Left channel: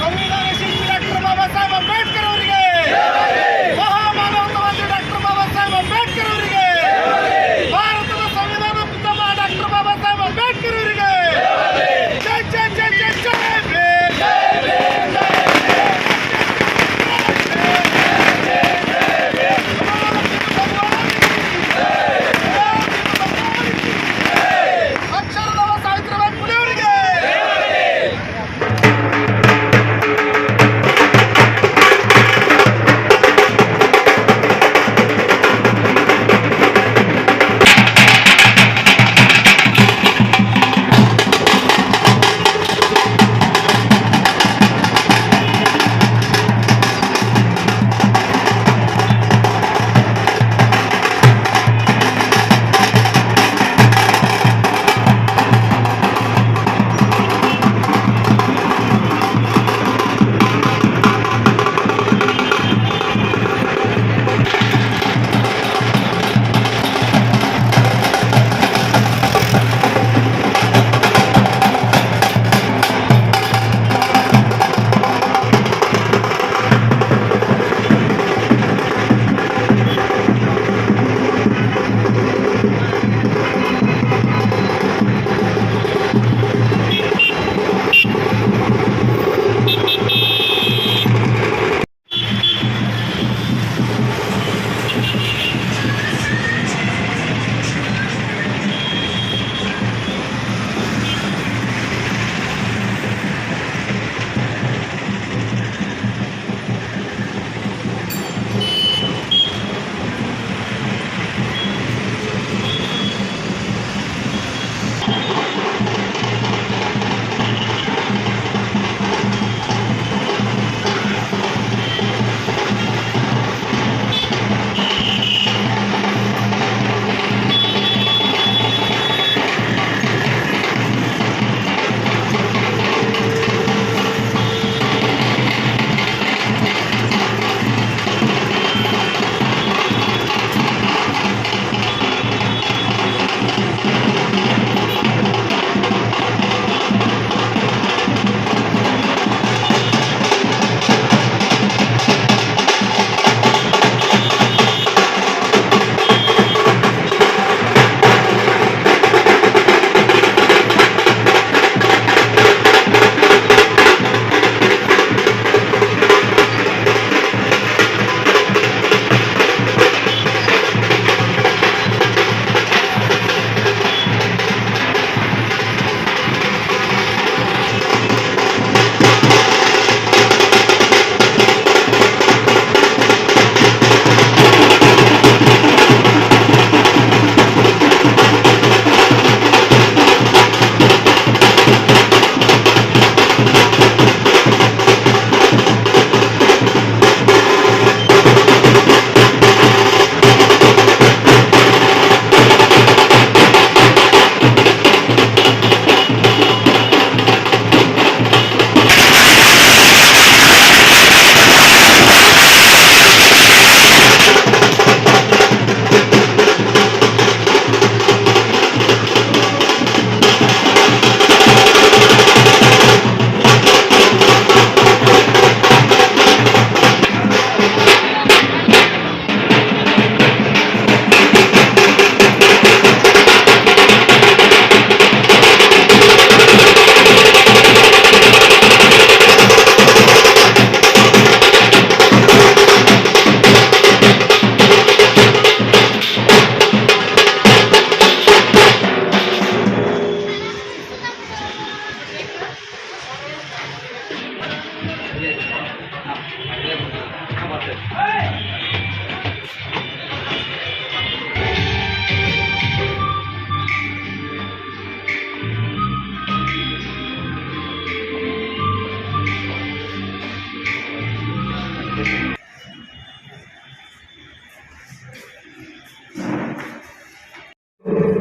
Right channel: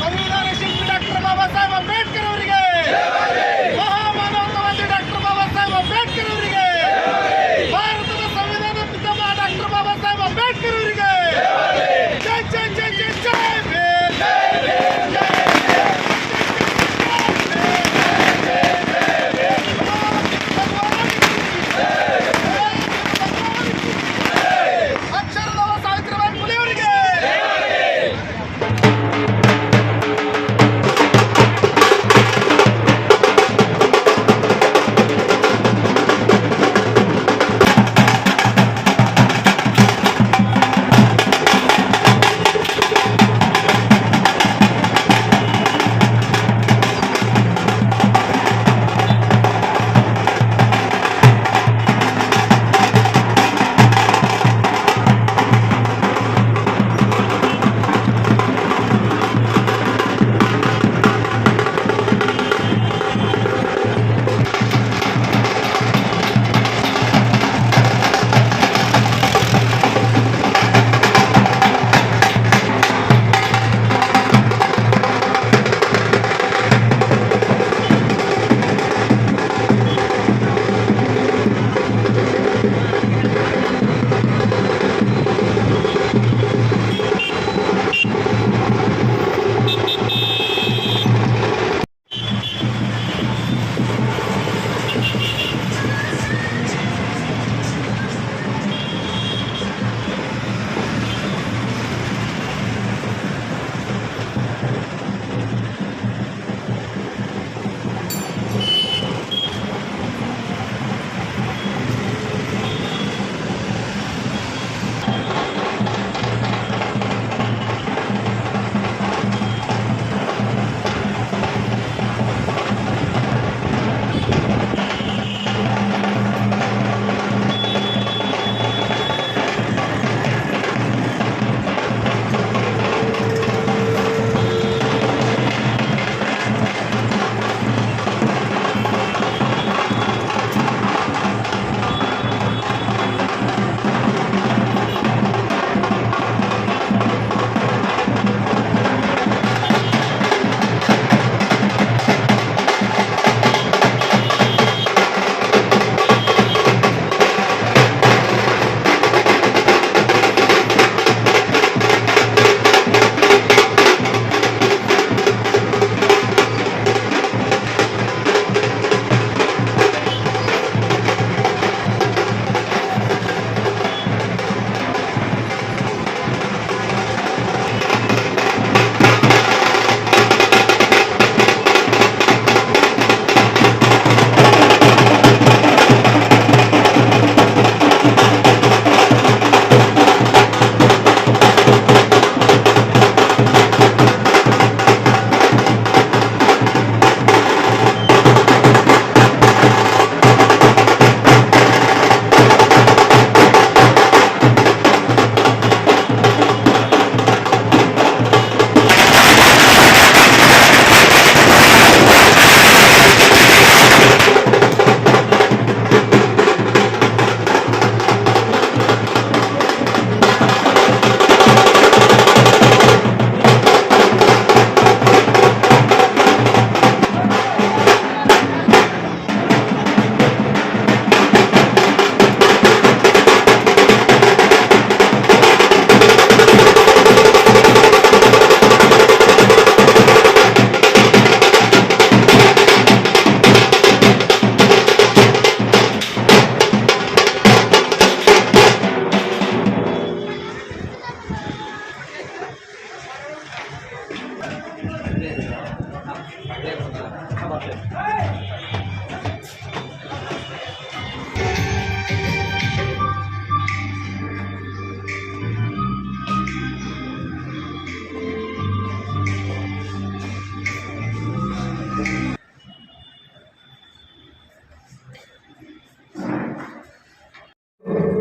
ಸಂವಿಧಾನ ಶಿಲ್ಪಿ ಡಾಕ್ಟರ್ ಬಾಬಾ ಸಾಹೇಬ್ ಅಂಬೇಡ್ಕರ್ ಅವರಿಗೆ, ಮಹಾಮಾನವತಾವಾದಿ ಡಾಕ್ಟರ್ ಬಾಬಾ ಸಾಹೇಬ್ ಅಂಬೇಡ್ಕರ್ ಅವರಿಗೆ, ಭಾರತದ ಸಂವಿಧಾನ ಪಿತಾಮಹ ಡಾಕ್ಟರ್ ಬಾಬಾ ಸಾಹೇಬ್ ಅಂಬೇಡ್ಕರ್ ಅವರಿಗೆ ಜೈ ಜೈ ಜೈ ಜೈ ಜೈ ಭೀಮ್. ಅಕ್ಷರದವ ಸಾವಿತ್ರಿಬಾಯಿ ಫುಲೆ ಅವರಿಗೆ.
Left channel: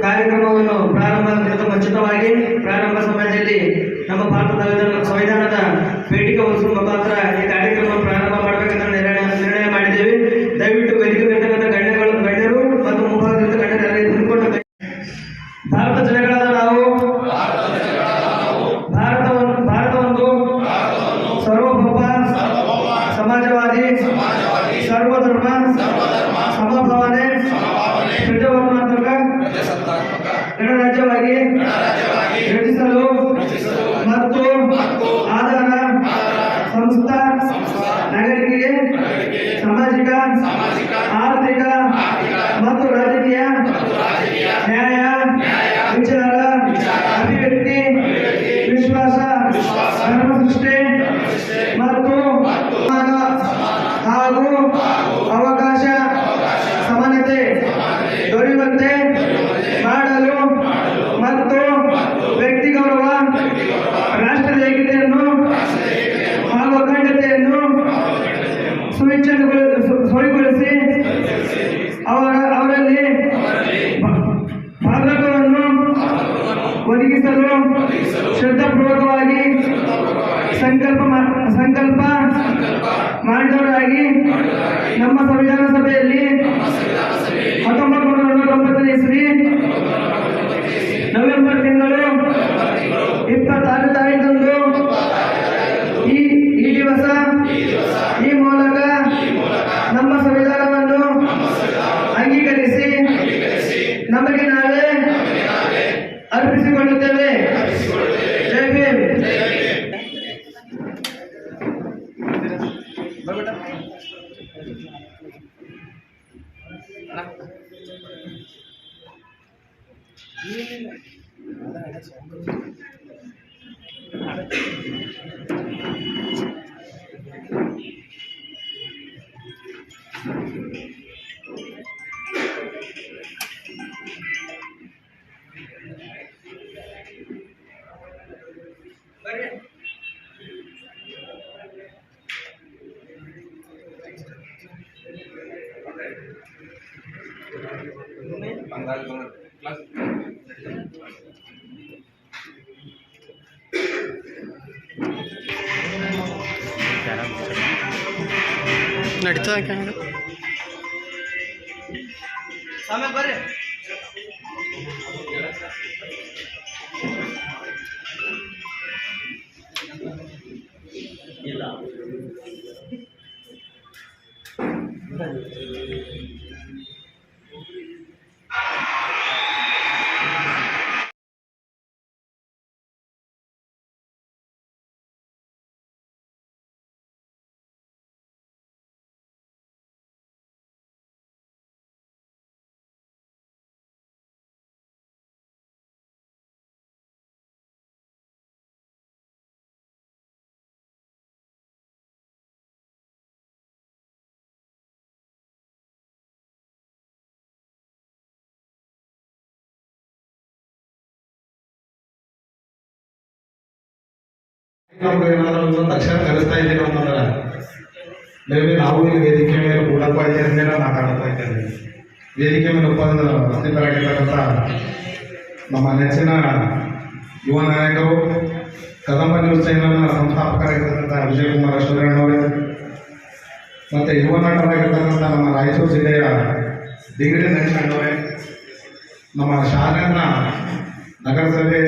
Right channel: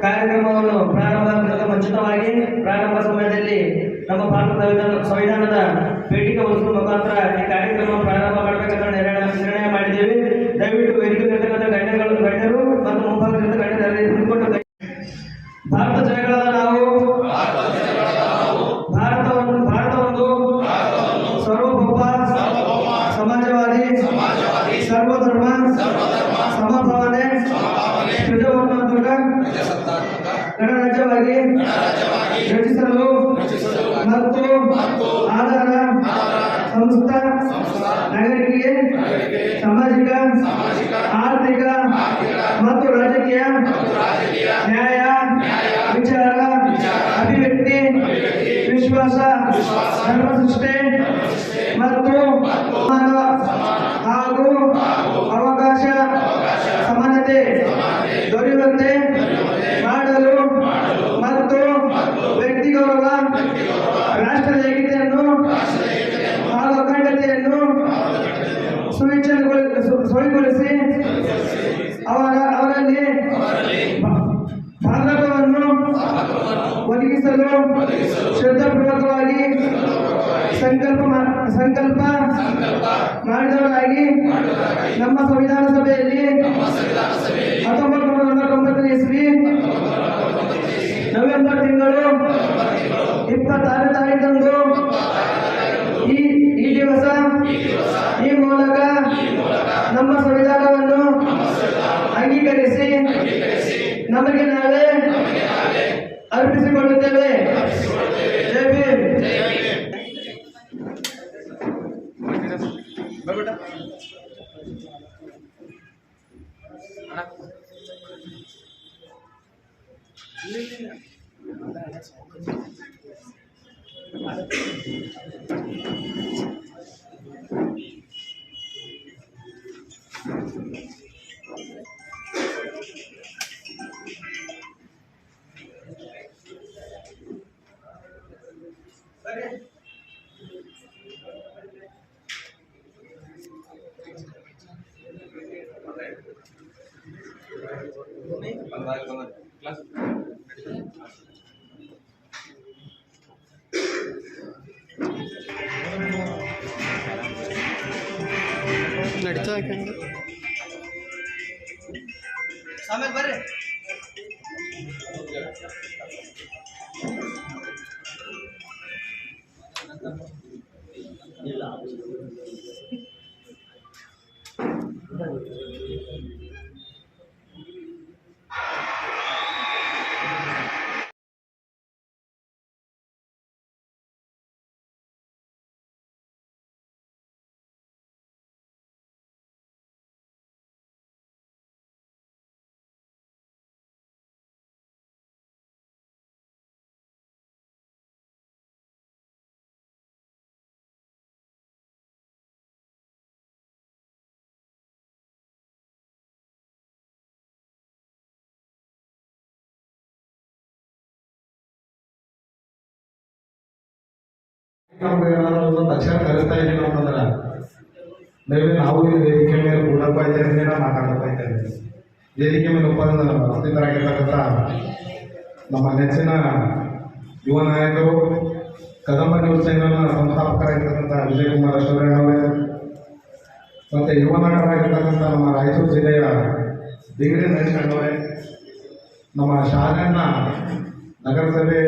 ಕಾರ್ಯಕ್ರಮವನ್ನು ಪ್ರಾರಂಭ ಮುಂಚಿತವಾಗಿ ಪ್ರಾರಂಭ ಸಮಯದಲ್ಲಿ ನಮ್ಮ ಭಾರತದ ಸಂವಿಧಾನದ ಪೀಠಿಕೆ ವಹಿಸುವ ಮುಖಾಂತರ ಈ ಕಾರ್ಯಕ್ರಮ ಪ್ರಾರಂಭ ಮಾಡಬೇಕಂತ ನಿರ್ಣಯ ಮಾಡಿದ್ದೇವೆ. ದಯವಿಟ್ಟು ವೇದಿಕೆ ಗಣ್ಯರು ಮತ್ತು ಮುಂಭಾಗದಿಂದ ಪ್ರಜಾಸತ್ತಾತ್ಮಕ ಗಣರಾಜ್ಯವಾಗಿ ರಚಿಸಲು ಮತ್ತು ಆಧಾರ ಸಂಸ್ಥಾ ನಾಗರಿಕರಿಗೆ ಸಾಮಾಜಿಕ ಆರ್ಥಿಕ ಮತ್ತು ರಾಜಕೀಯ ನ್ಯಾಯ ವಿಚಾರ ಅಭಿವ್ಯಕ್ತಿ ವಿಶ್ವಾಸ ಧರ್ಮಸೃಷ್ಟಿ ಮತ್ತು ಹಾಗೂ ಅವಕಾಶ ಸಮಾನತೆ ದೊರೆಯುವಂತೆ ಮಾಡಲು ಮತ್ತು ವ್ಯಕ್ತಿ ಗೌರವ ರಾಷ್ಟ್ರದ ಏಕತೆಯನ್ನು ಹಾಗೂ ಅಖಂಡತೆಯನ್ನು ಸುವಿಗೊಳಿಸಿ ಅವರಲ್ಲಿ ಭಾಗತ್ವವನ್ನು ಒದಗಿಸಲು ಶ್ರದ್ಧಾಪೂರ್ವಕವಾಗಿ ಸಂಕಲ್ಪ ಮಾಡಿದವರಾಗಿ ನಮ್ಮ ಸಂವಿಧಾನ ಸಭೆಯಲ್ಲಿ 1949 ಇಸ್ವಿ ನವೆಂಬರ್ ತಿಂಗಳು 26 ತಾರೀಖಂದು ಈ ದಿವಸ ಈ ಮೂಲಕ ನಮ್ಮ ಸಂವಿಧಾನವನ್ನು ಅಂಗೀಕರಿಸಿ ನಮಗೆ ನಾವೇ ಅರ್ಪಿಸಿಕೊಳ್ಳುತ್ತೇವೆ. ಜೈ ಭೀಮ್. ನಡೀತಾ ಆಮೇಲೆ ಬರ್ರಿ. ನಮ್ಗೆ ಏನಾದ್ರು ಒಂದು ಅಕ್ಷರ ಕಲಿಸ್ತಾ ಇದ್ದೀವಿ ಅಂತಂದ್ರೆ ಮೇಬಿ ನಾವು ಈ ವೇದಿಕೆ ಮೇಲೆ ಕೂಡಪ್ಪ ಇದ್ದೇನೆ ಮಾತಾಡ್ತಾ ಇದ್ದೇವೆ. ವೇದಿಕೆ ಮೇಲೆ ಉಪಸ್ಥಿತರಾಗಿರ್ತಕ್ಕಂಥ ನಮ್ಮ ನೆಚ್ಚಿನ ಯುವ ನಾಯಕರು, ಕದಂಬ ನ್ಯೂಸ್ ಚಾನೆಲ್ನ ಸಂಸ್ಥಾಪಕರಾಗಿರ್ತಕ್ಕಂಥ ವಿಜಯಕುಮಾರ ಶಿವರಣ್ಣವರೇ, ಮತ್ತು ಯುವ ನಾಟರಾಗಿರ್ತಕ್ಕಂಥ ನಮ್ಮ ರಾಯಚೂರು ಜಿಲ್ಲೆಯ ಡಿಗ್ರಿ ನೆಚ್ಚಿನವರೇ, ನಮ್ಮ ಶಾಲೆಯನ್ನ ನಗರಸಭೆ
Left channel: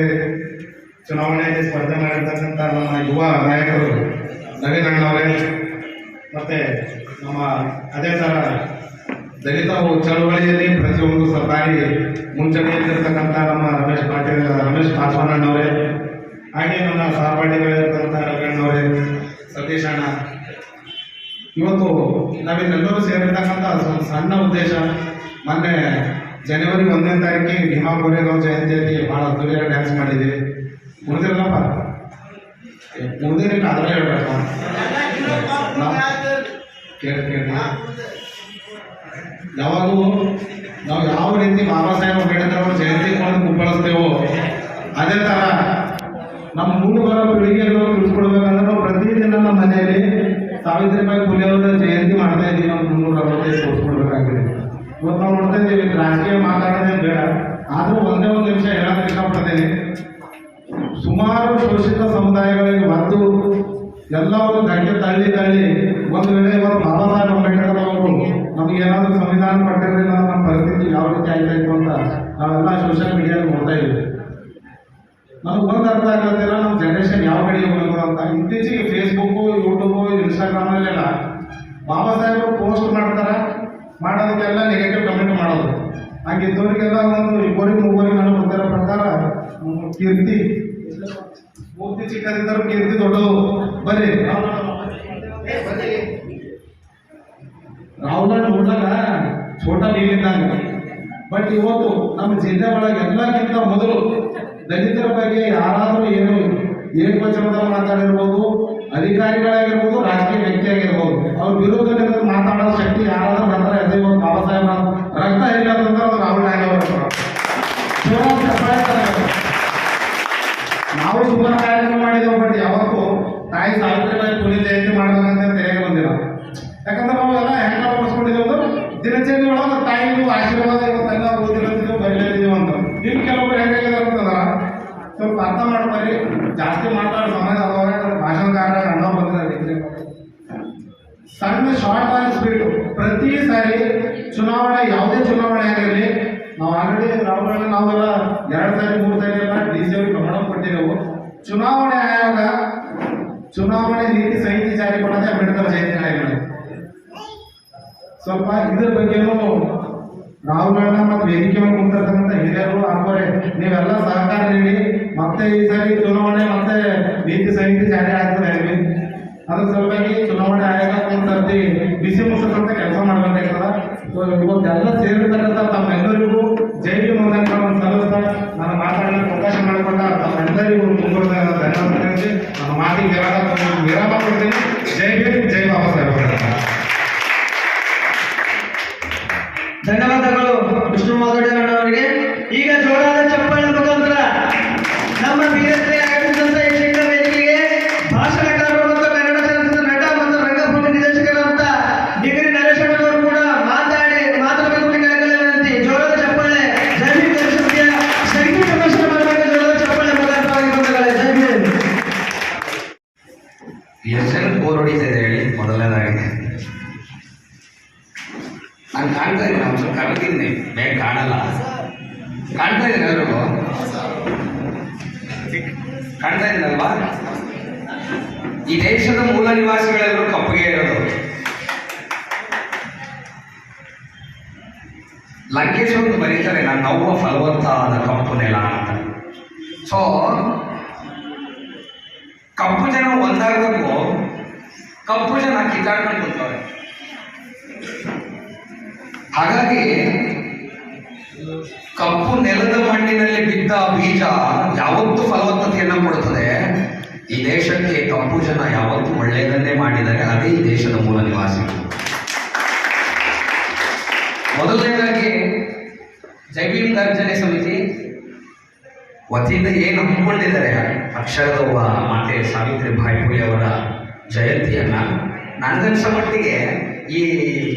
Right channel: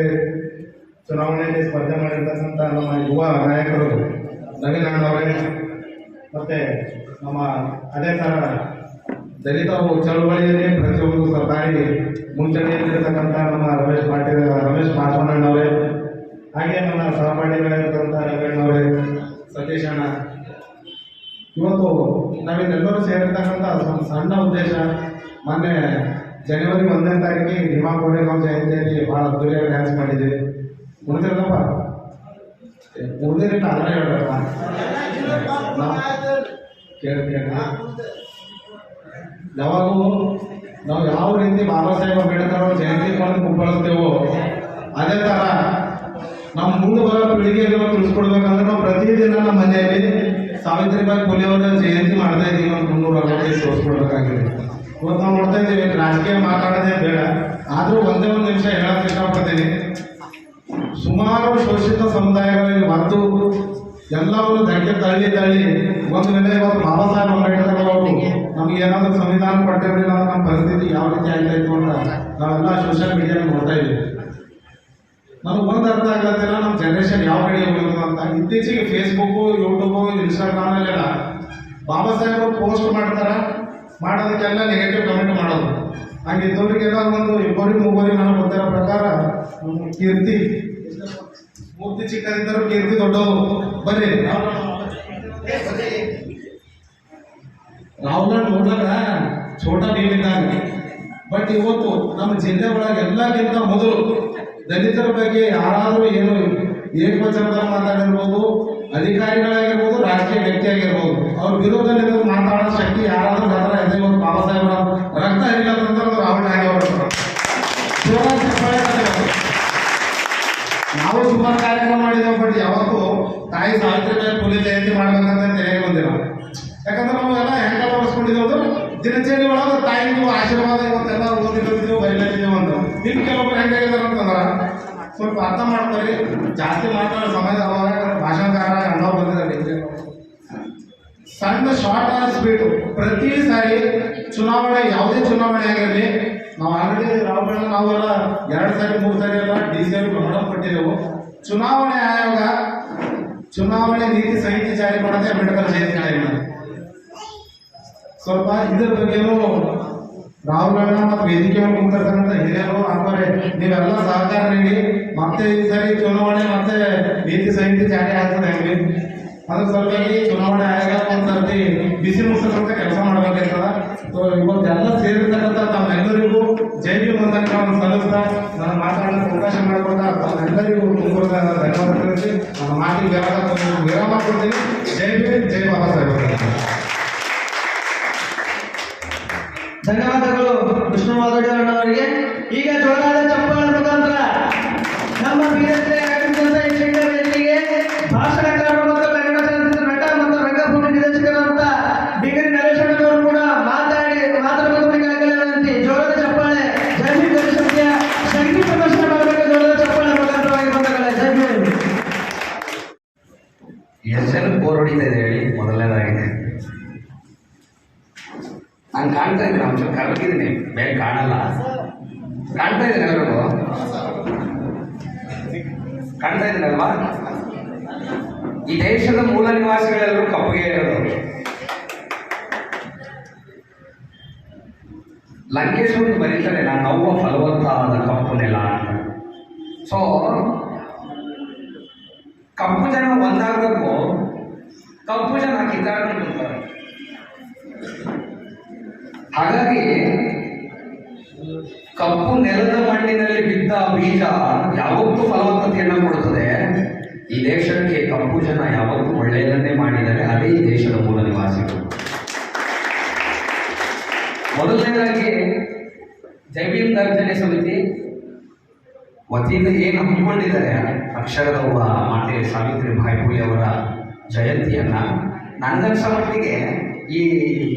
ಚುನಾವಣೆಯಲ್ಲಿ ಸ್ಪರ್ಧೆ ಮಾಡಿರ್ತಕ್ಕಂಥ ನಮ್ಮ ಯುವ ನಾಯಕರು ನವೀನ್ ಅಣ್ಣವರೇ, ಮತ್ತು ನಮ್ಮ ಅದೇ ಥರ ದಲಿತ ಚಳವಳಿಯಲ್ಲಿ ಪ್ರತಿಯೊಂದು ಸರ್ಕಾರಿ ಮುಂಚೂಣಿಯಲ್ಲಿರ್ತಕ್ಕಂಥ ನಮ್ಮ ರಮೇಶ್ ಪಾಸ್ವಾನಣ್ಣವರೇ, ಹಾಗೆ ನನ್ನ ಸಹಪಾಠಿಗಳಿರ್ತಕ್ಕಂಥ ರವಿಯಣ್ಣವರೇ, ಸತೀಶ್ ಅಣ್ಣ, ಇವತ್ತು ನಾವಿಲ್ಲೆಲ್ಲರೂ ಸೇರಿರ್ತಕ್ಕಂಥ ಸಣ್ಣ ಉದ್ದೇಶ, ಮೊನ್ನೆ ಜನವರಿ 1ನೇ ತಾರೀಕಿಗೆ ಭೀಮಾ ಕೋರೆಗಾಂವ್ ಜಯಂತಿಯಲ್ಲಿ ಭಾಳ ಅದ್ದೂರಿಯಾಗಿ ಡ್ಯಾನ್ಸ್ ಮಾಡಿದ್ದೀವಿ. ಉಳಿದಿರಲ್ಲಪ್ಪ, ಉಳಿದಿರಲಿಲ್ಲ ಅದರಲ್ಲೇ ಹೇಳ್ಬೇಕ ಕೇಳಿ ಯಾವಾಗೂ ನಾವು ಯಾವ ರೀತಿ ಬಾಬಾ ಸಾಹೇಬ್ ಅಂಬೇಡ್ಕರ್ ಅವರ ಜಯಂತಿ ಮಾಡೋದು ಕುಪ್ಪಳಿಸ್ತೇವೋ ಅದೇ ಥರ ನಮ್ಮ ಮುಂದೆ ಬರೋ ಪೀಳಿಗೆಗೆ ತಿಳಿಸ್ಕೊಡ್ಬೇಕಂದ್ರೆ ನಾವು ಪ್ರತಿದಿನ ನಮ್ಮ ಮನೆಯಲ್ಲಿ ಸಾವಿತ್ರಿಬಾಯಿ ಫುಲೆ ಅವರ ಜಯಂತಿ ಮಾಡ್ತಾ ಇದ್ದೀವಿ ಅಂತ 360 ತೋರಿಸ್ಕೊಡ್ಬೇಕಾಗಿದೆ. ಇವತ್ತು ನಾವು ನೋಡ್ತಾ ಇದ್ದೀವಿ, ರಾಜಕೀಯ ಮಾತಾಡೋದೇ ಬೇಡ, ಆದರೂ ಒಂದೇ ಒಂದು ನಿಮಿಷ ಹೇಳಕ್ಕೆ ಇಷ್ಟಪಡ್ತೀನಿ. ಸುಮಾರು ಶೋಷಿತ ಸಮುದಾಯಗಳಿಗೆ ಮತ್ತು ಎಲ್ಲವನ್ನು ಧಕ್ಕೆ ತಳ್ಳಿ ಒಂದು ವೇಳೆ ಇವತ್ತು ಬಾಬಾ ಸಾಹೇಬ್ ಅಂಬೇಡ್ಕರ್ ಅವರು ನಮ್ಗೆ ಏನಾದರೂ ಸಂವಿಧಾನ ಕೊಟ್ಟಿರಲಿಲ್ಲ ನಮ್ಮ ಪರಿಸ್ಥಿತಿ ಯಾವ ರೀತಿ ಆಗ್ತಾಯಿತ್ತು ಅಂತ ನಾವೆಲ್ಲ ಸೋಷಿಯಲ್ ಮೀಡಿಯಾದಲ್ಲಿ ನೋಡ್ತಾ ಇದ್ದೀವಿ. ನನಗೆ ಒಂದು ಅರ್ಥ ಆಗ್ಲತ್ತಿಲ್ಲ, ನಮ್ಮ ಜನರೇಷನ್ ಯಾವ ಕಡೆ ಹೋಗೋದು ಅಂತ. ಇತ್ತೀಚೆಗೆ Facebook, YouTube, ಇನ್ಸ್ಟಾಗ್ರಾಮಲ್ಲೆಲ್ಲ Baba Saheb post ಮಾಡ್ತಾರೆ, ಮಾಡೋದಕ್ಕೆಲ್ಲ ನೆಗೆಟಿವ್ ಕಮೆಂಟ್ ಮಾಡೋದು. ಹಾಗಿದ್ದವರಿಗೆಲ್ಲ ಒಂದು ಇಬ್ಬರಿಗೆ ಮೂವರಿಗೆ ನಾನು ಗೊತ್ತಿರೋ ಪ್ರಕಾರ ಕೀರ್ತಿ ಮೂರ್ತಿ ಚಿಕ್ಕದಿದ್ದರೂ ಕೀರ್ತಿ ದೊಡ್ಡದು. ಬನ್ನಿ ರಾಹುಲ್ ನೋಡ್ಲಾಗ ಛೋಟ ನೀಡಿದ್ದಾನೆ. ಬಟ್ ಇವತ್ತು ನಮ್ಮ ಜಿಲ್ಲೆ ಒಳಗೆ ಎಲ್ಲಕ್ಕಿಂತ ಮೊದಲು ದಲಿತರ ಬಗ್ಗೆ ಯಾರಾದರೂ ಏನು ಏಕವಚನದಲ್ಲಿ ಮಾತಾಡಿರ್ಬೋದು, ಅಧಿಕಾರಿಗಳಾಗಿರ್ಬೋದು, ರಾಜಕೀಯ ವ್ಯಕ್ತಿ ಆಗಿರ್ಬೋದು, ಅವ್ರ ವಿರೋಧದಲ್ಲಿ ಮಾತಾಡೋ ಶಕ್ತಿ ಯಾರಾದ್ರೂ ಬರ್ತಾರೆ. ಅದೇ ಇವತ್ತು ಬಾಬಾ ಸಾಹೇಬ್ ರಕ್ತ ಇಲ್ಲ ಅಂತಂದ್ರೆ ಅದು ರಾಹುಲ್ ಗಾಂಧಿ ಅವರು. ನಾವು ಸುಮಾರು ಕಾರ್ಯಕ್ರಮ ಮಾಡಿದ್ದೇವೆ, ಬಟ್ ಯಾವತ್ತು ತಾಯಿ ಸಾವಿತ್ರಿಬಾಯಿ ಫುಲೆ ಜಯಂತಿ ಮಾಡ್ಬೇಕಂತ ತಲೆಗೆ ಬಂದಿಲ್ಲ. ಯಾಕಂದ್ರೆ ನಾವೆಲ್ಲ ಹೆಂಗ ಮಾಡಿಸ್ಕೊಂಡಿದ್ದೇವೆ ದಿನಚರಿ ಒಳಗೆ ತಾಯಿಗೂ ಆಶೀರ್ವಾದ ಇವತ್ತೆಲ್ಲ ಓದಿರ್ತೀವಿ ಬರೀಲಿದ್ದೀವಿ ಅಂತ. ಇನ್ನು ಕೆಲವೊಬ್ರು ಹೆಂಗಾಗಿದ್ದಾರೆ ಅಂತಂದ್ರೆ ಸ್ವಲ್ಪ ಅರ್ಥ ಮಾಡ್ತಾರೆ, ಜಾಸ್ತಿ ಮಾತಾಡೋ ಸಮಯದ ಅವಾಗ ಭಾಷಣಕಾರ ಅಣ್ಣ ಬಂದಿದ್ದಾರೆ. ಸಣ್ಣ ಶಾರ್ಟ್ ಆಲಿಸ್ಬಿಟ್ಟು ಪ್ರತಿ ಸಾರಿ ಚುನಾವಣೆ, ಯಾವುದೇ ಚುನಾವಣೆ ಆಗಿರಲಿ, ನಾವು ಆಲ್ರೆಡಿ ರಾಹುಲ್ ನಾವೆಲ್ಲ 2 ಸಾರಿ 3 ಸಾರಿ ಎಲ್ಲ DC ಪ್ರಮಾಣ ಕೊಟ್ಟಿದ್ದೆವು. ಚುನಾವಣೆ ಆಯೋಗ ಚುನಾವಣೆ ನೀತಿ ಸಂಹಿತೆ ಜಾರಿ ಮಾಡೋದೇ ಅಂಬೇಡ್ಕರ್ ಜಯಂತಿ ಟೈಮ್. ಸ್ವಲ್ಪ ಇದ್ರ ಬಗ್ಗೆನೂ ರಾಹುಲ್ ಅಣ್ಣ ಮತ್ತು ವೇದಿಕೆ ಮೇಲೆ ಕುಂತಿರ್ತಕ್ಕಂಥ ಹಿರಿಯರು ಹಾಕೋರೆ ನೀವೆಲ್ಲ ಸಹಕಾರ ನೀಡಿ ಮತ್ತೆ ಈ ಸಾರಿ ಚುನಾವಣೆ ಮತ್ತೆ ನೀತಿ ಸಂಹಿತೆ ಜಾರಿ ಆಗ್ತದೆ ಹೇಳಿ ಅದ್ರ ಸಲುವಾಗಿ ಚುನಾವಣೆ ಆಯೋಗ ಕುಂತರ್ತಿ ಬಿಸಿ ಮುಟ್ಟಿಸಂತ ಕೆಲಸ ಮಾಡ್ಬೇಕಾಗ್ತದ. ಇವತ್ತೆಲ್ಲ ಸೇರಿರ್ತಕ್ಕಂಥ ತಮ್ಮೆಲ್ಲರಿಗೂ ಜೈ ಭೀಮ್ ಅಂತ ಸಲ್ಲಿಸ್ತಾ ನಾನು ಮಾತಾಡಲಿಕ್ಕೆ ಅವಕಾಶ ಮಾಡಿಕೊಂಡ ತಮ್ಮೆಲ್ಲರಿಗೂ ತುಂಬ ಧನ್ಯವಾದ ತಿಳಿಸಿ ನಮ್ಮ ಮಾತಿಗೆ ವಿರಾಮ ಕೊಡ್ತೀನಿ. ಜೈ ಭೀಮ್, ಜೈ ಬಾಬಾ ಸಾಹೇಬ್. ಧನ್ಯವಾದಗಳು ವಿಷ್ಣು ಮಾದೋಡಿ ಅವರಿಗೆ. ಈಗ ಜೋರಾದ ಚಪ್ಪಾಳೆ ಮುಖಾಂತರ ನಮ್ಮ ಬೀರಕ್ಕೆ ಆಗಮಿಸಿದಂತ ಯಕ್ಷಗಾನ ವೇದಿಕೆಗೆ ಭಾಷಣಕಾರರು ಮತ್ತು ಕನ್ನಡ ಚಲನಚಿತ್ರ ನಟ ಮತ್ತು ರಂಗಭೂಮಿ ನಿರ್ದೇಶಕರಾದಂತ ಡಿಗ್ರಿ ನರೇಶಣ್ಣವರು ಕೂಡ ಮಾತನಾಡಬೇಕಾಗಲ್ಲ ವಿನಂತಿ. ಜೋರಾದ ಚಪ್ಪಾಳೆ. ಜೈ ಭೀಮ್ ಗಣೇಶನಿಗೆ ಸಂಗೀತ ಪ್ರದರ್ಶನ ಮಾಡಬೇಕು. ಜೋರಾದ ಚಪ್ಪಾಳೆ ಮುಖಾಂತರವಾಗಿ ಕೊಂಡಾಗಲ್ಲ. ಜೈ ಭೀಮ್. ಎಷ್ಟು ಬೋರ್ ಹೊಡಿತಾ ಇದೆ ಹೇಳಿ. ಮೊದಲನೇದಾಗಿದೆ ನಾನು ಕಾಣ್ತಾ ಇದ್ದೀನಿ, ಒಂಚೂರು ಕರಗಿದ್ದೀನಿ, ಬೇಗ ಕಾಣಲ್ಲ. ಕಾಣ್ತಾ ಇದ್ದೀನಿ ಎಲ್ಲರಿಗೂ, ಕಾಣ್ತಾ ಇದ್ದೀನಲ್ವಾ? ಈ ದೇಶದ ಮೂಲ ನಿವಾಸಿಗಳೆಲ್ಲರೂ ಕಪ್ಪಗೆ ಇರೋದು. ಲಂಕೇಶ್ ಒಂದು ಬರೀತಾರೆ, ನಾನು ನವ್ವ ಫಲವತ್ತಾದ ಕಪ್ಪು ನೆಲ ಅಂತ. ಸೊ ಕಪ್ಪು ಜನ ಒಂದಾಗಬೇಕು, ಕಪ್ಪು ಜನ ಕಿತ್ತಾಡ್ಕೊಂಡು ಕೂತವ್ರೆ. ಹಾಗಾಗಿ ಕಪ್ಪು ನೆಲದ ಮಣ್ಣಿನಲ್ಲಿ ಬಿದ್ದ ಬೀಜ ಯಾವತ್ತೂ ಫಲವತ್ತತೆಯನ್ನು ಕೊಡುತ್ತದೆ. ಈ ದೇಶಕ್ಕೆ ಕಪ್ಪು ಜನ ಯಾವತ್ತೂ ಒಳ್ಳೆಯದನ್ನೇ ಮಾಡಿದರೆ ಅದೇ ಈ ದೇಶದ ಮೂಲ ನಿವಾಸಿಗಳು. ಮೊದಲನೇದಾಗಿ ಜೈ ಭೀಮ್ ಗರ್ಜನೆ ಸಮಿತಿ ವತಿಯಿಂದ ಏನು ಹಮ್ಮಿಕೊಂಡಿದ್ದಾರೆ ಅಕ್ಷರದವ್ವ ಮಾತೆ ಸಾವಿತ್ರಿಬಾಯಿ ಫುಲೆ ಅವರ ಜಯಂತಿಯನ್ನ, ನನಗನ್ಸೋ ಮಟ್ಟಿಗೆ ಈ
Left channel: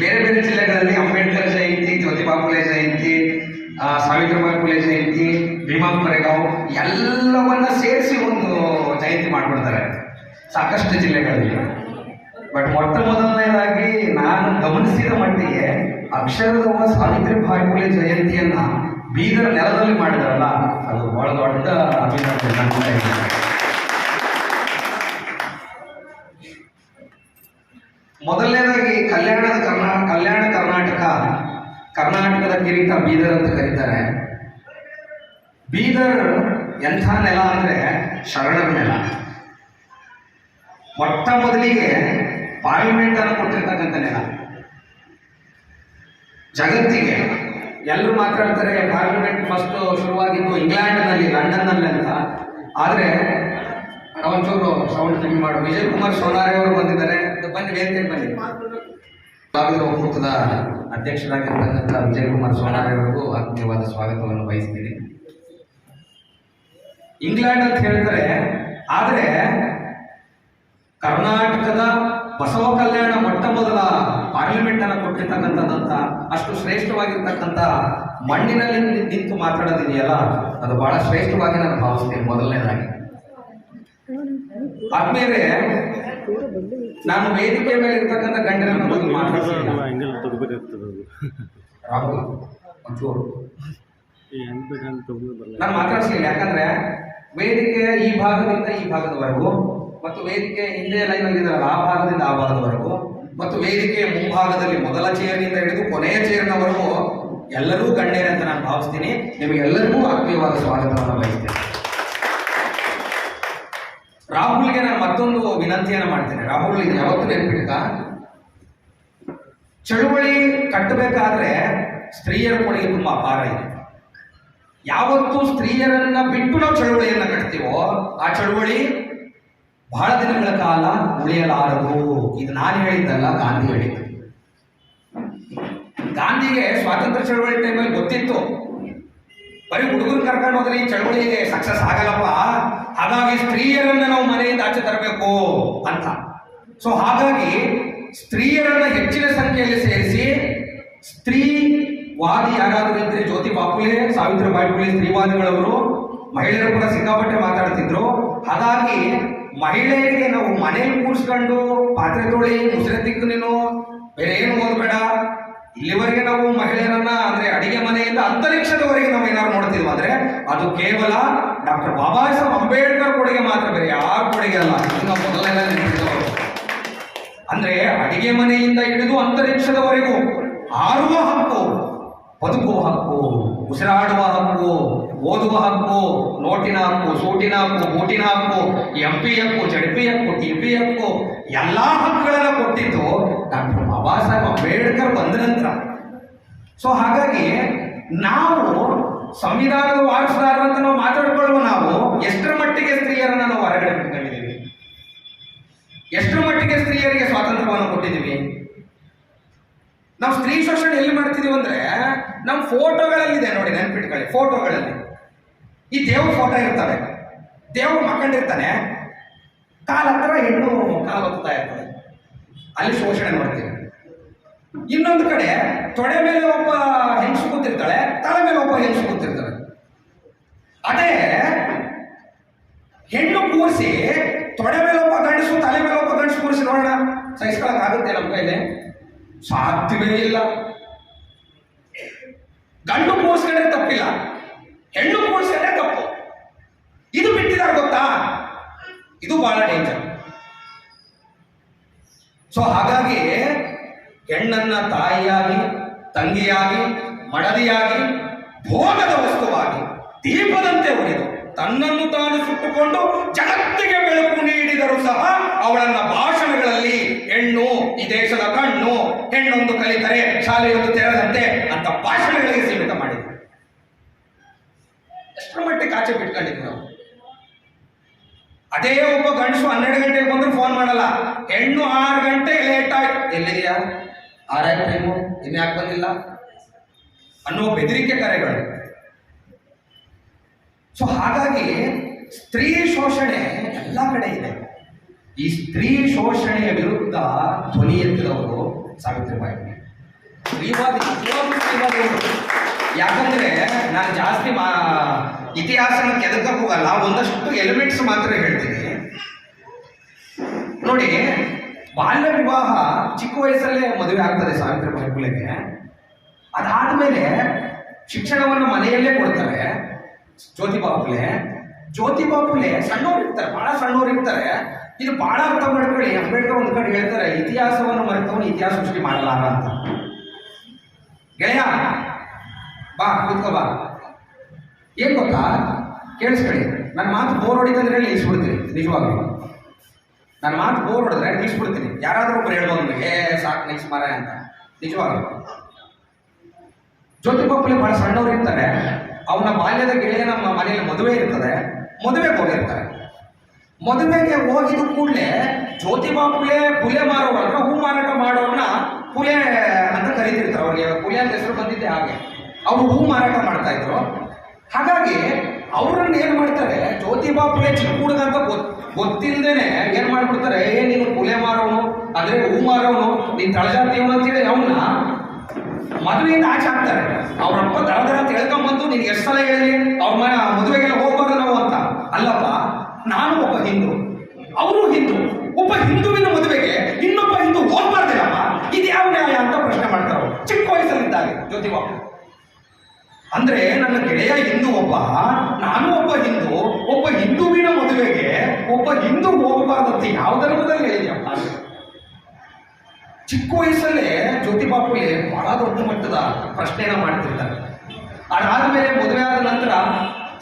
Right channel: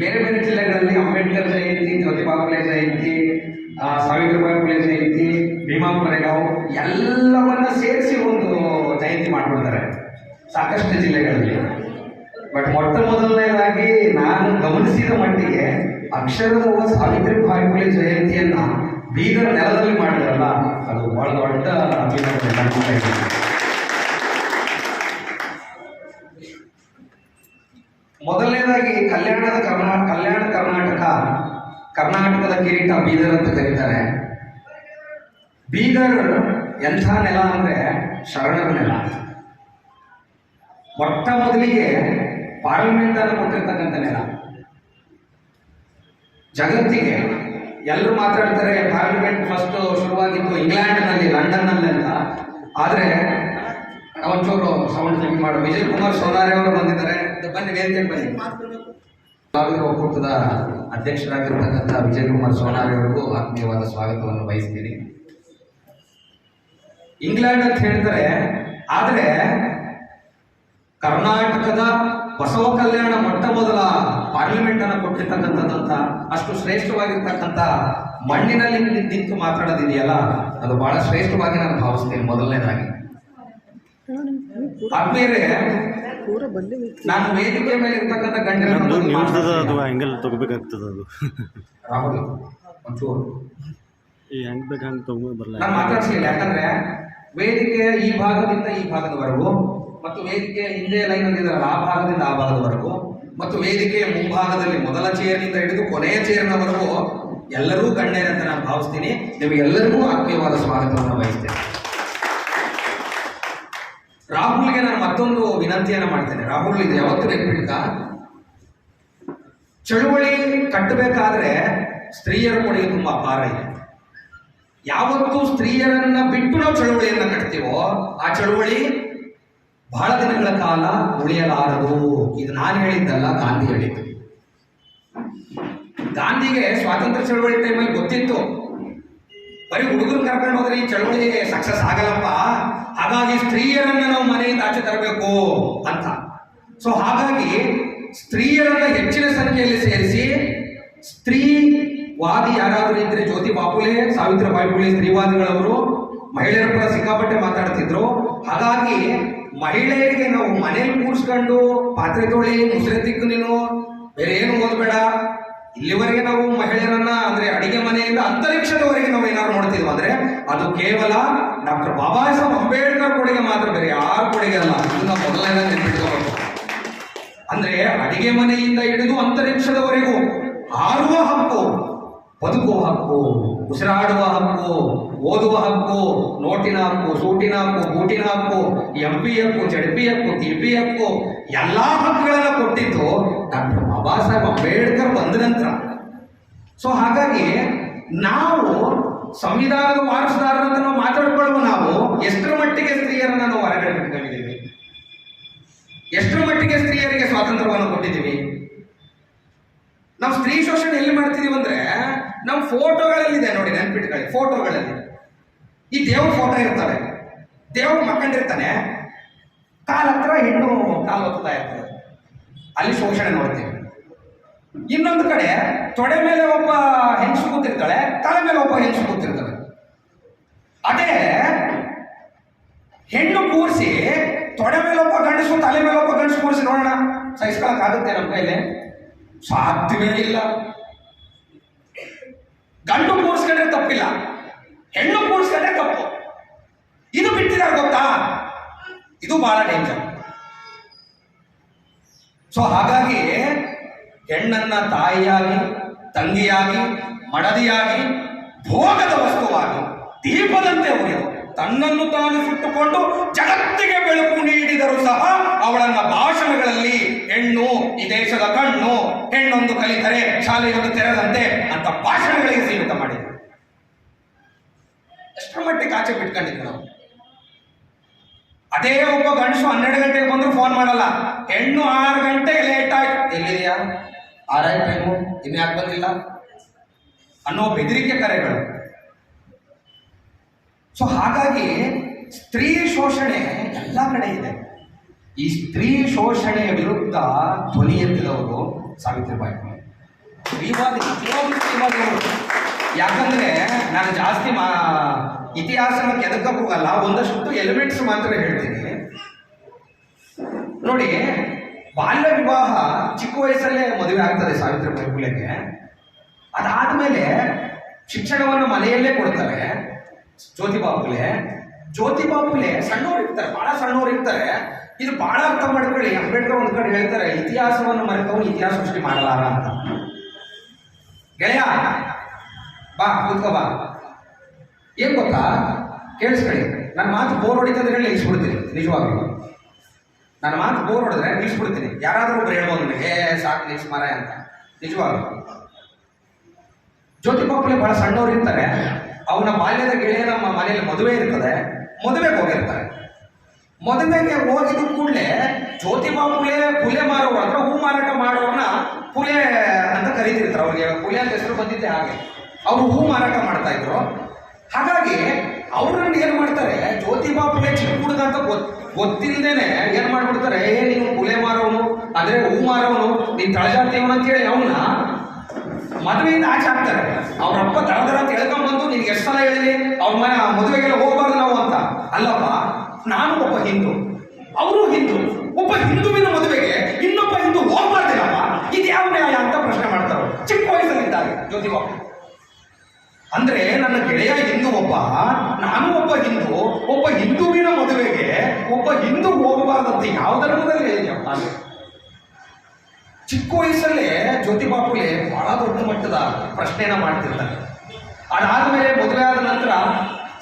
ಬೇರೆ ಬೇರೆ ಜಿಲ್ಲೆಗಳಲ್ಲಿ ಅಂಬೇಡ್ಕರ್ ಜಯಂತಿ, ಜ್ಯೋತಿಬಾ ಫುಲೆ ಜಯಂತಿ, ಸಾವಿತ್ರಿಬಾಯಿ ಫುಲೆ ಜಯಂತಿ, ಭೀಮಾ ಕೊರೆಗಾಂವ್ ಎಲ್ಲವನ್ನ ಸೇರಿಸಿ ಒಂದು ಜಯಂತಿ ಮಾಡ್ಕೊಳ್ತಾರೆ ಸಾಕಷ್ಟು ಜಿಲ್ಲೆಗಳಲ್ಲಿ. ಬಟ್ ಮೊಟ್ಟ ಮೊದಲನೇದಾಗಿ ನಾನು ಗಮನಿಸಿದ ಮಟ್ಟಿಗೆ ಅಕ್ಷರದವ್ವ ಸಾವಿತ್ರಿಬಾಯಿ ಫುಲೆ ಜಯಂತಿಯನ್ನ ಬೀದರ್ ನೆಲದಲ್ಲಿ ಮಾಡಿದಾರಲ್ಲ, ಅದು ಬಹಳ ದೊಡ್ಡ ಅಭಿನಂದನೆ. ಮೊದಲನೇದಾಗಿ ಕಲ್ಯಾಣ ಕರ್ನಾಟಕದ ಕಿರೀಟ ಬೀದರ್ ಅಂತ ಕರೀತಾರೆ. ಬೀದರ್ ಎಂಥ ನೆಲ ಅಂದ್ರೆ ಶರಣರ ನೆಲ. ಮೊಟ್ಟ ಮೊದಲಿಗೆ ಪಾರ್ಲಿಮೆಂಟ್ ಅನ್ನು ಕೊಟ್ಟಿರ್ತಕ್ಕಂಥ ನೆಲ. ಜಗತ್ತಿಗೆ ಎಲ್ಲರೂ ಮಾತಾಡ್ತಾರೆ ಪಾರ್ಲಿಮೆಂಟ್ ಫಸ್ಟ್ ಶುರುವಾಗಿದ್ದು ಇಂಗ್ಲೆಂಡ್ನಲ್ಲಿ, ಲಂಡನ್ನಲ್ಲಿ ಅಂತ. ಆದರೆ ಒಂಚೂರು ಸೌಂಡ್ ಕಮ್ಮಿ ಮಾಡು. ವಿಜಯ್ ಕುಮಾರ್ ಸೋನಾರೆ ಅವರು ಬಂದಿದ್ದಾರೆ, ಬನ್ನಿ ವೇದಿಕೆಗೆ ಬನ್ನಿ. ಭಾಗದ ಒಕ್ಕೂಟದ ಅಧ್ಯಕ್ಷರಾಗಿರ್ತಕ್ಕಂಥ ವಿಜಯ್ ಕುಮಾರ್ ಸೋನಾರೆ ಅವರಿಗೂ ಆತ್ಮೀಯವಾದ ಸ್ವಾಗತವನ್ನು ಬಯಸ್ತೀನಿ. ಇಂಗ್ಲೆಂಡ್ ಅಂತ ಹೇಳ್ತಾರೆ, ಆದರೆ ಕರ್ನಾಟಕದ ಬಸವ ಕಲ್ಯಾಣ ಮೊಟ್ಟ ಮೊದಲ ಪಾರ್ಲಿಮೆಂಟ್ ಅನ್ನು ಕೊಟ್ಟಿರ್ತಕ್ಕಂಥದ್ದಂತ ಅಷ್ಟು ಶ್ರೇಷ್ಠವಾಗಿರ್ತಕ್ಕಂಥ ಮಣ್ಣಿನಲ್ಲಿ ನಿಂತು ಮಾತಾಡೋದಿದೆಯಲ್ಲ, ಅದು ಬಹಳ ಶ್ರೇಷ್ಠವಾಗಿ ನಾನು ಭಾವಿಸ್ತೇನೆ. ಮೊದಲನೇದಾಗಿ ಆದ್ಮೇಲೆ ನಾನು ವೇದಿಕೆ ಮೇಲೆ ಇರ್ತಕ್ಕಂಥ ಗಣ್ಯರನ್ನು ರಾಹುಲ್ ಒಂಚೂರು ನಾನು ಮಾತಾಡ್ಸಿಲ್ಲ. ಯಾಕಂದ್ರೆ ವೇದಿಕೆ ಈ ಭಾಗದಿಂದ ಈ ಭಾಗದವರೆಗೂ, ಮತ್ತು ವೇದಿಕೆ ಹಿಂದೆ ಲೈನ್ ಇದ್ದಾರಲ್ಲ ಆ ಭಾಗದಿಂದ ಆ ಭಾಗದವರೆಗೂ, ಮತ್ತು ವೇದಿಕೆಯ ಮುಂಭಾಗದಲ್ಲಿ ಮೊದಲ ಚೇರ್ನಿಂದ ಹಿಡಿದು ಕೊನೆಯ ಚೇರ್ನವರೆಗೂ ಎಲ್ಲರೂ ಗಣ್ಯರೇ ಅಂತ ನಾನು ಭಾವಿಸ್ತೀನಿ. ನಿಮಗೆಲ್ಲರಿಗೂ ಆತ್ಮೀಯವಾದ ಸ್ವಾಗತವನ್ನು ಬಯಸ್ತೇನೆ. ರಾಹುಲ್ಗೆ ನಾನು ಮತ್ತೊಂದು ವಿನಂತಿಯನ್ನು ಮಾಡ್ತೇನೆ. ರಾಹುಲ್ ಇದು ಯಾವತ್ತೂ ನೆನಪಿಡ್ಕ, ಚಳುವಳಿ ಕಟ್ಟಬೇಕಾದ್ರೆ ಸ್ತ್ರೀಯರ ಕೊಡುಗೆ ತುಂಬಾ ಅಪಾರ ಇದೆ. ಯಾವತ್ತು ಸ್ತ್ರೀಯರನ್ನ ಬಿಟ್ಟು ನಾವು ಚಳುವಳಿಯನ್ನ ಕಟ್ತೀವೋ ಆ ಚಳುವಳಿ ಬಹಳ ದಿನಗಳ ಕಾಲ ಉಳಿಯಲಾರದು. ಇದು ನಾನು ಹೇಳಿದ್ದಲ್ಲ, ಗಾಂಧಿ ಹೇಳಿದ್ದು. ಗಾಂಧಿಗೆ ಸ್ವಾತಂತ್ರ್ಯ ಚಳುವಳಿ ಟೈಮಲ್ಲಿ ಗೊತ್ತಿತ್ತು, ಬರೀ ಹುಡುಗರು ಕರ್ಕೊಂಡು ಹೋದ್ರೆ ಈ ಚಳುವಳಿ ಸಕ್ಸಸ್ ಆಗಲ್ಲಪ್ಪ, ಹಾಗಾಗಿ ಸ್ತ್ರೀಯರನ್ನ ನಾವು ಮನೆಯಿಂದ ಆಚೆ ತರಬೇಕು ಅಂತ. ಸೊ ಹಾಗಾಗಿ ಸ್ತ್ರೀಯರನ್ನ ಹೆಚ್ಚಿನ ಸಂಖ್ಯೆಯಲ್ಲಿ ಸೇರಿಸಿ, ಸ್ತ್ರೀವಾದಿ ಯಾರಾದರೂ ಇದ್ರೆ ಜ್ಯೋತಿ ಬಾಪುಲೆ, ಸಾವಿತ್ರಿಬಾಯಿ ಫುಲೆ ಸ್ತ್ರೀವಾದಿಗಳವರು ಮಹಿಳೆಯರ ಪರ ಸಿಕ್ಕಾಪಟ್ಟೆ ಮಾತಾಡ್ತಿದ್ರು. ಹಾಗಾಗಿ ಮಹಿಳೆಯರಿಗೆ ನಾವು ಮನೇಲಿ ಕೂರಿಸ್ಕೊಂಡು ಪಾತ್ರೆ ತೊಳಿ, ಮುಸುರೆ ತಿಕ್ಕು, ನೀನು ಬೇರೆ ಏನು ಓದಬೇಡ, ಇಲ್ಲಿವರೆಗೆ ನಾವು ಮಹಿಳೆಯರನ್ನ ಅಂದ್ರೆ ಅಡಿಗೆ ಮನೆಯಿಂದ ಅಂತರಿಕ್ಷದವರೆಗೆ ನಾವು ಏನಾದ್ರು ನೋಡ್ತಿದ್ವಿ ಅಂದ್ರೆ ಅದು ಕೇವಲ ಡಾಕ್ಟರ್ ಬಾಬಾ ಸಾಹೇಬ್ ಅಂಬೇಡ್ಕರ್ ಕೊಡುಗೆ ಮಾತ್ರ, ಬೇರೆ ಯಾರ ಕೊಡುಗೆ ಅಲ್ಲ. ಇದನ್ನ ಮೊದಲೆಲ್ಲ ನೆನಪಿಟ್ಕೋಬೇಕು. ಅಂದ್ರೆ ಅಡಿಗೆ ಮನೆಯಿಂದ ಹಿಡಿದು ಅಂತರಿಕ್ಷದವರೆಗೂ ಹಾರುವ ಹಕ್ಕು, ಬದುಕುವ ಹಕ್ಕು, ಉಸಿರಾಡುವ ಹಕ್ಕು, ಓದುವ ಹಕ್ಕು, ನೋಟಿನ ಹಕ್ಕು, ಸೂಟಿನ ಹಕ್ಕು, ಬೂಟಿನ ಹಕ್ಕು, MP ಹಕ್ಕು, ZP ಹಕ್ಕು, TP ಹಕ್ಕು, ಎಲ್ಲಾ ಹಕ್ಕುಗಳನ್ನ ಕೊಟ್ಟಿದ್ದು ಡಾಕ್ಟರ್ ಬಾಬಾ ಸಾಹೇಬ್ ಅಂಬೇಡ್ಕರ್ ಬಂದ ನಂತರ. ಸೊ ಹಾಗಾಗಿ ನಾವು ಸಂವಿಧಾನದ ವಾರಸುದಾರರಂತ ನಾವು ಮಾತಾಡ್ಕೊಳ್ಳುವ ನಾವು ಎಷ್ಟರ ಮಟ್ಟಿಗೆ ಸ್ತ್ರೀಯರನ್ನ ನಾವು ಹೊರಗಡೆ ಬಿಟ್ಟಿದ್ದೀವಿ, ಎಷ್ಟರ ಮಟ್ಟಿಗೆ ಸ್ತ್ರೀಯರಿಗೆ ಸ್ವಾತಂತ್ರ್ಯವನ್ನು ಕೊಟ್ಟಿದ್ದೀವಿ. ನಾವು ಸ್ತ್ರೀ ಶೋಷಣೆ ಎಲ್ಲಿ ಮಾಡ್ತಿದೀವಿ ಅಂದ್ರೆ ನಮ್ಮ ಫೋಟೋಗಳಲ್ಲಿದೆ ನೋಡಿ, ನೆನ್ಪಿಟ್ಕೊಳ್ಳಿ. ಫೋಟೋಗಳಲ್ಲಿ ಈ ದೇವ್ರ ಫೋಟೋ ಇರ್ತವೆ, ದೇವ್ರು ಮಕ್ಕಂಡಿರ್ತಾನೆ, ಕಾಲ ಹತ್ರ ಹೆಣ್ಣು ಕಾಲು ಹೊತ್ತಾ ಇರ್ತದೆ, ಅಲ್ಲಿ ಶೋಷಣೆ ನೋಡ್ತೀವಿ. ಇನ್ನೊಂದು ಕಡೆ ತೊಡೆ ಮೇಲೆ ಒಬ್ಬ ಹೆಂಗಸು ಕೂತಿರ್ತಾಳೆ, ತಲೆ ಮೇಲೆ ಒಬ್ಬ ಹೆಂಗಸು ಕೂತಿರ್ತಾಳೆ. ಅದೇ ಹೆಣ್ಣು ಕೂರಿಸಿ ತೊಡೆ ಮೇಲೆ ಒಬ್ಬ ಗಂಡಸು, ತಲೆ ಮೇಲೆ ಒಬ್ಬ ಗಂಡಸು ಕೂರಿಸಿ ನೋಡೋಣ, ಸಹಿಸ್ಕೊಳಕ್ ಆಗುತ್ತೆ ನಮ್ಮ ಕೈಲಿ? ಸಾಧ್ಯವೇ ಇಲ್ಲ. ಗಂಡು ಕೂರಿಸ್ಕೊಂಡ್ರೆ ತಪ್ಪಿಲ್ಲ, ಹೆಣ್ಣು ಕೂರಿಸ್ಕೊಂಡ್ರೆ ತಪ್ಪು. ಇದು ಬಿಟ್ಟಿದ್ದಾರೆ ಗೊತ್ತಾ? ಇದು ಬಹಳ ಡೇಂಜರ್. ಸೊ ಹಾಗಾಗಿ ಹೆಣ್ಣನ್ನ ತಾಯಿಯಾಗಿ, ತಂಗಿಯಾಗಿ, ಮಡದಿಯಾಗಿ, ಭೋಗದ ವಸ್ತುವಾಗಿ, ದೀಪದಂತೆ ಉರಿದು ತನ್ನನ್ನು ತಾನು ಸುಟ್ಟುಕೊಂಡು ಜಗತ್ತಿಗೆ ಬೆಳಕು ನೀಡಿದರೂ ಸಹ ಅವಳನ್ನ ಭಾಷಣಗಳಲ್ಲಿ ಹೆಣ್ಣು ಈ ದೇಶದ ಕಣ್ಣು, ಹೆಣ್ಣೊಂದು ಕಲಿತರೆ ಶಾಲೆಯೊಂದು ತೆರೆದಂತೆ ಅಂತ ಭಾಷಣಗಳಿಗೆ ಸೀಮಿತ ಮಾಡಿದ್ರು. ಎಷ್ಟರ ಮಟ್ಟಿಗೆ ಆಚೆ ಬಿಟ್ಕೊಂಡಿದ್ವಿ ನಾವು. ಅದೇ ಒಬ್ಬ ಗಂಡಸು 12 ಗಂಟೆಗೆ ಬಂದ್ರು ಫೋನ್ ಮಾಡಲ್ಲ, ಹೆಣ್ಣು 6 ಗಂಟೆಗೆ ಲೇಟ್ ಆಯ್ತು, ಎಲ್ಲಿದೆಯಾ, 6 ಆಯ್ತು ಟೈಮು, ಇನ್ಯಾಕೆ ಬಂದಿಲ್ಲ ಅನ್ನೋ ಬೆದರಿಕೆ ಕರೆಗಳು. ಸೊ ಹಾಗಾಗಿ ಸ್ತ್ರೀ ಶೋಷಣೆ ಎಲ್ಲ ಕಡೆ ಇದೆ. ಈ ಸ್ತ್ರೀ ಶೋಷಣೆಯ ವಿರುದ್ಧ ಧ್ವನಿ ಎತ್ತಿದವರು ಸಾವಿತ್ರಿಬಾಯಿ ಫುಲೆ, ಸ್ತ್ರೀವಾದಿ, ಸ್ತ್ರೀವಾದಿಗಳು. ಯಾಕಂದ್ರೆ ನಾನು ಜಾಸ್ತಿ ಇತಿಹಾಸನ ಕೆದಕಕ್ಕೆ ಹೋಗಲ್ಲ, ಒಂದಷ್ಟು ಎಲಿಮೆಂಟ್ಸ್ ಮಾತ್ರ ಹೇಳ್ತೀನಿ ನೋಡಿ. ಬಾಲ್ಯ ವಿವಾಹ ಚಿಕ್ಕ ವಯಸ್ಸಲ್ಲೇ ಮದುವೆ ಆಗ್ತದೆ ಸಾವಿತ್ರಿಬಾಯಿ ಫುಲೆಗೆ. ಅದಾದ್ಮೇಲೆ ಶಿಕ್ಷಣವನ್ನು ಮನೆಯಲ್ಲೇ ಕೊಡ್ತಾರೆ ಜ್ಯೋತಿಬಾ ಫುಲೆ. ಜ್ಯೋತಿಬಾ ಫುಲೆ ಸಣ್ಣವ್ರು ಇರ್ತಾರೆ, ಬಹಳ ಸಣ್ಣವ್ರು ಇರ್ತಾರೆ. ಇದು ಬಹಳ ಅರ್ಥ ಮಾಡ್ಕೊಳ್ಳಿ. ಅಂಬೇಡ್ಕರ್ ಒಂದ್ ಕಡೆ ಹೇಳ್ತಾರೆ, ಇತಿಹಾಸವನ್ನು ಮರೆತವನು ಇತಿಹಾಸ ಸೃಷ್ಟಿ ಮಾಡಲಾರ ಅಂತ. ಗೆಳೆಯ ಬಾ, ಕೂತ್ಕೋ ಬಾ. ಏನ್ ಗೊತ್ತಾ, ಕೇಳಿಸ್ಕೊಳ್ಳಿ, ನನ್ನ ಮಾತು ಬೋರ್ ಹೊಡಿತಂದ್ರೆ ನಿಲ್ಲಿಸ್ಬಿಡ್ತೀನಿ. ನಿಜವಾಗ್ಲೂ ನನ್ನ ಮಾತು ಬೋರ್ ಹೊಡೆದ್ರೆ ನಿಲ್ಲಿಸ್ಬಿಡ್ತೀನಿ. ಯಾರಾದ್ರೂ ಒಬ್ರು ಹೇಳ್ಬೋದು ನನಗೆ ಸಾಕು ನಿಲ್ಸ್ ಮರ ಅಂತ. ನಿಜವಾಗ್ಲೂ ಜ್ಯೋತಿಬಾ ಫುಲೆ ಬಹಳ ಸಣ್ಣವ್ರು ಇರ್ತಾರೆ. ಅವನ ಬಾಲ್ಯದ ಗೆಳೆಯ ನಮ್ಮ ಮನೆಯಲ್ಲಿ ಮದುವೆ ಇರ್ತದೆ, ಮದುವೆಗೆ ಹೋಗಿರ್ತಾರೆ. ಮದುವೆಗೆ ಹೋಗಿದ್ದು ಕೂಡಲೇ ಜ್ಯೋತಿಬಾ ಫುಲೆ, ಫುಲೆ ಮಾರೋರು ಅಂದ್ರೆ ಹೂ ಮಾರಾಟ ಮಾಡೋರನ್ನ ಫುಲೆ ಅಂತ ಕರೀತಿರ್ತಾರೆ. ಅವ್ರಿಗೆ ಫುಲೆ ಅಂತ ಹೆಸರು ಬಂದಿದ್ದೆ ಹಾಗೆ. ಅವರು ಹೂ ಮಾರಾಟ ಮಾಡ್ತಾ ಇದ್ರು. ಹಾಗಾಗಿ ಅವ್ರನ್ನ ಏನ್ ಮಾಡ್ತಾರೆ, ಜ್ಯೋತಿಬಾ ಫುಲೆ ಚಿಕ್ಕ ಹುಡುಗ ಅಂತ ಗೊತ್ತಿಲ್ಲದೇನೆ ಏನ್ ಮಾಡ್ಬಿಡ್ತಾರೆ, ನೀನು ಫುಲೆ ಮಾರೋನು ಅಂದ್ರೆ ಹೂ ಮಾರೋನು, ನೀನ್ ತಳಜಾತಿಯವನು ಅಂತೇಳಿ ಅವನ್ನ ಮದುವೆಯಿಂದ ಆಚೆ ಹಾಕ್ತಾರೆ. ಅವ್ರಪ್ಪ ದಳದರ ಅಂತ ಹೇಳ್ಕೊಂಡ್ಬಂದು ನಿನ್ಗೆ ಎಷ್ಟು ಸಲ ಹೇಳಿ ಅವ್ರ ಮದುವೆಗೆಲ್ಲ ಹೋಗ್ಬಾರ್ದು ನಾವು ಅಂತ. ಅಲ್ಲಪ್ಪ, ನಾನು ಒಬ್ಬ ಹಿಂದೂ, ಅವರು ಹಿಂದೂ, ಒಬ್ಬ ಹಿಂದುವಿನ ಮದುವೆಗೆ ಇನ್ನೊಬ್ಬ ಹಿಂದೂ ಹೋಗ್ಬಾರ್ದಿಲ್ಲಪ್ಪ, ಇದು ಯಾವ ನ್ಯಾಯ ಅಂತ ಪ್ರಶ್ನೆ ಮಾಡ್ತಾರೆ ಚಿಕ್ಕ ವಯಸ್ಸಲ್ಲಿದ್ದಾಗ ಜ್ಯೋತಿಬಾ ಫುಲೆ. ಅಂದ್ರೆ ನನ್ನ ಗೆಳೆಯ ಹಿಂದೂ ಒಬ್ಬ, ನಾನು ಒಬ್ಬ ಹಿಂದೂ, ಒಬ್ಬ ಹಿಂದುವಿನ ಮದುವೆಗೆ ಒಬ್ಬ ಹಿಂದೂ ಹೋಗಬಾರ್ದಂತೆ ಯಾವ ಧರ್ಮದಲ್ಲಿ ಹೇಳಿದ್ಯಪ್ಪ? ಚಿಕ್ಕ ವಯಸ್ಸಲ್ಲೇ ಜ್ಯೋತಿ ಬಾಪುಲೆ ಬಹಳ ದೊಡ್ಡ ಮಟ್ಟದ ಪ್ರಶ್ನೆನ ಮಾಡ್ತಿರ್ತಾರೆ. ಅದಾದ್ಮೇಲೆ ಮದುವೆ ಆದ ನಂತರ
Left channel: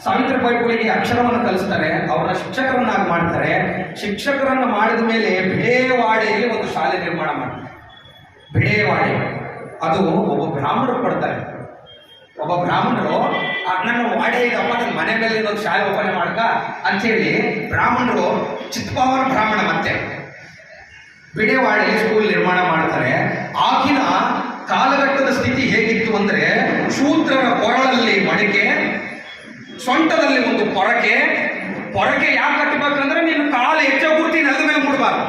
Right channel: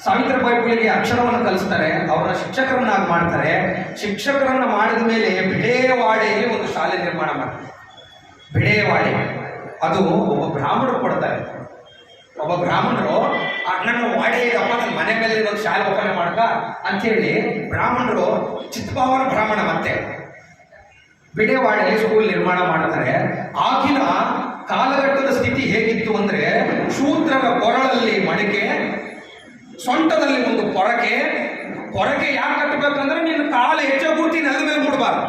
ಸಾವಿತ್ರಿಬಾಯಿ ಫುಲೆಗೆ ಅಕ್ಷರವನ್ನು ಕಲಿಸ್ತಾರೆ, ಅವ್ರನ್ನ ಶಿಕ್ಷಕರನ್ನಾಗಿ ಮಾಡ್ತಾರೆ. ಶಿಕ್ಷಕರನ್ನ ಮಾಡಿದ ಮೇಲೆ ಬಿಡೇವಾಡೆಯಲ್ಲಿ ಒಂದು ಶಾಲೆ ನಿರ್ಮಾಣ ಮಾಡ್ತಾರೆ. ಬಿಡೇವಾಡೆ ಅದು ಒಬ್ಬ ಬ್ರಾಹ್ಮಣರು ಕೊಡ್ತಾರೆ. ಒಬ್ಬ ಬ್ರಾಹ್ಮಣರು ನನ್ನ ವಾಡೆ ಇದಪ್ಪ, ನನ್ನ ಮನೆ ಮೇಲೆ ಒಂದು ಶಾಲೆ ಓಪನ್ ಮಾಡ್ಕ ಅಂಥೇಳಿ ಬ್ರಾಹ್ಮಣರು, ಚಿತ್ಪಾವನ ಬ್ರಾಹ್ಮಣ ಮತ್ತೆ ಬಿಡೇವಾಡೆಯಲ್ಲಿ ಸ್ಕೂಲ್ ನಿರ್ಮಾಣ ಮಾಡ್ತಾರೆ. ಆಗಿನ ಕಾಲಘಟ್ಟದ ಸ್ಥಿತಿ ಹೇಗಿತ್ತು ಅಂದ್ರೆ, ಶೂದ್ರರ ಕೊರಳಲ್ಲಿ ಮಡಿಕೆ, ಸೊಂಟದಲ್ಲಿ ಒಂದು ಪೊರಕೆ. ಪೊರಕೆ ಯಾಕೆ ಕಟ್ಟಬೇಕಂದ್ರೆ ನಿನ್ನ ಕಾಲ ಹೆಜ್ಜೆ ಗುರುತಿ ನೆಲದ ಮೇಲೆ ಮೂಡಬಾರ್ದು,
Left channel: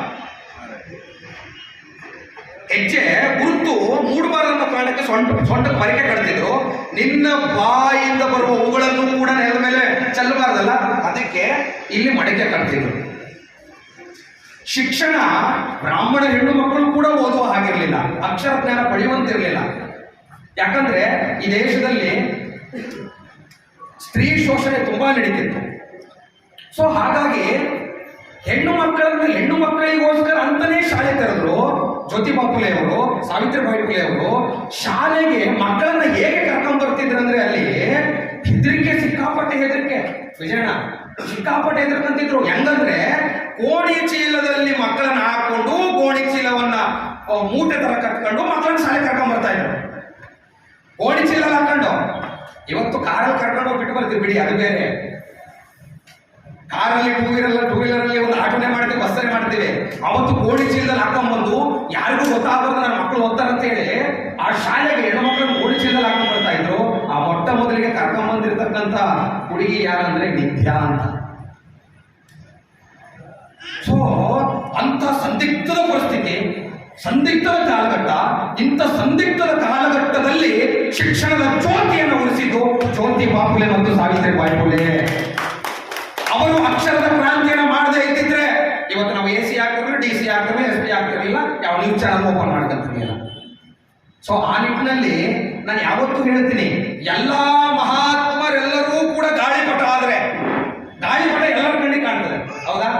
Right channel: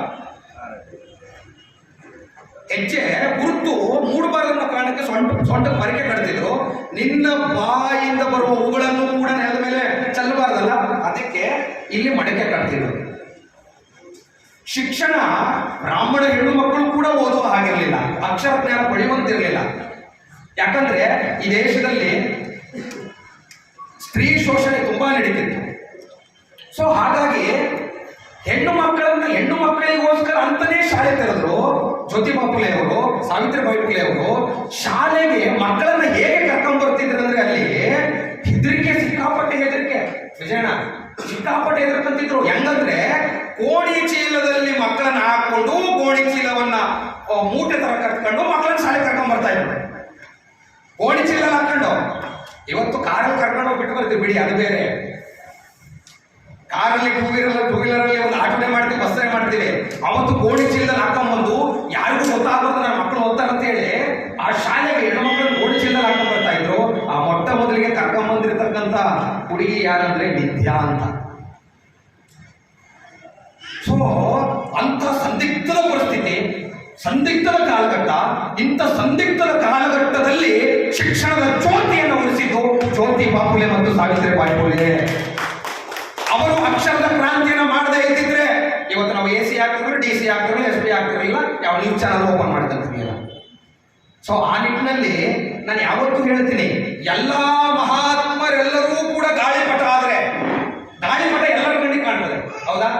ಹೆಜ್ಜೆ ಗುರುತು ಮೂಡಬಾರ್ದು ಅನ್ನೋ ಕಾರಣಕ್ಕೆ ಸೊಂಟದ ಪೊರಕೆ ಕಟ್ತಿದ್ರು. ನಿನ್ನ ಬಾಯಿಂದ ಬರುವ ಹೂಗಳನ್ನು ಕೂಡ ನೆಲದ ಮೇಲೆ ಚೆಲ್ಲಬಾರ್ದಲ್ಲ, ಅದಕ್ಕೆ ಇಲ್ಲಿ ಮಡಿಕೆ ಕಟ್ತಿದ್ರು. ಶಿಕ್ಷಣ ಬ್ರಾಹ್ಮಣ ಹೆಣ್ಣು ಮಕ್ಕಳು ಕೂಡ ಓದುವ ಹಾಗಿರಲಿಲ್ಲ, ಅಕ್ಷರ ಜ್ಞಾನ ಪಡೆಯುವಂತಿರಲಿಲ್ಲ. ಯಾಕಂದ್ರೆ ಈ ದೇಶದಲ್ಲಿ ಸ್ತ್ರೀ ಶೋಷಣೆ ತುಂಬಾ ನಡೀತಿತ್ತು. ಸೊ ಹಾಗಾಗಿ ಹೆಣ್ಣು ಮಕ್ಕಳಿಗೋಸ್ಕರ ಅಂತಾನೆ ಶಾಲೆ ತೆರೆದ್ರು ಜ್ಯೋತಿಬಾ ಫುಲೆ ಅವರು, ಸಾವಿತ್ರಿಬಾಯಿ ಫುಲೆ ಅವರು. ಶಾಲೆಗೆ ಮಕ್ಕಳನ್ನ ಹೇಗೆ ಕರ್ಕೊಂಡ್ ಬರ್ತಿದ್ರು ಅಂದ್ರೆ, ಅಲ್ಲಿ ಹೆದರಿಕೆ, ಸಿಕ್ಕಾಪಟ್ಟೆ ಹೆದರಿಕೆ. ವಿಜಯಣ್ಣ ಸಿಕ್ಕಾಪಟ್ಟೆ ಹೆದರ್ಕೊಂತಿದ್ರು. ಹೆಂಗಂದ್ರೆ ಗೋಣಿ ಚೀಲದಲ್ಲಿ ಮಕ್ಕಳನ್ನ ಹಾಕೊಂಡು, ಗೋಣಿ ಚೀಲವನ್ನ ಮೂಟೆ ತರ ಕಟ್ಕೊಂಡು ಮಕ್ಕಳನ್ನ ಶಾಲೆ ಕರ್ಕೊಂಡ್ ಬರ್ತಾ ಇದ್ರು. ಗೋಣಿ ಚೀಲ ಹಾಕೊಂಡು. ಇವತ್ತು ಕಾರಲ್ಲಿ ಕರ್ಕೊಂಡು ಹೋಗಿ ಬಿಟ್ಟು ಬರ್ತೀವಿ ಬಿಡಿ, ಅದು ಬೇರೆ. ಕಾರಲ್ಲಿ ಟೂ ವೀಲರಲ್ಲಿ ಒಂದು ಆಟೋನೇ ಮಾಡ್ತೀವಿ, ಬಸ್ಸೇ ಮಾಡ್ತೀವಿ. ಅವತ್ತು ಗೋಣಿ ಚೀಲದಲ್ಲಿ ಹಾಕೊಂಡ್ಬಂದು ಯಾರಿಗೂ ಗೊತ್ತಾಗಬಾರ್ದು ನನ್ನ ಮಕ್ಕಳು ಓದ್ತಾರಂತ ಹೇಳಿ ಆ ಶಾಲೆಗೆ ಹೆಣ್ಣು ಮಕ್ಕಳನ್ನು ಗೋಣಿ ಚೀಲದಲ್ಲಿ ಹಾಕೊಂಡ್ ಬರ್ತಾ ಇದ್ರು. ಆ ಮೊಟ್ಟ ಮೊದಲಿಗೆ ಕರ್ಕೊಂಡ್ ಬಂದಿರತಕ್ಕಂತ ಹುಡುಗಿ ಯಾರಂದ್ರೆ ವಿದ್ಯಾ ಅಂತ. ಸೊ ಅಂತ ಸಂದಿಗ್ಧದ ಪರಿಸ್ಥಿತಿ, ಸಂದಿಗ್ಧದ ಕಾಲಘಟ್ಟ. ಇಂಥ ಸಂದಿಗ್ಧದ ಕಾಲಘಟ್ಟದಲ್ಲಿ ಶಿಕ್ಷಣದ ಜ್ಯೋತಿಯನ್ನು ಉಳಿಸಿದ್ದು ಜ್ಯೋತಿಬಾ ಫುಲೆ ಮತ್ತು ಸಾವಿತ್ರಿಬಾಯಿ ಫುಲೆ. ಅವರು ಅಕ್ಷರದ ಕ್ರಾಂತಿಯನ್ನು ಮಾಡದೇ ಇದ್ದಿದ್ರೆ ಇವತ್ತು ನಾವು AC ಆಗ್ತಿರಲಿಲ್ಲ, DC ಆಗ್ತಿರಲಿಲ್ಲ, SP ಆಗ್ತಿರಲಿಲ್ಲ, ಯಾವ ನ್ಯೂಸ್ ಚಾನಲ್ ಓಪನ್ ಮಾಡ್ಕೊಂತಿರ್ಲಿಲ್ಲ. ಸೊ ಆ ನಿಟ್ಟಿನಲ್ಲಿ ನಾನು ಯಾವತ್ತೂ ಹೇಳ್ತೀನಿ, ಎಲ್ಲಾ ಮಹಾತ್ಮರೆಲ್ಲರೂ ಕೂಡ ಗಾಳಿಪಟ ಆದ್ರೆ, ಗಾಳಿಪಟ ಎಲ್ಲರ ಕಣ್ಣಿಗೆ ಕಾಣ್ತದೆ, ಹೌದಾ?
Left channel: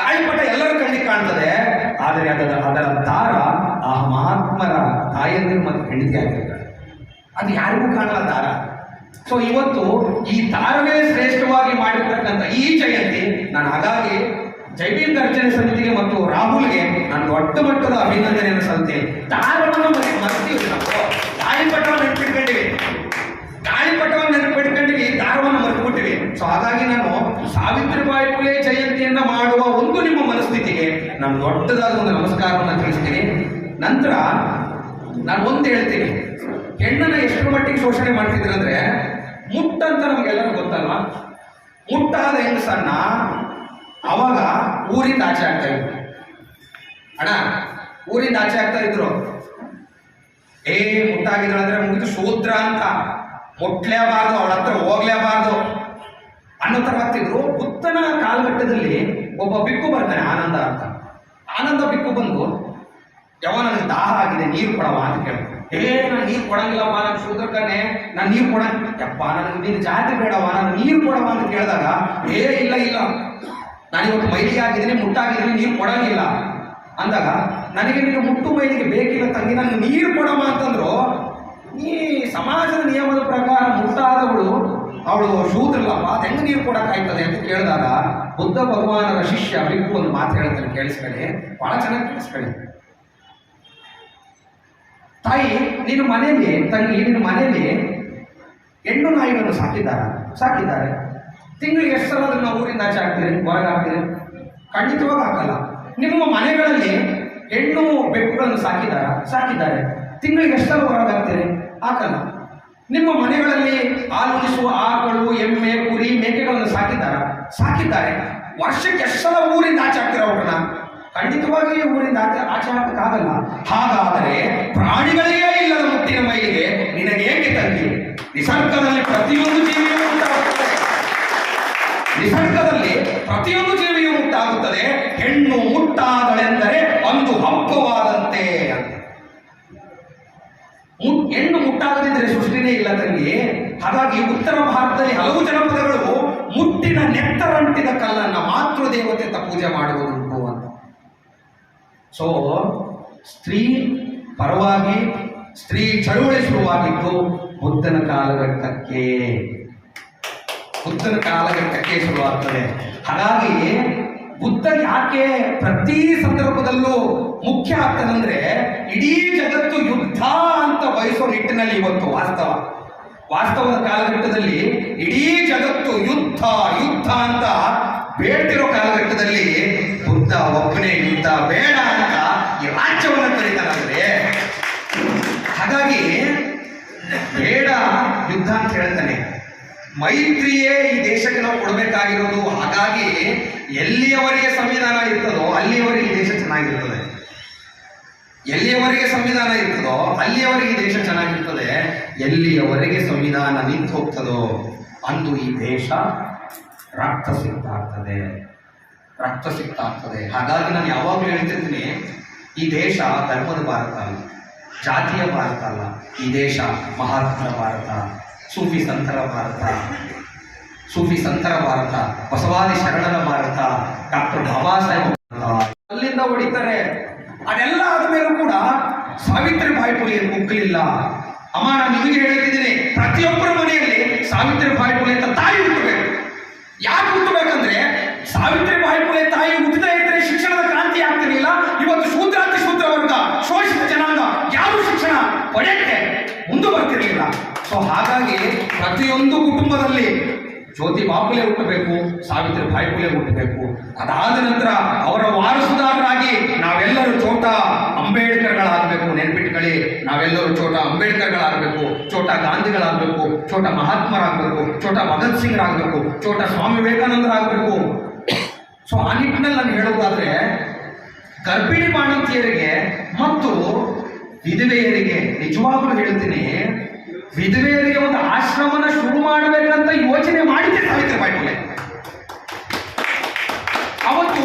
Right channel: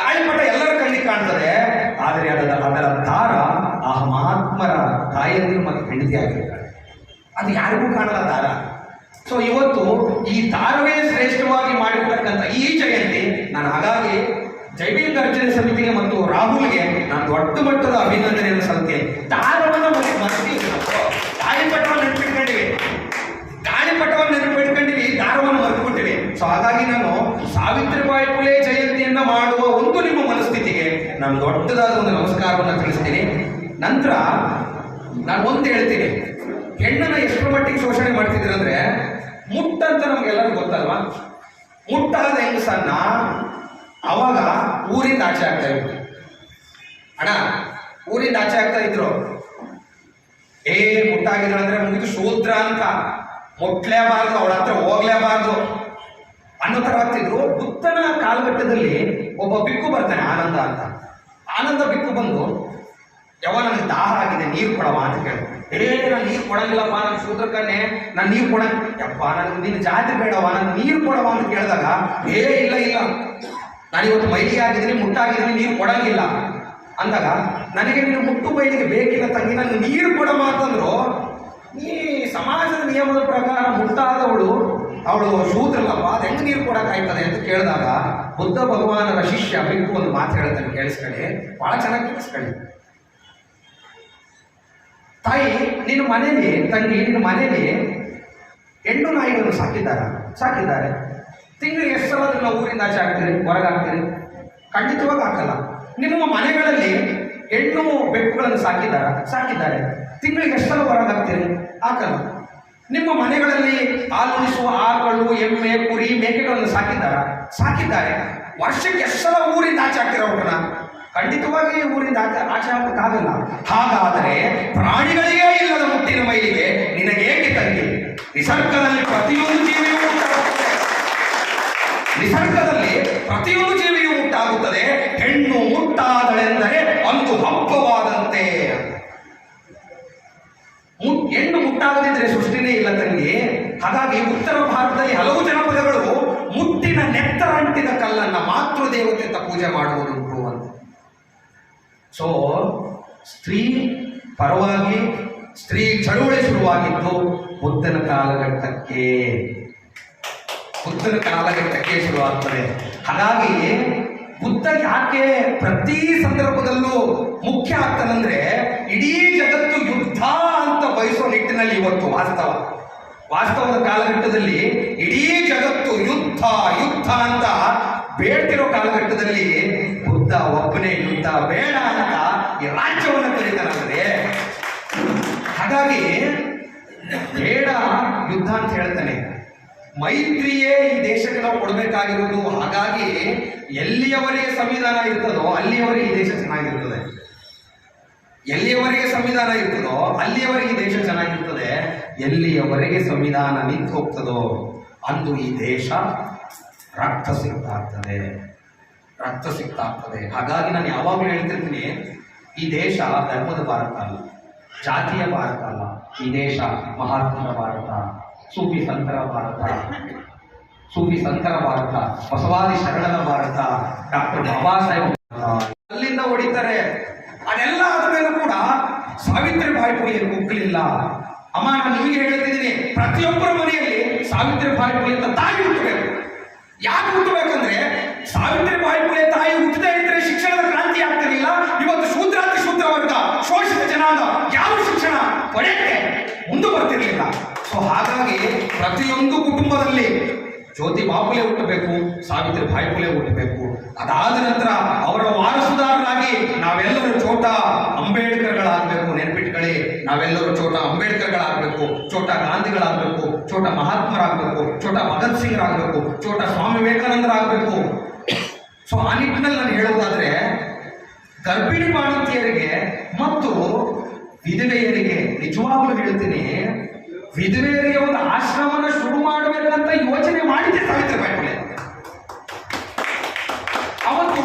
ಗಾಳಿಪಟ ಎಲ್ಲರ ಕಣ್ಣಿಗೆ ಕಾಣ್ತದೆ. ಆದರೆ ಅದರ ದಾರ ಆ ಮಹಾತ್ಮರ ತಾಯಂದಿರು ಮತ್ತು ಹೆಂಡತಿ ಆಗಿರ್ತಾರೆ, ಅದು ಯಾರಿಗೂ ಕಾಣಲ್ಲ ದಾರ. ಸೊ ಇವತ್ತು ಈ ದಾರವೇ ಶ್ರೇಷ್ಠವಾಗಿ ಮಾಡಿರ್ತಕ್ಕಂಥ ಈ ಜಯಂತಿ, ನಾನು ಹಾಗಾಗಿ ಜೈವಿಕ ಗರ್ಜನೆ ಸಮಿತಿಗೆ ಮತ್ತು ರಾಹುಲ್ಗೆ ನಾನು ದೊಡ್ಡ ಮಟ್ಟದ ಅಭಿನಂದನೆಯನ್ನು ಸಲ್ತೇನೆ. ದಾರವನ್ನು ಮರೆತೀವಿ ನಾವು, ಗಾಳಿಪಟವನ್ನು ನೆನಪಿಟ್ಕೊಂಡಿವಿ, ದಾರವನ್ನು ಮರೆತುಬಿಟ್ಟಿವಿ. ಸೊ ಹಾಗಾಗಿ ನಾನು ಸಾವಿತ್ರಿಬಾಯಿ ಫುಲೆ ಜಯಂತಿಯನ್ನ ಮಾಡುವ ಒಂದು ನಿಮ್ಮ ಮನಸ್ಥಿತಿಗೆ ನಾನು ದೊಡ್ಡದಾದ ಒಂದು ನಮಸ್ಕಾರವನ್ನು ತಿಳಿಸ್ತೀನಿ. ನಂತರ ನಾನು ಒಂದು ಹೇಳ್ತೀನಿ, ಹೆಣ್ಣನ್ನ ಎಷ್ಟರ ಮಟ್ಟಿಗೆ ಶೋಷಣೆ ಮಾಡ್ತಿದ್ರು ಅಂದ್ರೆ, ಮುಟ್ಟಂತ ನಮ್ಗೆಲ್ಲರಿಗೂ ಗೊತ್ತಲ್ವಾ? ಮುಟ್ಟಾದ ಹೆಂಗಸನ್ನ ಅವಾಗ ಊರಿಂದ ಆಚೆ ಆಗ್ತಾ ಇದ್ರು. ಅಣ್ಣ ಊರಿಂದ ಆಚೆ ಆಗ್ತಾ ಇದ್ರು. ಮುಟ್ಟಾಗಿದ್ರು ಅಂದ್ರೆ ಮುಗಿದು ಶೂದ್ರ ಅಂತ, ಮುಟ್ಲೇಬಾರ್ದು, ಅವಳ ಹತ್ರ ಹೋಗ್ಲೇಬಾರ್ದು ಅನ್ನೋ ತರ ಆಗ್ತಿದ್ರು. ಬುದ್ಧನ ಕಾಲಘಟ್ಟದಲ್ಲಿ ಒಬ್ಬ ಬಿಕ್ಕು ಬರ್ತಾನೆ, ಆನಂದ ಅಂತ. ಆನಂದ ಬಿಕ್ಕು ಬಂದು, ಯಾವ ನನಗೆ ದಾಹ ಆಗಿದೆ, ನೀರು ಕೊಡವ ಅಂತ ಕೇಳ್ತಾನೆ. ನಾನು ನೀರು ಕೊಡಂಗಿಲ್ಲಪ್ಪ, ನಾನು ಶೂದ್ರಕನೇ, ನಾನು ನೀರು ಕೊಡಪ್ಪ, ನನಗೆ ನಿನ್ನ ಜಾತಿ ಬೇಡವ, ನಾನು ನೀರು ಕೊಡವ ಅಂತ ಕೇಳಿದಾಗ, ಇಲ್ಲ ನಾನಿವತ್ತು ಮೈಲಿಗೆ ಆಗಿದ್ದೀನಿ, ಮುಟ್ಟಾಗಿದ್ದೀನಿ, ನೀರು ಕೊಡಂಗಿಲ್ಲ ಅಂದಾಗ, ನನಗೆ ನೀನು ಮುಟ್ಟು ಮೈಲಿಗೆ ಬೇಕಿಲ್ಲ ತಂಗಿ, ನನಗೆ ನೀರು ಕೊಡವ ಅಂತಂದ್ರು. ಈ ಸಮಾಜದ ನಿಯಮದ ಪ್ರಕಾರ ಮುಟ್ಟಾದವಳು ಅವಳು ಶೂದ್ರಲ್ಲಪ್ಪ, ಅದು ಹೆಂಗೆ ನೀರು ಕೊಡಕ್ಕಾಯ್ತದೆ ಅಂತ ಕೇಳಿದಾಗ, ಬುದ್ಧ ಭಗವಾನರ ಶಿಷ್ಯ ಬಿಕ್ಕು ಒಂದು ಮಾತು ಹೇಳ್ತಾನೆ, ಕೇಳಿಸ್ಕೊಳ್ಳಿ, ಬಹಳ ಚೆನ್ನಾಗಿ ಕೇಳಿಸ್ಕೊಳ್ಳಿ. ತಾಯಿ, ನಿನ್ನ ಮನೆಯಲ್ಲಿ, ತಂಗಿ ನಿನ್ನ ಮನೆಯಲ್ಲಿ ಹೆಣ್ಣು ನಾಯಿಗಳನ್ನು ಸಾಕಿದ್ದಾರೆ. ತಿಂಗಳಿಗೆ ಎಷ್ಟು ಸಲ ಅದನ್ನು ಊರಿಂದ ಆಚೆ ಹಾಕ್ತೀರಿ, ಹೊರಗೆ ಹಾಕ್ತೀರಿ? ಖಂಡಿತವಾಗಿ ಹಾಕಲ್ಲ. ನಿಮ್ಮ ಮನೆಗಳಲ್ಲಿ ಹೆಣ್ಣು ಬೆಕ್ಕುಗಳನ್ನು ಸಾಕಿದ್ದಾರೆ. ತಿಂಗಳಿಗೆ ಎಷ್ಟು ಸಲ ಹೊರಗೆ ಹಾಕ್ತೀರಿ? ಹಾಕಲ್ಲ. ನಿಮ್ಮ ಮನೆಗಳಲ್ಲಿ ಹಾಲುಣಿಸುವ ಆಕಳು, ಎಮ್ಮೆ, ಕುರಿ, ಮೇಕೆಗಳನ್ನು ಸಾಕಿದ್ದಾರೆ. ವರ್ಷಕ್ಕೆ ಎಷ್ಟು ಸಲ ಊರಿಂದ ಆಚೆ ಹಾಕ್ತೀರ ಅವ್ರನ್ನ? ಖಂಡಿತವಾಗಿ ಊರಿಂದ ಆಚೆ ಹಾಕಕ್ಕಾಗಲ್ಲ. ಹಾಗಾದರೆ ಪ್ರಾಣಿಗಳಿಗೇ ಇಲ್ಲದ ಮುಟ್ಟಿನ ಮೈಲಿಗೆ ನಿನಗೇಕೆ ತಂಗಿ? ನಿಸರ್ಗದಲ್ಲಿ ಪ್ರತಿಯೊಂದು ಜೀವಿಯೂ ಮುಟ್ಟಾಗುತ್ತದೆ. ಹೆಣ್ಣು ಮುಟ್ಟಾದಳೆಂದರೆ ಒಂದು ಹಬ್ಬವಾದಂತೆ. ಹೆಣ್ಣು ಮುಟ್ಟಾಗದಿದ್ರೆ ಸೃಷ್ಟಿನೇ ಇಲ್ಲ ತಂಗಿ. ಹಾಗಾಗಿ ಉತ್ತರ ಭಾರತದಲ್ಲಿ ಹಲವು ಜನಪದಗಳು ಮುಟ್ಟಿನ ನೆತ್ತರಂಟಿದ ಕಲ್ಲನ್ನ ಮಾತೃದೇವತೆ ಅಂತ ಪೂಜೆ ಮಾಡುವುದುಂಟು ಅಂತ. ಸೊ ಸ್ತ್ರೀ ಪರವಾಗಿ ಸ್ತ್ರೀ ಚಳುವಳಿ ಶುರುವಾಗಿದ್ದು ಬುದ್ಧನ ಕಾಲಘಟ್ಟಕ್ಕೆ ಶುರುವಾಗ್ತದೆ. ಹಾಗಾಗಿ ಬುದ್ಧ ಯಾಕೆ ಪ್ರತಿ ಸಂದರ್ಭದಲ್ಲೂ ಮುಖ್ಯ ಆಗ್ತದಂದ್ರೆ, ಇಡೀ ಜಗತ್ತು ಯುದ್ಧ ಅಂತ ಬಯಸೋ ನಿಟ್ಟಿನಲ್ಲಿ ಇವತ್ತು ವಾಸ್ತವದ ಕಾಲಘಟ್ಟದಲ್ಲಿ ಇಡೀ ಜಗತ್ತು ಯುದ್ಧ ಅಂತ ಬೇಡ್ತಿರೋ ಕಾಲಘಟ್ಟದಲ್ಲಿ ಬುದ್ಧ ಒಬ್ಬನೇ ಯುದ್ಧ ಬೇಡ ಅಂತ ಈ ರಾಜ್ಯವನ್ನು ಕರೀತಾರಂದ್ರೆ, ಹಾಗಾಗಿ ಬೇಡ ಯುದ್ಧ ಅಂತ ಹೇಳ್ತಾನೆ. ಮೈತ್ರಿಯೇ ಈ ದೇಶಕ್ಕೆ ನಾವು ಕೊಡಬೇಕಾಗಿರೋದು. ಹಾಗಾಗಿ ಎಲ್ಲಿಯವರೆಗೆ ಸಂವಿಧಾನ ಇರ್ತದೋ ಅಲ್ಲಿಯವರೆಗೆ ಈ ದೇಶ ಚೆನ್ನಾಗಿರ್ತದೆ. ಎಲ್ಲಿಯವರೆಗೆ ಸಂವಿಧಾನ ಇರ್ತದೋ ಅಲ್ಲಿಯವರೆಗೆ ಈ ದೇಶ ಚೆನ್ನಾಗಿರ್ತದೆ. ಎಲ್ಲಿಯವರೆಗೆ ಸಂವಿಧಾನ ನಿಂತು ಹೋಗ್ತದೋ ಅಂದು ಈ ದೇಶ ರಕ್ತಸಿಕ್ತ ಆಗ್ತದೆ. ಹಾಗಾಗಿ ನಾನು ಯಾವಾಗಲೂ ಹೇಳ್ತಿರ್ತೀನಿ, ಈ ದೇಶ ಧರ್ಮದ ಭಾರತ ಅಲ್ಲ, ಜಾತಿಯ ಭಾರತ ಅಲ್ಲ. ಈ ದೇಶ ಮಹಾತ್ಮರ ಭಾರತ, ಸೂಫಿ ಸಂತರ ಭಾರತ, ಬಸವಾದಿ ಶರಣರ ಭಾರತ, ಡಾಕ್ಟರ್ ಬಾಬಾ ಸಾಹೇಬ್ ಅಲ್ಲಿಂದ ಹೊಡಿತಾರೆ. ಅದೆಲ್ಲ ಆದ್ಮೇಲೂ ಕೂಡ ಸಾವಿತ್ರಿಬಾಯಿ ಫುಲೆ ಮುಗ್ಲಿಲ್ಲ. ಅಮ್ಮ, ನಾನು ನಿಮಗೆ ಹೇಳ್ತಿದ್ದೀನಿ, ಪ್ರತಿಯೊಬ್ಬರ ಮನೆಯಲ್ಲಿ ಸಾವಿತ್ರಿಬಾಯಿ ಫುಲೆ ಅಂತ ತಾಯಿ ಹುಟ್ಟಬೇಕು. ಯಾಕೆ ಹುಟ್ಟಬೇಕಂದ್ರೆ, ಸಾವಿತ್ರಿಬಾಯಿ ಫುಲೆ ತಾಯಿ ಹುಟ್ಟದೇ ಇದ್ರೆ ಶಿಕ್ಷಣದ ಕ್ರಾಂತಿ ಆಗ್ತಿರಲಿಲ್ಲ. ಇವತ್ತು ಶೂದ್ರಾತಿ ಶೂದ್ರ ವರ್ಗ, ಶೋಷಿತ ಜನಾಂಗ ಯಾರು ಶಿಕ್ಷಣ ಪಡೆಯಕ್ಕೆ ಮುಂದೆ ಬರ್ತಿರ್ಲಿಲ್ಲ. ಸೊ ಹಾಗಾಗಿ ಪ್ರತಿಯೊಂದು ಕುಟುಂಬದಲ್ಲಿ ಜ್ಯೋತಿ ಬಾಪುಲೆ ಹುಟ್ಟಬೇಕು, ಸಾವಿತ್ರಿಬಾಯಿ ಫುಲೆ ಹುಟ್ಟಬೇಕು. ಅದಾದ ನಂತರ ಅವರ ವಾರಸುದಾರರಾಗಿ ನಾವೆಲ್ಲರೂ ಚೋಟಾ ಅಂಬೇಡ್ಕರ್ಗಳಾಗಬೇಕು. ನೆನ್ಪಿಟ್ಕೊಳ್ಳಿ, ನಾವೆಲ್ಲರೂ ಚೋಟಾ ಅಂಬೇಡ್ಕರ್ಗಳಾಗಬೇಕು, ಚೋಟಾ ಗಾಂಧಿಗಳಾಗಬೇಕು, ಚೋಟಾ ಮಹಾತ್ಮರಾಗಬೇಕು, ಚೋಟಾ ಭಗತ್ ಸಿಂಗ್ ಆಗಬೇಕು, ಚೋಟಾ ಸ್ವಾಮಿ ವಿವೇಕಾನಂದರಾಗಬೇಕು. ಸೊ ಆ ನಿಟ್ಟಿನಲ್ಲಿ ನಾನು ಹೇಳೋದಾದ್ರೆ, ಗರ್ಭಿಣಿ ಬಾಣಂತಿಯರಿಗೆ ಮತ್ತು ವಿಧವೆಯರಿಗೆ ನಿಜವಾಗ್ಲೂ ಹೇಳ್ತೀನಿ, ವಿಧವೆಯರಿಗೆ ಒಂದು ಆಶ್ರಮನ ಶುರು ಮಾಡಬೇಕಂತ ಯೋಚನೆ ಮಾಡಿದ್ದೆ ಸಾವಿತ್ರಿಬಾಯಿ ಫುಲೆ. ಅವತ್ತು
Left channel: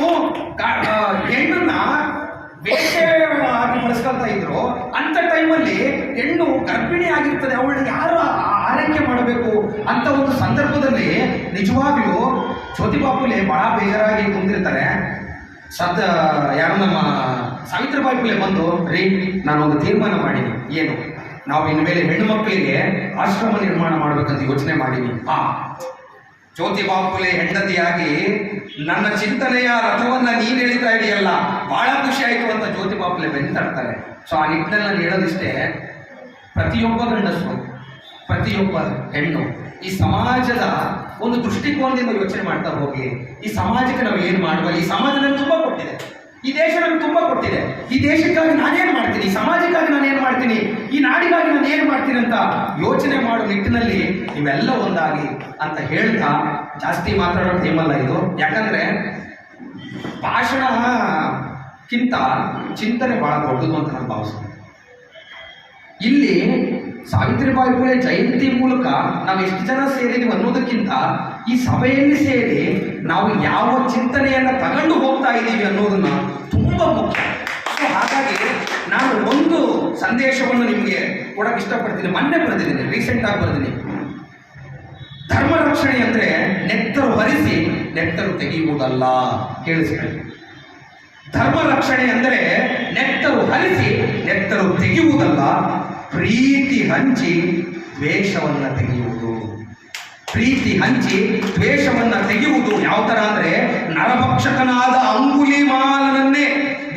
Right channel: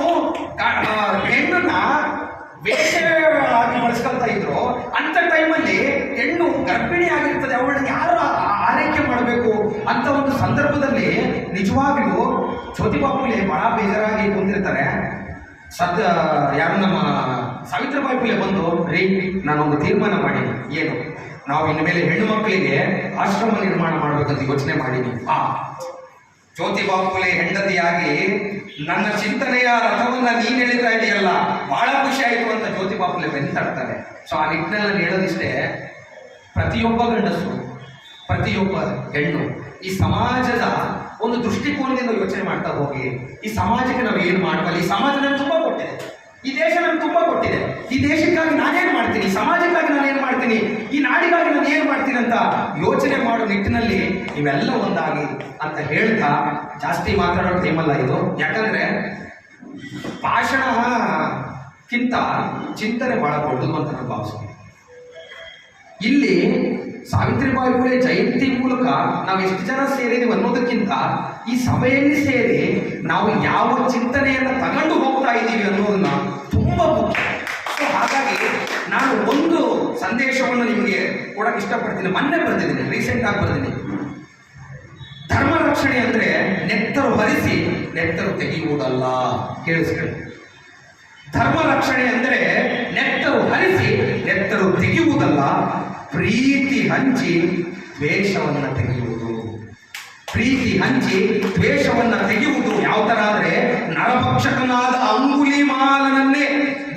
ಹೆಣ್ಣನ್ನ ವೇಷವಾಗಿ ಬಳಸ್ಕೊಳ್ತಾ ಇದ್ರು. ಅಂತ ಟೈಮಲ್ಲಿ ಹೆಣ್ಣು ಗರ್ಭಿಣಿ ಆಗಿರ್ತದೆ, ಅವಳನ್ನ ಯಾರು ಆರೈಕೆ ಮಾಡಬೇಕು ಅಂತ ಒಂದು ಸಂದರ್ಭದಲ್ಲಿ ನಿಜವಾಗ್ಲೂ ಜ್ಯೋತಿಬಾ ಫುಲೆ ಬಹಳ ಬೇಜಾರಾಗಿ ಕುಂದಿರ್ತಾರೆ. ಯಾರು ನಮ್ಮ ಸಾವಿತ್ರಿಬಾಯಿ ಫುಲೆ ಬಂದು, ರೀ, ನಾನೊಂದು ತೀರ್ಮಾನ ಮಾಡೀನಿ. ಏನು? ನಾವು ಇನ್ಮೇಲೆ ಹೆಣ್ಣು ಮಕ್ಕಳಿಗೆ ಆಶ್ರಮ ನಿರ್ಮಾಣ ಮಾಡಬೇಕಂತ ಯೋಚನೆ ಮಾಡೀನಿ. ಜ್ಯೋತಿಬಾ ಫುಲೆ ಹೆಂಡತಿಯಾಗಿ ನನ್ನ ಚಿಂತನೆಯ ರಥವನ್ನ ನೀನ್ ಎಳಿತಾ ಇದೆಯಲ್ಲ, ಬಹಳ ಖುಷಿ ಆಯ್ತು ಅಂತ ಜ್ಯೋತಿಬಾ ಫುಲೆ ಬೆಂತಾಡ್ತಾರೆ. ಸೊ ಆ ನಿಟ್ಟಿನಲ್ಲಿ ನಾನು ಹೇಳೋದಿಷ್ಟೇ, ಪ್ರತಿಯೊಬ್ಬ ಗಂಡಸು, ಪ್ರತಿಯೊಬ್ಬ ಹೆಣ್ಣು ಈ ಸಮಾಜದ ಒಂದು ದೃಷ್ಟಿಕೋನದಿಂದ ಯೋಚನೆ ಮಾಡ್ತಾ ಹೋಗಿ, ಈ ಸಮಾಜಕ್ಕೆ ನಾವು ಏನು ಮಾಡಬಲ್ಲ. ಈ ಸಮಾಜ ನಮ್ಗೆ ತುಂಬಾ ಕೊಟ್ಟಿದೆ, ಈ ದೇಶ ನಮ್ಗೆ ತುಂಬಾ ಕೊಟ್ಟಿದೆ. ಈ ದೇಶಕ್ಕಾಗಿ ನಾನೇನು ಮಾಡ್ತೀನಿ, ಈ ಸಮಾಜಕ್ಕಾಗಿ ನಾನೇನು ಮಾಡ್ತೀನಿ, ಈ ನಾಡಿಗಾಗಿ ನಾನು ಏನು ಮಾಡ್ತೀನಿ ಅಂತ ಯೋಚನೆ ಮಾಡೋ ನಿಟ್ಟಿನಲ್ಲಿ ಇವೆಲ್ಲ ಒಂದಾಗಿ ಅಂತ ಹೇಳ್ತಾ, ಜಾಸ್ತಿ ಮಾತಾಡೋ ಟೈಮಲ್ಲ ಇದು. ಯಾಕಂದ್ರೆ ಭಾಷಣಕ್ಕಿಂತ ಚಿಂತನೆ ಬಹಳ ದೊಡ್ಡದು ಅಂತ ನಾನು ಭಾವಿಸ್ತೇನೆ. ಇಲ್ಲಿ ಸಾವಿತ್ರಿಬಾಯಿ ಫುಲೆ ಜಯಂತಿ ಮೂಲಕ ನಾವು ಎಷ್ಟು ಜನ ಸೇರಿದೀವಿ ಅನ್ನೋದಕ್ಕಿಂತ, ಈ ಸಭೆಯಲ್ಲಿ ಸೇರಿ ನಾವು ಯಾವ ಚಿಂತನೆಯನ್ನ ತಗೊಂಡು ಹೋಗ್ತಾ ಇದ್ದೀವಿ ಅನ್ನೋದನ್ನ ತುಂಬಾ ಮುಖ್ಯ. ಹಾಗಾಗಿ ನಾನು ಒಂದು ಸಂದೇಶವನ್ನು ನಿಮಗೆ ಕೊಡಕ್ಕೆ ಇಷ್ಟಪಡ್ತೀನಿ. ಮೊನ್ನೆ ಬರೆದಿದ್ದೀನಿ, ರೀಸೆಂಟ್ ಆಗಿ ಬರೆದಿದ್ದೀನಿ. ಧರ್ಮ ರಕ್ಷಣೆ ಅಂದ್ರೆ ನೆತ್ತರು ಹರಿಸಿ ನೆತ್ತರು ತೆಗೆಯುವುದಲ್ಲ. ಕೇಳಿಸ್ಕೊಳ್ಳಿ, ಧರ್ಮ ರಕ್ಷಣೆ ಅಂದರೆ ನೆತ್ತರು ಹರಿಸಿ ನೆತ್ತರು ತೆಗೆಯುವುದಲ್ಲ, ಪ್ರೀತಿ ಹಂಚಿ ದ್ವೇಷವನ್ನ ತೆಗೆಯುವುದು. ಪ್ರೀತಿ ಹಂಚಿ ದ್ವೇಷವನ್ನ ತೆಗೆಯುವುದು ಯಾವ ತರ ಅಂದ್ರೆ, ನರಭಕ್ಷಕನಾದ ಅಂಗುಲಿಮಾಲನನ್ನೇ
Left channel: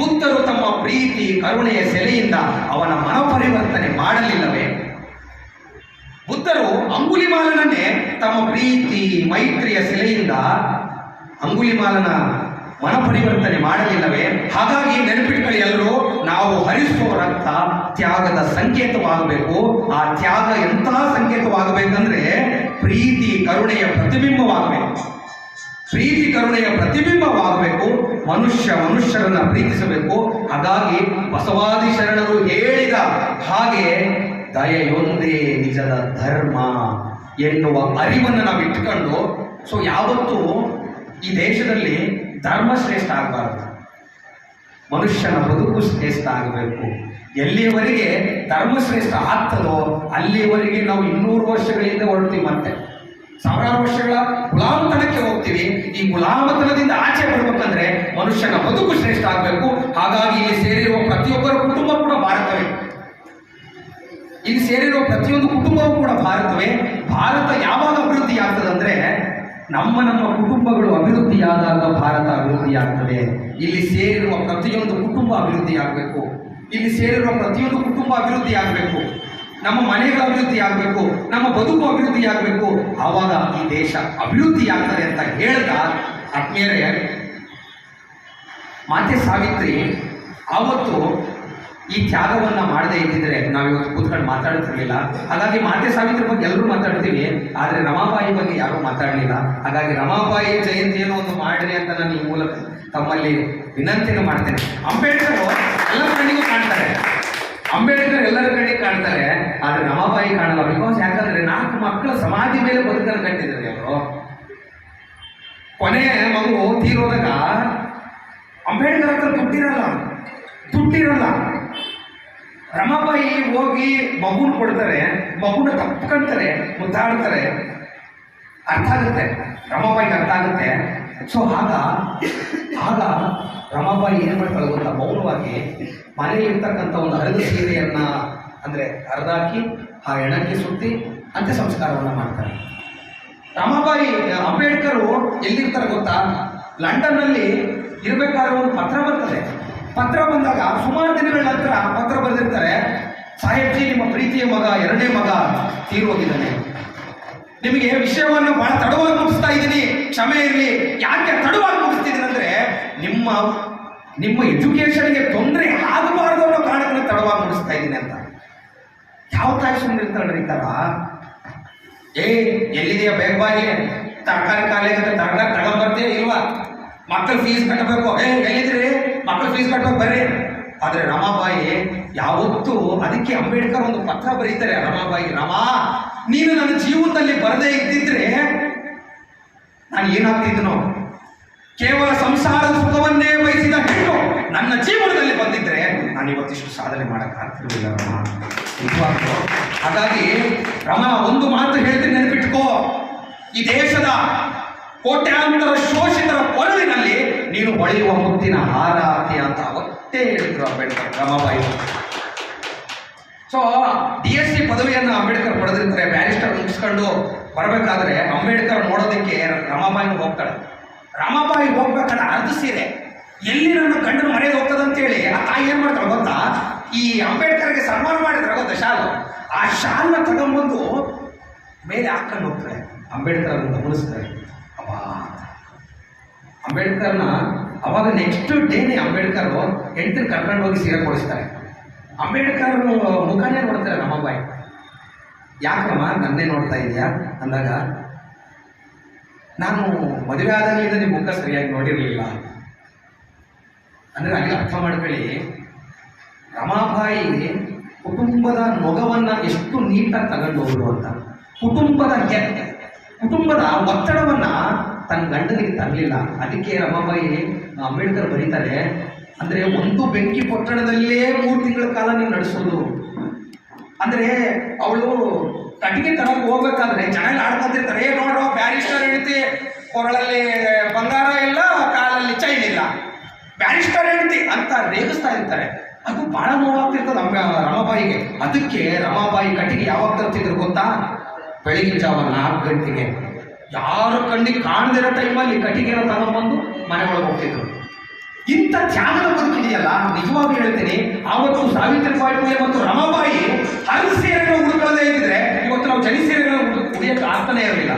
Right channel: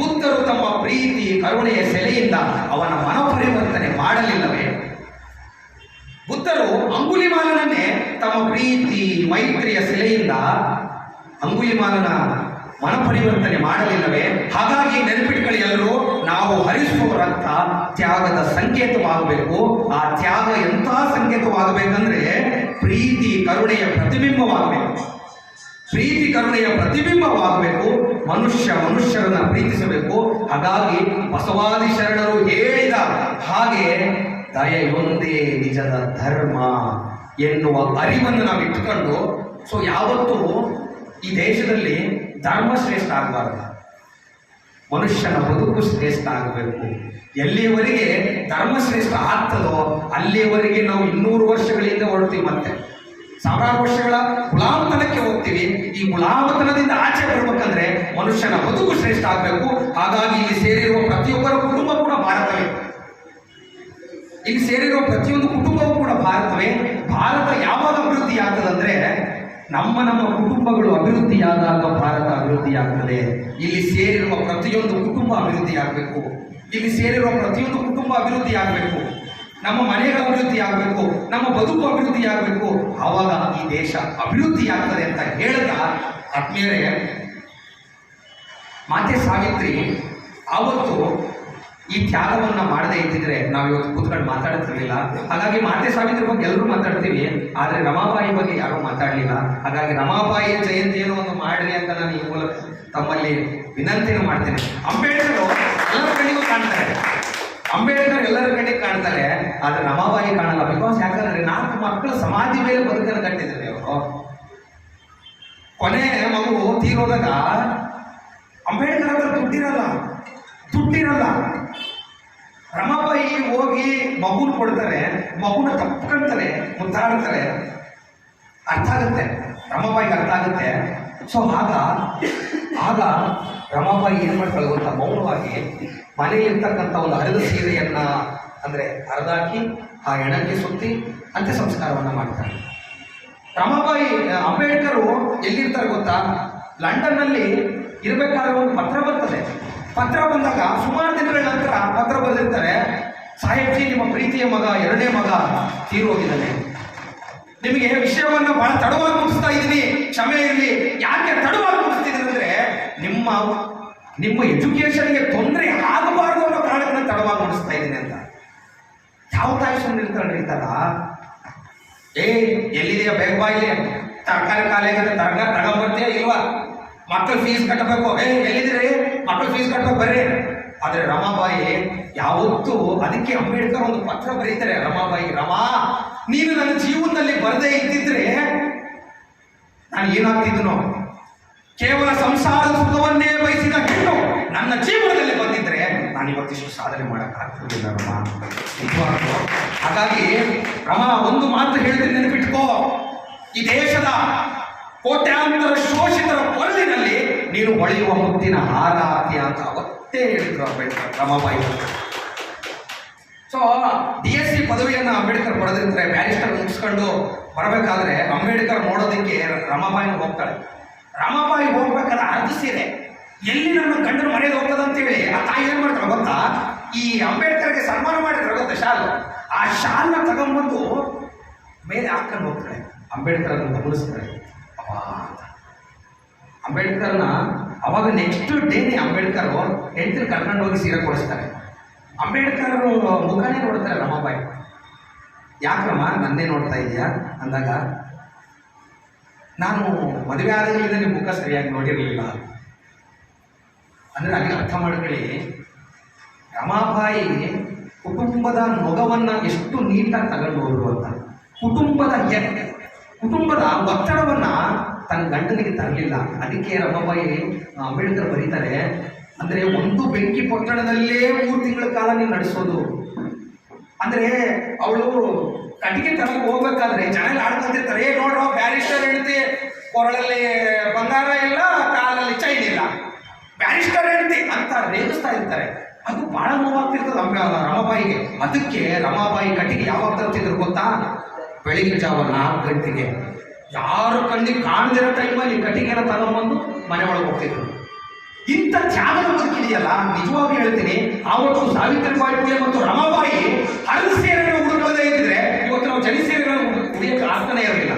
ಬುದ್ಧರು ತಮ್ಮ ಪ್ರೀತಿ ಕರುಣೆಯ ಸೆಲೆಯಿಂದ ಅವನ ಮನಪರಿವರ್ತನೆ ಮಾಡಲಿಲ್ಲವೇ? ಬುದ್ಧರು ಅಂಗುಲಿಮಾಲನನ್ನೇ ತಮ್ಮ ಪ್ರೀತಿ ಮೈತ್ರಿಯ ಸೆಲೆಯಿಂದ ಅಂಗುಲಿಮಾಲನ ಮನಪರಿವರ್ತನೆ ಮಾಡಲಿಲ್ಲವೇ? ಹಾಗಾಗಿ ನೆನಪಿಟ್ಕೊಳ್ಳಿ ಎಲ್ಲರೂ, ನಾವು ಹರಿಸುವ ರಕ್ತ ತ್ಯಾಗದ ಸಂಕೇತವಾಗಬೇಕು. ಆ ತ್ಯಾಗ ಎಂತಹ ಸಂಕೇತವಾಗಬೇಕಂದ್ರೆ, ಪ್ರೀತಿ ಕರುಣೆಯ ಪ್ರತಿಬಿಂಬವಾಗಬೇಕು. ಪ್ರೀತಿ ಕರುಣೆಯ ಪ್ರತಿಬಿಂಬವಾಗಬೇಕು. ಮನುಷ್ಯರನ್ನ ಪ್ರೀತಿಸಬೇಕು. ಹಾಗಾಗಿ ಬಸವಾದಿ ಶರಣರು ಹೇಳಿದ ಹಾಗೆ ದಯೆಯೊಂದೇ ನಿಜದ ಧರ್ಮ ಎನ್ನುವ ಅರಿವನ್ನು ನಾವು ಇಟ್ಟುಕೊಂಡು, ಸೊ ಯಾವತ್ತೂ ಈ ದೇಶದಲ್ಲಿ ಧರ್ಮ ಶ್ರೇಷ್ಠ ಆಗಬಾರದು, ಮನುಷ್ಯನ ಬದುಕು ಶ್ರೇಷ್ಠ ಆಗಬೇಕು. ಎಲ್ಲಿಯವರೆಗೆ ಧರ್ಮ ಶ್ರೇಷ್ಠ ಆಗ್ತದೋ ಅಲ್ಲಿಯವರೆಗೆ ನಾವು 200 ವರ್ಷಗಳಿಂದ ಹೊರಡ್ತೀವಿ, ಮತ್ತೆ ಸಾವಿರಾರು ವರ್ಷಗಳ ಗುಲಾಮತನಕ್ಕೆ ಹೋಗ್ತೀವಿ. ಈ ಗುಲಾಮತನದಿಂದ ಆಚೆ ಬರ್ಬೇಕಂದ್ರೆ ಮನುಷ್ಯನ ಬದುಕು ಶ್ರೇಷ್ಠ ಆಗಬೇಕು. ಹಾಗಾಗಿ ಇಲ್ಲಿ ಸೇರಿರುವ ಪ್ರತಿಯೊಬ್ಬರ ಕುಟುಂಬ ಕೂಡ ಭಾರತವೇ. ಇಲ್ಲಿ ಸೇರಿರೋ ಪ್ರತಿಯೊಂದು ಕುಟುಂಬವೂ ಕೂಡ ಭಾರತವೇ. ಭಾರತ ಯಾವಾಗ ಅಭಿವೃದ್ಧಿ ಆಗ್ತದಂದ್ರೆ ನಮ್ಮ ಕುಟುಂಬಗಳು ಅಭಿವೃದ್ಧಿಯಾದಾಗ ಭಾರತ ಅಭಿವೃದ್ಧಿಯಾಗ್ತದೆ. ಇಲ್ಲಿ ಸೇರಿರುವ ಪ್ರತಿಯೊಂದು ಕುಟುಂಬ ಅಭಿವೃದ್ಧಿ ಆಗಬೇಕು. ಇಲ್ಲಿ ಸೇರಿರುವ ಪ್ರತಿಯೊಂದು ಕುಟುಂಬ ಅಭಿವೃದ್ಧಿ ಆಗಬೇಕು. ನಮ್ಮ ಮನೆಗಳ ಅಭಿವೃದ್ಧಿ ಆಗಬೇಕು, ನಮ್ಮ ಬದುಕು ಅಭಿವೃದ್ಧಿ ಆಗಬೇಕು. ಆವಾಗ ಈ ದೇಶ ಅಭಿವೃದ್ಧಿ ಆಗ್ತದೆ ಅಂತ ಹೇಳಿದ ಆತ್ಮೀಯರೇ, ಮಾತೆ ಸಾವಿತ್ರಿ ಆವತ್ತು ಈ ತ್ಯಾಗವನ್ನ ಮಾಡದೇ ಇದ್ದಿದ್ರೆ ನಾವಿವತ್ತು ಕೂತ್ಕೊಂಡು ಮಾತಾಡ್ತಿರ್ಲಿಲ್ಲ. ಹಾಗಾಗಿ ಮಾತೆ ಸಾವಿತ್ರಿ ಬಗ್ಗೆ ಎಲ್ಲರೂ ಮಾತಾಡ್ತೀವಿ, ಆದರೆ ರಮಾಬಾಯಿ ಬಗ್ಗೆ ಯಾರೂ ಮಾತಾಡಲಿಲ್ಲ. ಹಾಗಾಗಿ ರಮಾಬಾಯಿಯ ಜಯಂತಿಯನ್ನು ಒಂದು ಮಾಡಲಿ ಅಂತ ನಾನು ಈ ಮೂಲಕ ತಮ್ಮಲ್ಲಿ ವಿನಂತಿಯನ್ನು ಮಾಡ್ತೇನೆ. ಅಂಬೇಡ್ಕರ್ ಎಲ್ಲರ ಕಣ್ಣಿಗೂ ಕಾಣ್ತಾರೆ, ಅಂಬೇಡ್ಕರ್ ಎಲ್ಲರ ಕಣ್ಣಿಗೆ ಕಾಣ್ತಾರೆ, ಆದರೆ ರಮಾಬಾಯಿ ಕಾಣಲ್ಲ. ಬಿಕಾಸ್ ಯಾಕಂದ್ರೆ 4 ಮಕ್ಕಳ ಸಮಾಧಿ ಮೇಲೆ ಬದುಕನ್ನು ಕಟ್ಟಿದ್ದಾರೆ ಅವರು. ಕೊನೆ ಮಗು ತೀರೋದಾಗ ಅಂಬೇಡ್ಕರ್ ಹತ್ರ ದುಡ್ಡಿರಲ್ಲ. ರಮಾಬಾಯಿ ಹೋಗಿ ಮಗುನ ಕೊಡ್ತಾರೆ, ಮಗುನ ತಪ್ಕೊಂತಾರೆ, ಮುದ್ದಾಡ್ತಾರೆ. ಅರ್ಥ ಆಗುತ್ತೆ, ರಮಾಬಾಯಿಗೆ ಅರ್ಥ ಆಗುತ್ತೆ. ಸೊ ಆಗ ರಮಾಬಾಯಿ ಏನು ಮಾಡ್ತಾಳೆ ಗೊತ್ತಾ, ಮೌನವಾಗಿ ಮನೆಯಲ್ಲಿರ್ತಕ್ಕಂಥ ಒಂದು ಹರಿದ ಸೀರೆಯನ್ನ ಅಂದರೆ ಹರಿದಾಕಿ ಆ ಹೆಣಕ್ಕೆ ಸುತ್ತಿ ಅಂತ್ಯ ಸಂಸ್ಕಾರವನ್ನು ಮಾಡ್ತಾರೆ. ರಮಾಬಾಯಿ ಅಂಬೇಡ್ಕರು ಎಲ್ಲಿರ್ತಾರೆ ಗೊತ್ತಾ, ಲಂಡನ್ನಲ್ಲಿ ಇರಬೇಕಾದ್ರೆ ಒಂದು ಪತ್ರ ಬರ್ತದೆ. ಪತ್ರ ಬಂದಾಗ ಸುಮಾರು ದಿನಗಳ ನಂತರ ಪತ್ರ ಬರೆದಿರ್ತಾರೆ, ಸಾಹೇಬ್ಜಿ ನಿಮ್ಮ ಪ್ರೀತಿಯ ಮಗ 2ನೇ ಮಗ ತೀರೋಗಿದ್ದಾನೆ, ನಿಮಗೆ ವಿಷಯವನ್ನು ಬಹಳ ತಡವಾಗಿ ಮುಗಿಸ್ತಾ ಇದ್ದೀನಿ, ಕ್ಷಮೆ ಇರಲಿ. ಯಾಕೆ ತಡವಾಗಿ ಮುಗಿಸ್ತಿದ್ದೀನಿ ಅಂದ್ರೆ ನಿಮ್ಮ ಎಜುಕೇಶನ್ಗೆ ತೊಂದರೆ ಆಗಬಾರ್ದು ಅನ್ನೋ ಕಾರಣಕ್ಕೆ ತಡವಾಗಿ ಮುಗಿಸ್ತಾ ಇದ್ದೀನಿ ಅಂತ. ಯಾವ ತಾಯಿ ಸುಮ್ಮನೆ ಇರ್ತಾರ, ಎಲ್ಲಿದೆಯಾ ಬೇಗ ಬಾಯಿಲೆ, ತರಕಾರಿ ಕಾಲೇಜ್ ತರಕಾರಿ ತಗೊಂಬರ್ತೇ ಇಲ್ವಾ, ಮಕ್ಕಳು ಫೀಸ್ ಕಟ್ಟಬೇಕು, ಎಲ್ಲಿದ್ದೀರಿ ಮಕ್ಕಳು ಫೀಸ್ ಕಟ್ಟಬೇಕು ಬರ್ರಿ. ಆದರೆ ರಮಾಬಾಯಿ ಯಾವತ್ತೂ, ಅದಕ್ಕೆ ಅಂಬೇಡ್ಕರ್ ಒಂದು ಪತ್ರ ಬರೀತಾರೆ ರಮಾಬಾಯಿ, ರಮಾ ನೀನು ನನ್ನ ಜೀವನದಲ್ಲಿ ಬರದೇ ಇದ್ದಿದ್ರೆ ನಾನು ಏನಾಗ್ತಿದ್ನೋ, ಕೇವಲ ಸಂಸಾರದ ಸುಖವನ್ನೇ ಬಯಸಿದ ಹೆಣ್ಣು ನನ್ನ ಜೀವನದಲ್ಲಿ ಬಂದಿದ್ರೆ ನಾನು ಇವತ್ತಿಷ್ಟು ಸಾಧನೆ ಮಾಡೋಕ್ಕಾಗ್ತಿರ್ಲಿಲ್ಲ ರಮಾ, ನಿಜವಾಗ್ಲೂ. ಹಾಗಾಗಿ ರಮಾ ಒಂದು ಮಾತು ಹೇಳ್ತೀನಿ, ನೆನಪಿಟ್ಕೋ, ಈ ದೇಶದ ಕೋಟ್ಯಾಂತರ ಶೋಷಿತರ ಕೊರಳಿನಲ್ಲಿ ನೀನು ಹೊಳೆಯುವ ಮುತ್ತಿನ ಹಾರ ಆಗ್ತೀಯ ಅಂತ ಅವತ್ತೇ ಹೇಳಿದ್ರು ಅಂಬೇಡ್ಕರ್ ರಮಾಬಾಯಿ. ಸೊ DSc ಪದವಿಯನ್ನು ಅಂಬೇಡ್ಕರ್ ಪಡೆದಿರ್ತಾರೆ. ಬ್ಯಾರಿಸ್ಟರ್ ಮುಗಿಸ್ಕೊಂಡು ಬರಬೇಕಾದ್ರೆ ಅಂಬೇಡ್ಕರ್ ನೋಡೋದಕ್ಕೆ ರಮಾಬಾಯಿನ ಹೋಗ್ತಾಳೆ. ರಮಾಬಾಯಿ ಹೋಗ್ಬೇಕಾದ್ರೆ ಅರ್ಧ ಸೀರೆ ಎಲ್ಲಿ ನನ್ನ ಗಂಡನ ಮನೆಗೆ ಹೋಗ್ತದಂತೇಳಿ ಆ ತಾಯಿ ಏನ್ ಮಾಡ್ತಾಳೆ ಗೊತ್ತಾ, ಈ ಅಂಬೇಡ್ಕರ್ಗೆ ಸನ್ಮಾನ ಮಾಡಿದ್ರೆ ಗೊತ್ತಾ ಶಾಲು, ಆ ಶಾಲ್ನ ತಗೊಂಡ್ಬಂದು ಮೇಲೆ ಹಾಕೊಂಡು ಹೋಗ್ತಾಳೆ. ಅಂಬೇಡ್ಕರ್ ಅನ್ನು ಗಮನಿಸ್ತಾರೆ. ಅಂಬೇಡ್ಕರ್ನ ಅವಾಗ ನೆಕ್ಸ್ಟ್ ಡೇನೇ ಅಂಬೇಡ್ಕರ್ ಹೆಂಡತಿನ ಕರ್ಕೊಂಡು ಹೋಗಿ ಸೀರೆ ಕೊಡಿಸ್ತಾರೆ. ಅಂಬೇಡ್ಕರ್ ಮುಖನೇ ನೋಡ್ತಾರೆ ರಮಾಬಾಯಿ. ಯಾಕಮ್ಮ ನನ್ನೇ ನೋಡ್ತಾ ಇದೆಯಾ ಅಂದಾಗ, ನಾನು ಮದುವೆ ಆದಾಗಲಿಂದ ನಿಮ್ಮ ಮುಖ ಸರಿಯಾಗಿ ನೋಡಿರಲಿಲ್ಲ ಅಂದರೆ ಅಲ್ಲಿ ಅರ್ಥ ಮಾಡ್ಕೊಳ್ಳಿ, ರಮಾಬಾಯಿ ಕುಟುಂಬದ ನೊಗವನ್ನ ಎಷ್ಟು ನೀಟಾಗಿ ತಗೊಂಡು ಹೋದ್ರು ಅಂತ. ಕುಟುಂಬದ ಒತ್ತಡವನ್ನ ತನ್ನ ಗಂಡನಿಗೆ ತರಲಿಲ್ಲ. ಅದಕ್ಕೆ ರಮಾಬಾಯಿ ಅಂಬೇಡ್ಕರ್ ಬರೀತಾರೆ, ಅಂದ್ರೆ ಒಂದು ಬೆಂಕಿ ಪೊಟ್ಟಣದಲ್ಲೇ 3 ತಿಂಗಳ ಕಾಲ ನೀವು ನಡೆಸೋದು. ಅಂದ್ರೆ ಅವಳು ಕಟ್ಟಿಗೆ ತನಕ ಹೋಗ್ಬೇಕಾದ್ರೆ ಜನ ಆಡ್ಕೊಂತಿರ್ತಾರೆ, ನೋಡ್ರೋ ಬ್ಯಾರಿಸ್ಟರ್ ಹೆಂಡತಿ ಕೊರಳಲ್ಲಿ ಬಂಗಾರ ಇಲ್ಲ, ಕಾಲಲ್ಲಿ ಚೈನ್ ಇಲ್ಲ, ಬ್ಯಾರಿಸ್ಟರ್ ಹೆಂಡತಿ ಅಂತ ರೇಗಿಸ್ತಾ ಇರ್ತಾರೆ. ಅದು ಬಹಳ ನೋವಾಗ್ತಿರ್ತದೆ ರಮಾಬಾಯಿಗೆ. ಅದಕ್ಕೆ ರಮಾಬಾಯಿ ಕಟ್ಟಿಗೆ ಯಾವಾಗ ತರ್ತಿದ್ರು ಗೊತ್ತಾ, ಬೆಳಿಗ್ಗೆ ಜಾವ 4 ಗಂಟೆಗೆ ಯಾರು ಕಣ್ಣಿಗೆ ಕಾಣದಿರೋ ಟೈಮಲ್ಲಿ ಕಟ್ಟಿಗೆನ ತಗೊಂಡ್ಬಂದು ಮನೆ ಒಳಗೆ ಹೋಗ್ತಿದ್ರು. ಇಂಥ ತ್ಯಾಗದ ಬದುಕಿದೆಯಲ್ಲ, ನಿಜವಾಗಿ ಹೇಳ್ತೀನಿ, ಆವತ್ತು ಸಾವಿತ್ರಿಬಾಯಿ ಫುಲೆ ಮತ್ತು ರಮಾಬಾಯಿ ಹರಿದ ಸೀರೆಗಳು ಉಡುಕೊಳ್ಳದೇ ಇದ್ದಿದ್ರೆ ಇವತ್ತು ನಾವು ಜರಿ ಸೀರೆಗಳನ್ನು ಉಡಿಯಕ್ಕೆ ಆಗ್ತಾನೆ ಇರಲಿಲ್ಲ.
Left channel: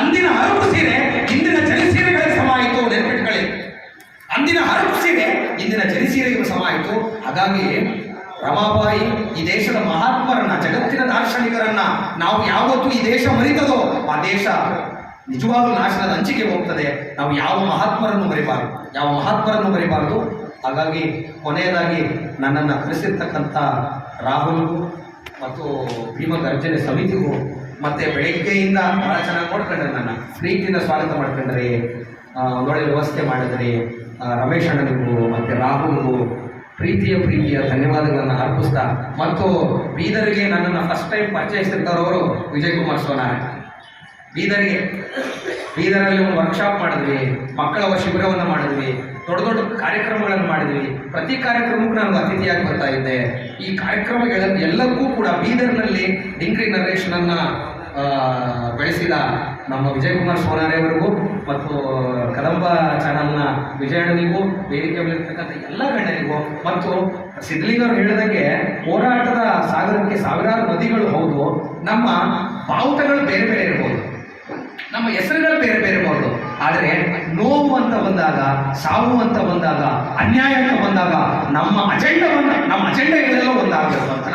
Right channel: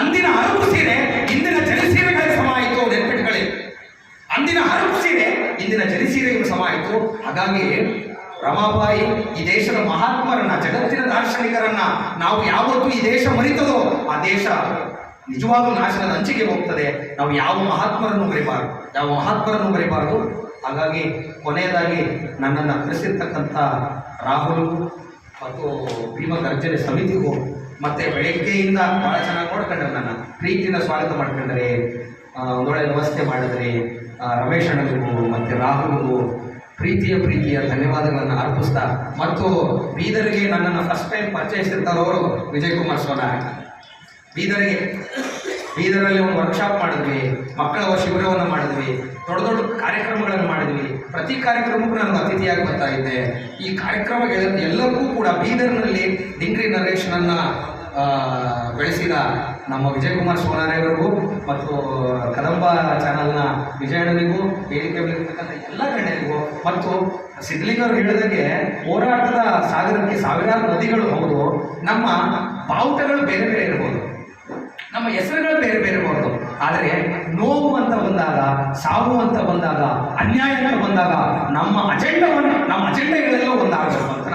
ಅಂದಿನ ಹರಕು ಸೀರೆ ಇಂದಿನ ಜರಿ ಸೀರೆಗಳಿಗೆ ಸಮ ಆಯಿತು, ನೆನಪಿಟ್ಕೊಳ್ಳಿ. ಅಂದಿನ ಹರಕು ಸೀರೆ ಇಂದಿನ ಜರಿ ಸೀರೆಗಳು ಸಮ ಆಯಿತು. ಹಾಗಾಗಿ ರಮಾಬಾಯಿ ಈ ದೇಶದ ಮಹಾತ್ಮರನ್ನ, ಜಗತ್ತಿನ ದಾರ್ಶನಿಕರನ್ನ ನಾವು ಯಾವತ್ತೂ ಈ ದೇಶ ಮರಿತದೋ ಆ ದೇಶ ನಿಜವಾಗ್ಲೂ ನಾಶನದ ಅಂಚಿಗೆ ಹೋಗ್ತದೆ. ನಾವು ಯಾವ ಮಹಾತ್ಮರನ್ನು ಮರಿಬಾರದು. ಹಾಗಾಗಿ ಕೊನೆಯದಾಗಿ ನನ್ನನ್ನು ಕರೆಸಿರ್ತಕ್ಕಂಥ ರಾಹುಲ್ ಮತ್ತು ಭೀಮ ಗರ್ಜನೆ ಸಮಿತಿಗೂ ಮತ್ತೆ ಬೆಳಗ್ಗೆಯಿಂದ ಬಹಳ ಚೆನ್ನಾಗಿ ನೋಡ್ಕೊಂಡ್ರೆ, ನನ್ನ ಪ್ರೀತಿಯಿಂದ ಸ್ವಾಗತ ಮಾಡ್ಕೊಂಡ್ರೆ, ಒಂದೊಳ್ಳೆ ವ್ಯವಸ್ಥೆ ಮಾಡಿದರೆ, ರಮೇಶ್ ಅಣ್ಣನಿಗೂ ಮತ್ತು ರಾಹುಲ್ಗೂ ಪ್ರೀತಿಯ ಧನ್ಯವಾದಗಳನ್ನು ಅರ್ಪಿಸ್ತಾ, ಮತ್ತು ಬೀದರ್ಗೆ ನನ್ನನ್ನು ಫಸ್ಟ್ ಟೈಮ್ ಪರಿಚಯಿಸಿರ್ತಾರವರು ವಿಜಯ್ ಕುಮಾರ್ ಸೋನಾರ್. ಬೀದರ್ಗೆ ಬೀದರಲ್ಲಿ ಒಂದು ವರ್ಕ್ಶಾಪ್ ಮಾಡಿದ್ವಿ, ಮಕ್ಕಳ ಶಿಬಿರವನ್ನು ಮಾಡಿದ್ವಿ, ದೊಡ್ಡ ದೊಡ್ಡ ಕಾರ್ಯಕ್ರಮಗಳನ್ನು ಮಾಡಿದ್ವಿ. ಪ್ರತಿ ಕಾರ್ಯಕ್ರಮಕ್ಕೂ ನಾನು ಅತಿಥಿಯಾಗಿ ಬರ್ತಾ ಇದ್ದೆ. ಈ ಕಾರ್ಯಕ್ರಮಗಳ ಎಲ್ಲರಿಗೂ ಕೂಡ ಬೀದರ್ನಲ್ಲಿ ಡಿಂಗ್ರಿ ನರೇಶನನ್ನು ಬೆಳೆಸಿದ ನಮ್ಮ ವಿಜಯ್ ಕುಮಾರ್ ಸೋನಾರೆಯವರಿಗೂ ಮತ್ತು ಕದಂಬ ಚಾನಲ್ನ ವಿಜಯಣ್ಣನಿಗೂ, ವೇದಿಕೆ ಮೇಲಿರ್ತಕ್ಕಂಥ ಎಲ್ಲ ಗಣ್ಯರಿಗೂ ಮತ್ತು ಸಿದ್ಧಲಿಂಗರು ಹೇಳಿದಂಗೆ ಹೋರಾಟದ ಸಾಗರಕ್ಕೆ ಸಾವಿರಾರು ನದಿಗಳು ಹೌದು, ನಮ್ಮ ಬಾವುಟಗಳು ಬೇರೆ ಬೇರೆ ಇರ್ಬೋದು, ನಮ್ಮ ಹೆಸರುಗಳು ಬೇರೆ ಬೇರೆ ಇರ್ಬೋದು, ಆದರೆ ನೋವು ಅಂತ ಬಂದಾಗ, ಸಾವು ಅಂತ ಬಂದಾಗ, ಅನ್ಯಾಯ ಅಂತ ಬಂದಾಗ ನಮ್ಮ ಅಜೆಂಡಾಗಳೆಲ್ಲ ಒಂದಾಗಬೇಕು ಅಂತ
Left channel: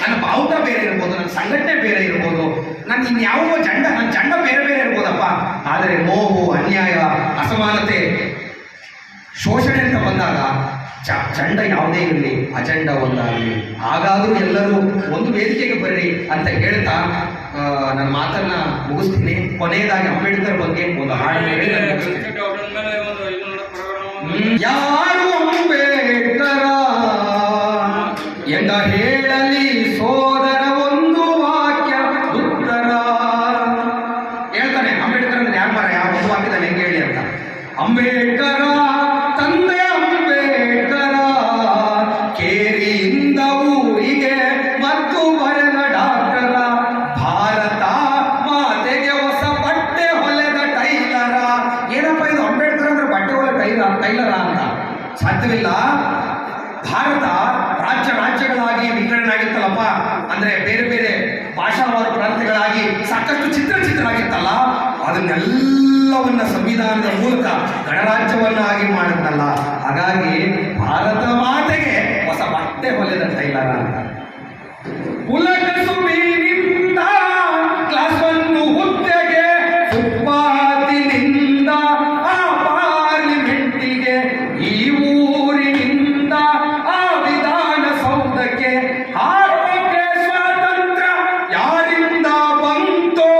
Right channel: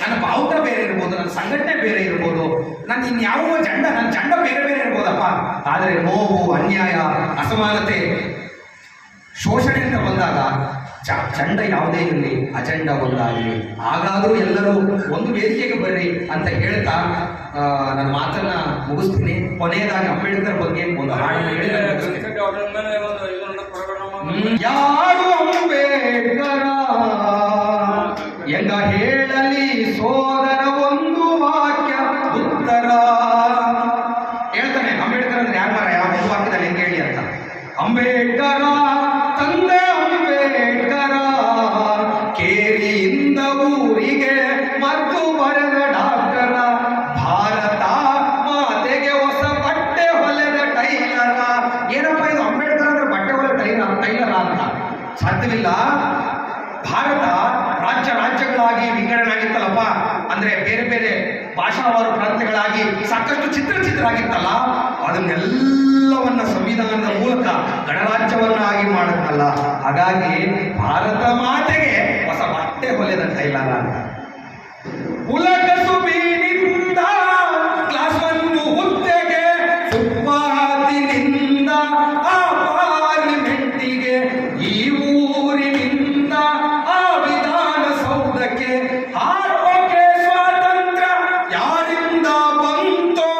ನನ್ನ ಬಾವುಟ ಬೇರೆ ಇರ್ಬೋದು, ನನ್ನ ಸಂಘಟನೆ ಬೇರೆ ಇರ್ಬೋದು, ನನ್ನ ಇನ್ಯಾವ ನನ್ನ ಜಂಡ ಬೇರೆ ಬೇರೆ ಇರ್ಬೋದಪ್ಪ, ಆದರೆ ನೋವು, ಅನ್ಯಾಯ, ಅಸಮಾನತೆ, ಶೋಷಣೆ ಅಂತ ಬಂದಾಗ ಚಂಡ ಯಾವುದೇ ಇರಲಿ, ಅಜೆಂಡಾ ಒಂದಾಗಲಿ. ಹಾಗಾದರೂ ಎಲ್ಲರೂ ಒಂದು ವೇದಿಕೆಗೆ ಬರ್ರಿ ಅಂತ ಹೇಳ್ತಾ ನನ್ನ ಮಾತನ್ನ ಮುಗಿಸ್ತೀನಿ. ಕೊನೆಯದಾಗಿ ಅಂಬೇಡ್ಕರ್ ಬಗ್ಗೆ ಒಂದು ಹಾಡು ಹೇಳಿ ಯಾರು ಅಂಬೇಡ್ಕರ ಎಂದ ಹೇಳಲಿ ಸೋದರ ಒಂದು ವಾಕ್ಯ ಉತ್ತರ. ಹೇಳ್ತಾನೆ ಅಂಬೇಡ್ಕರ್ ಅಂದ್ರೆ ಯಾರು ಮಾರ, ಯಾವ ಒಂದು ವಾಕ್ಯದಲ್ಲಿ ಹೆಂಗೆ ಹೇಳಿ ಅಂತ. ಅಂಬೇಡ್ಕರ ತಂದೆ ಅಂಬೇಡ್ಕರ ಕೇರಿಯಿಂದ ಊರಿಗೆ ಮತ್ತು ಬರೆದ ಡಾಕ್ಟರ, ಭಾರತ ಮಾತೆಗೆ ಹೊಸ ಬಟ್ಟೆ ಹೊಲೆದ ಟೈಲರ. ಏನಪ್ಪ ಇದು ಅಂಬೇಡ್ಕರ್ ಅಂದ್ರೆ ಬಟ್ಟೆ ಹೊಲೆದ ಟೈಲರ ಅಂತ ಸಾಧ್ಯವಿಲ್ಲ. ಭಾರತ ರಾಜ್ಯಗಳಾಗಿ ವಿಂಗಡಣೆ ಆಗಿತ್ತಲ್ಲಪ್ಪ, ಅಂದ್ರೆ ಬೇರೆ ಬೇರೆ ಭಾಷಾವಾರು ಪ್ರಾಂತ್ಯಗಳಾಗಿ ಸಾಕಷ್ಟು ಚಿತ್ರ ಆಗಿತ್ತಲ್ಲ, ಅದನ್ನೆಲ್ಲವನ್ನ ಸಂವಿಧಾನದ ಮೂಲಕ ಗಣರಾಜ್ಯವನ್ನಾಗಿ ಮಾಡಿದ್ನಲ್ಲ. ಹಾಗಾಗಿ ಭಾರತ ಮಾತೆಗೆ ಹೊಸ ಬಟ್ಟೆ ಹೊಲೆದ ಟೈಲರ ಅಂತ. ಕುಲಕಸುಬಿನಿಂದ ಕ್ಲಾಸ್ 1 ಹುದ್ದೆಗೆ, ಫುಟ್ಪಾತಿನಿಂದ ಆ ಪಾರ್ಲಿಮೆಂಟಿಗೆ, ಈ ಊರಿನಿಂದ ಆ ವಿಧಾನಸೌಧಕ್ಕೆ, ಆರೋಗ್ಯ ಸ್ವಾತಂತ್ರ್ಯ ಯಾರಿಂದ ಬಂತೋ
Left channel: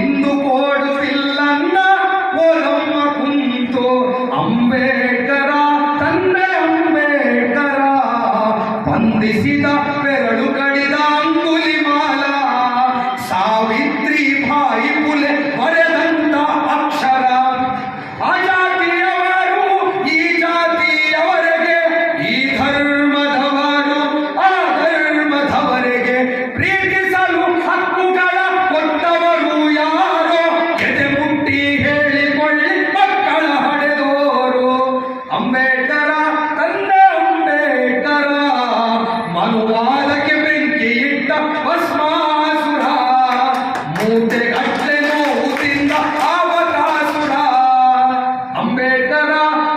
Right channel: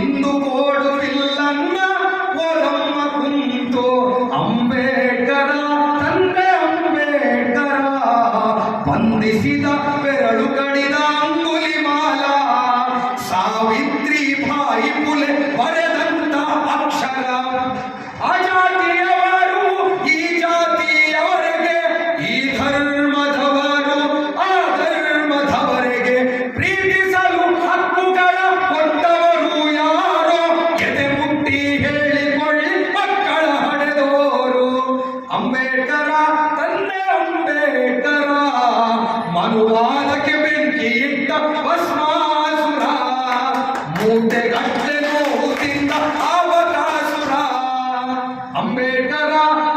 ಇಂದು ಕೊಡುವಿಲ್ಲನ್ನ ಒಲಮ್ಮ ಕುಂತು. ಅಂಬೇಡ್ಕರ ತಂದೆ ಅಂಬೇಡ್ಕರ ಬಂಧಿಸಿದ ಬೆರಳು ಕಡಿದ ಅಂಗುಲಿಮಾಲ, ಸಾವಿತ್ರಿ ಬಾಯಿ ಪುಲೆ ಬರೆದಂತ ಅಕ್ಷರ. ಆ ಜಾತಿಯವರು ಈ ಜಾತಿಯವರೆಗೆ, ಈ ಧರ್ಮದವರು ಆ ಧರ್ಮದವರೆಗೆ, ಪ್ರೀತಿಸಲು ಹಕ್ಕುಗಳ ಕೊಟ್ಟವರು ಯಾರೋ, ಎದೆ ಮುಟ್ಟಿ ಹೇಳಿಕೊಳ್ಳಿ ಮಕ್ಕಳ ಹಡೆದೋರು. ಅಂಬೇಡ್ಕರ ತಂದೆ ಅಂಬೇಡ್ಕರ ಮನುವಾದಕ್ಕೆ ಬೆಂಕಿ ಇಟ್ಟ ಭಸ್ಮಾಸುರ, ಮೂಟೆಗಟ್ಟಲೆ ನೋವು ತಿಂದ ಅವಕಾಸುರ. ಅಂಬೇಡ್ಕರ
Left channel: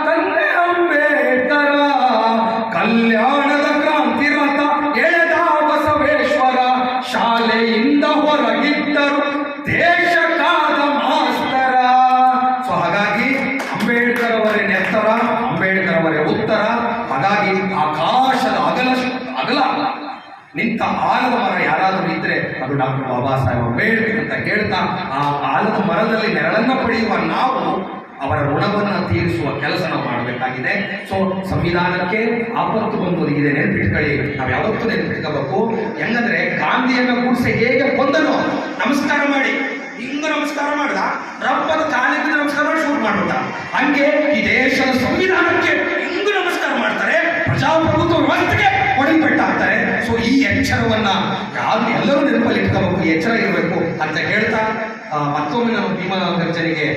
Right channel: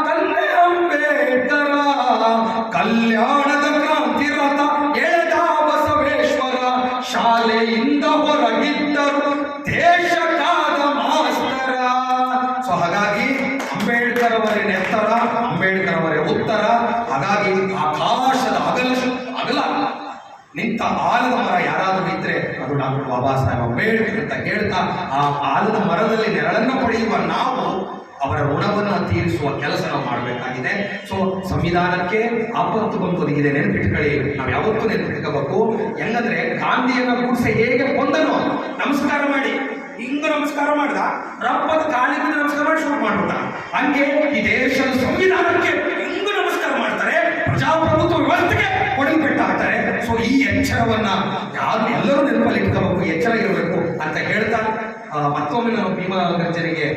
ತಂದೆ ಅಂಬೇಡ್ಕರ ಕಲ್ಯಾಣದ ಕ್ರಾಂತಿ ರಥ ಎಳೆದ ಬಸವೇಶ್ವರ, ಶಾಲೆಯಿಂದ ಹೊರಗಿದ್ದರು ದೇಶಕ್ಕಾದ ಮಾಸ್ತರ. ಸೊ ಹಾಗಾಗಿ ಅಂಬೇಡ್ಕರ್ ಅವರೇ ನೆತ್ತರ, ಅಂಬೇಡ್ಕರ್ ಅವರೇ ಉತ್ತರ. ಹಾಗಾಗಿ ಆಕಾಶದ ಅಗಲ ನಿಂತ ಆಲದ ಮರ ಯಾರಾದರೂ ಇದ್ರೆ ಅದು ಡಾಕ್ಟರ್ ಬಾಬಾ ಸಾಹೇಬ್ ಅಂಬೇಡ್ಕರ್ ಅಂತ ಹೇಳ್ತಾ, ಆ ಆಲದ ಮರದಲ್ಲಿ ನೆರಳನ್ನು ಪಡೆಯುವ ನಾವು ಅವರ ಋಣವನ್ನು ತೀರಿಸುವ ಕೆಲಸ ನಾವು ಮಾಡಬೇಕಾಗಿದೆ. ಸೊ ಸಂವಿಧಾನಕ್ಕೆ ಆಪತ್ತು ಬಂದು ಒದಗಿದೆ, ನೆನಪಿಟ್ಕೊಳ್ಳಿ. ನಾವು ಯಾವತ್ತೂ ನೆನಪಿಟ್ಕೋಬೇಕು. ಹೆಂಗಂದ್ರೆ ಗಾಂಧಿಯನ್ನ ಕೂಡಿಸಿ ಹೇಗೆ ಕೊಂದನೋ, ನಮಸ್ಕಾರ ಮಾಡಿ ಹಿಂಗ ನಮಸ್ಕಾರ ಮಾಡ್ದ, ರಪ್ಪದ ಕಾಲಿಗೆ ನಮಸ್ಕಾರ ಮಾಡಿ ಶುರು ಮಾಡ್ಬಿಟ್ಟ. ಹಂಗೆ ಈ ದೇಶದ ಸಂವಿಧಾನಕ್ಕೆ ಹಿಂಗ ನಮಸ್ಕಾರ ಮಾಡ್ತಾರೆ, ಪ್ರಜಾಪ್ರಭುತ್ವ ವ್ಯವಸ್ಥೆಗೆ ಕೊಡಿಪೆಟ್ಟು ಹಾಕ್ತಾರೆ. ಸೊ ಈ ಎಚ್ಚರವನ್ನ ಎಲ್ಲರೂ ನೆನಪಲ್ಲಿ ಇಟ್ಕೋಬೇಕು, ಎಚ್ಚರ ಇರಬೇಕು ಅಂತ ಹೇಳ್ತಾ ಮತ್ತೊಮ್ಮೆ ನಾನು ಭೀಮಾ ಗರ್ಜನೆಗೆ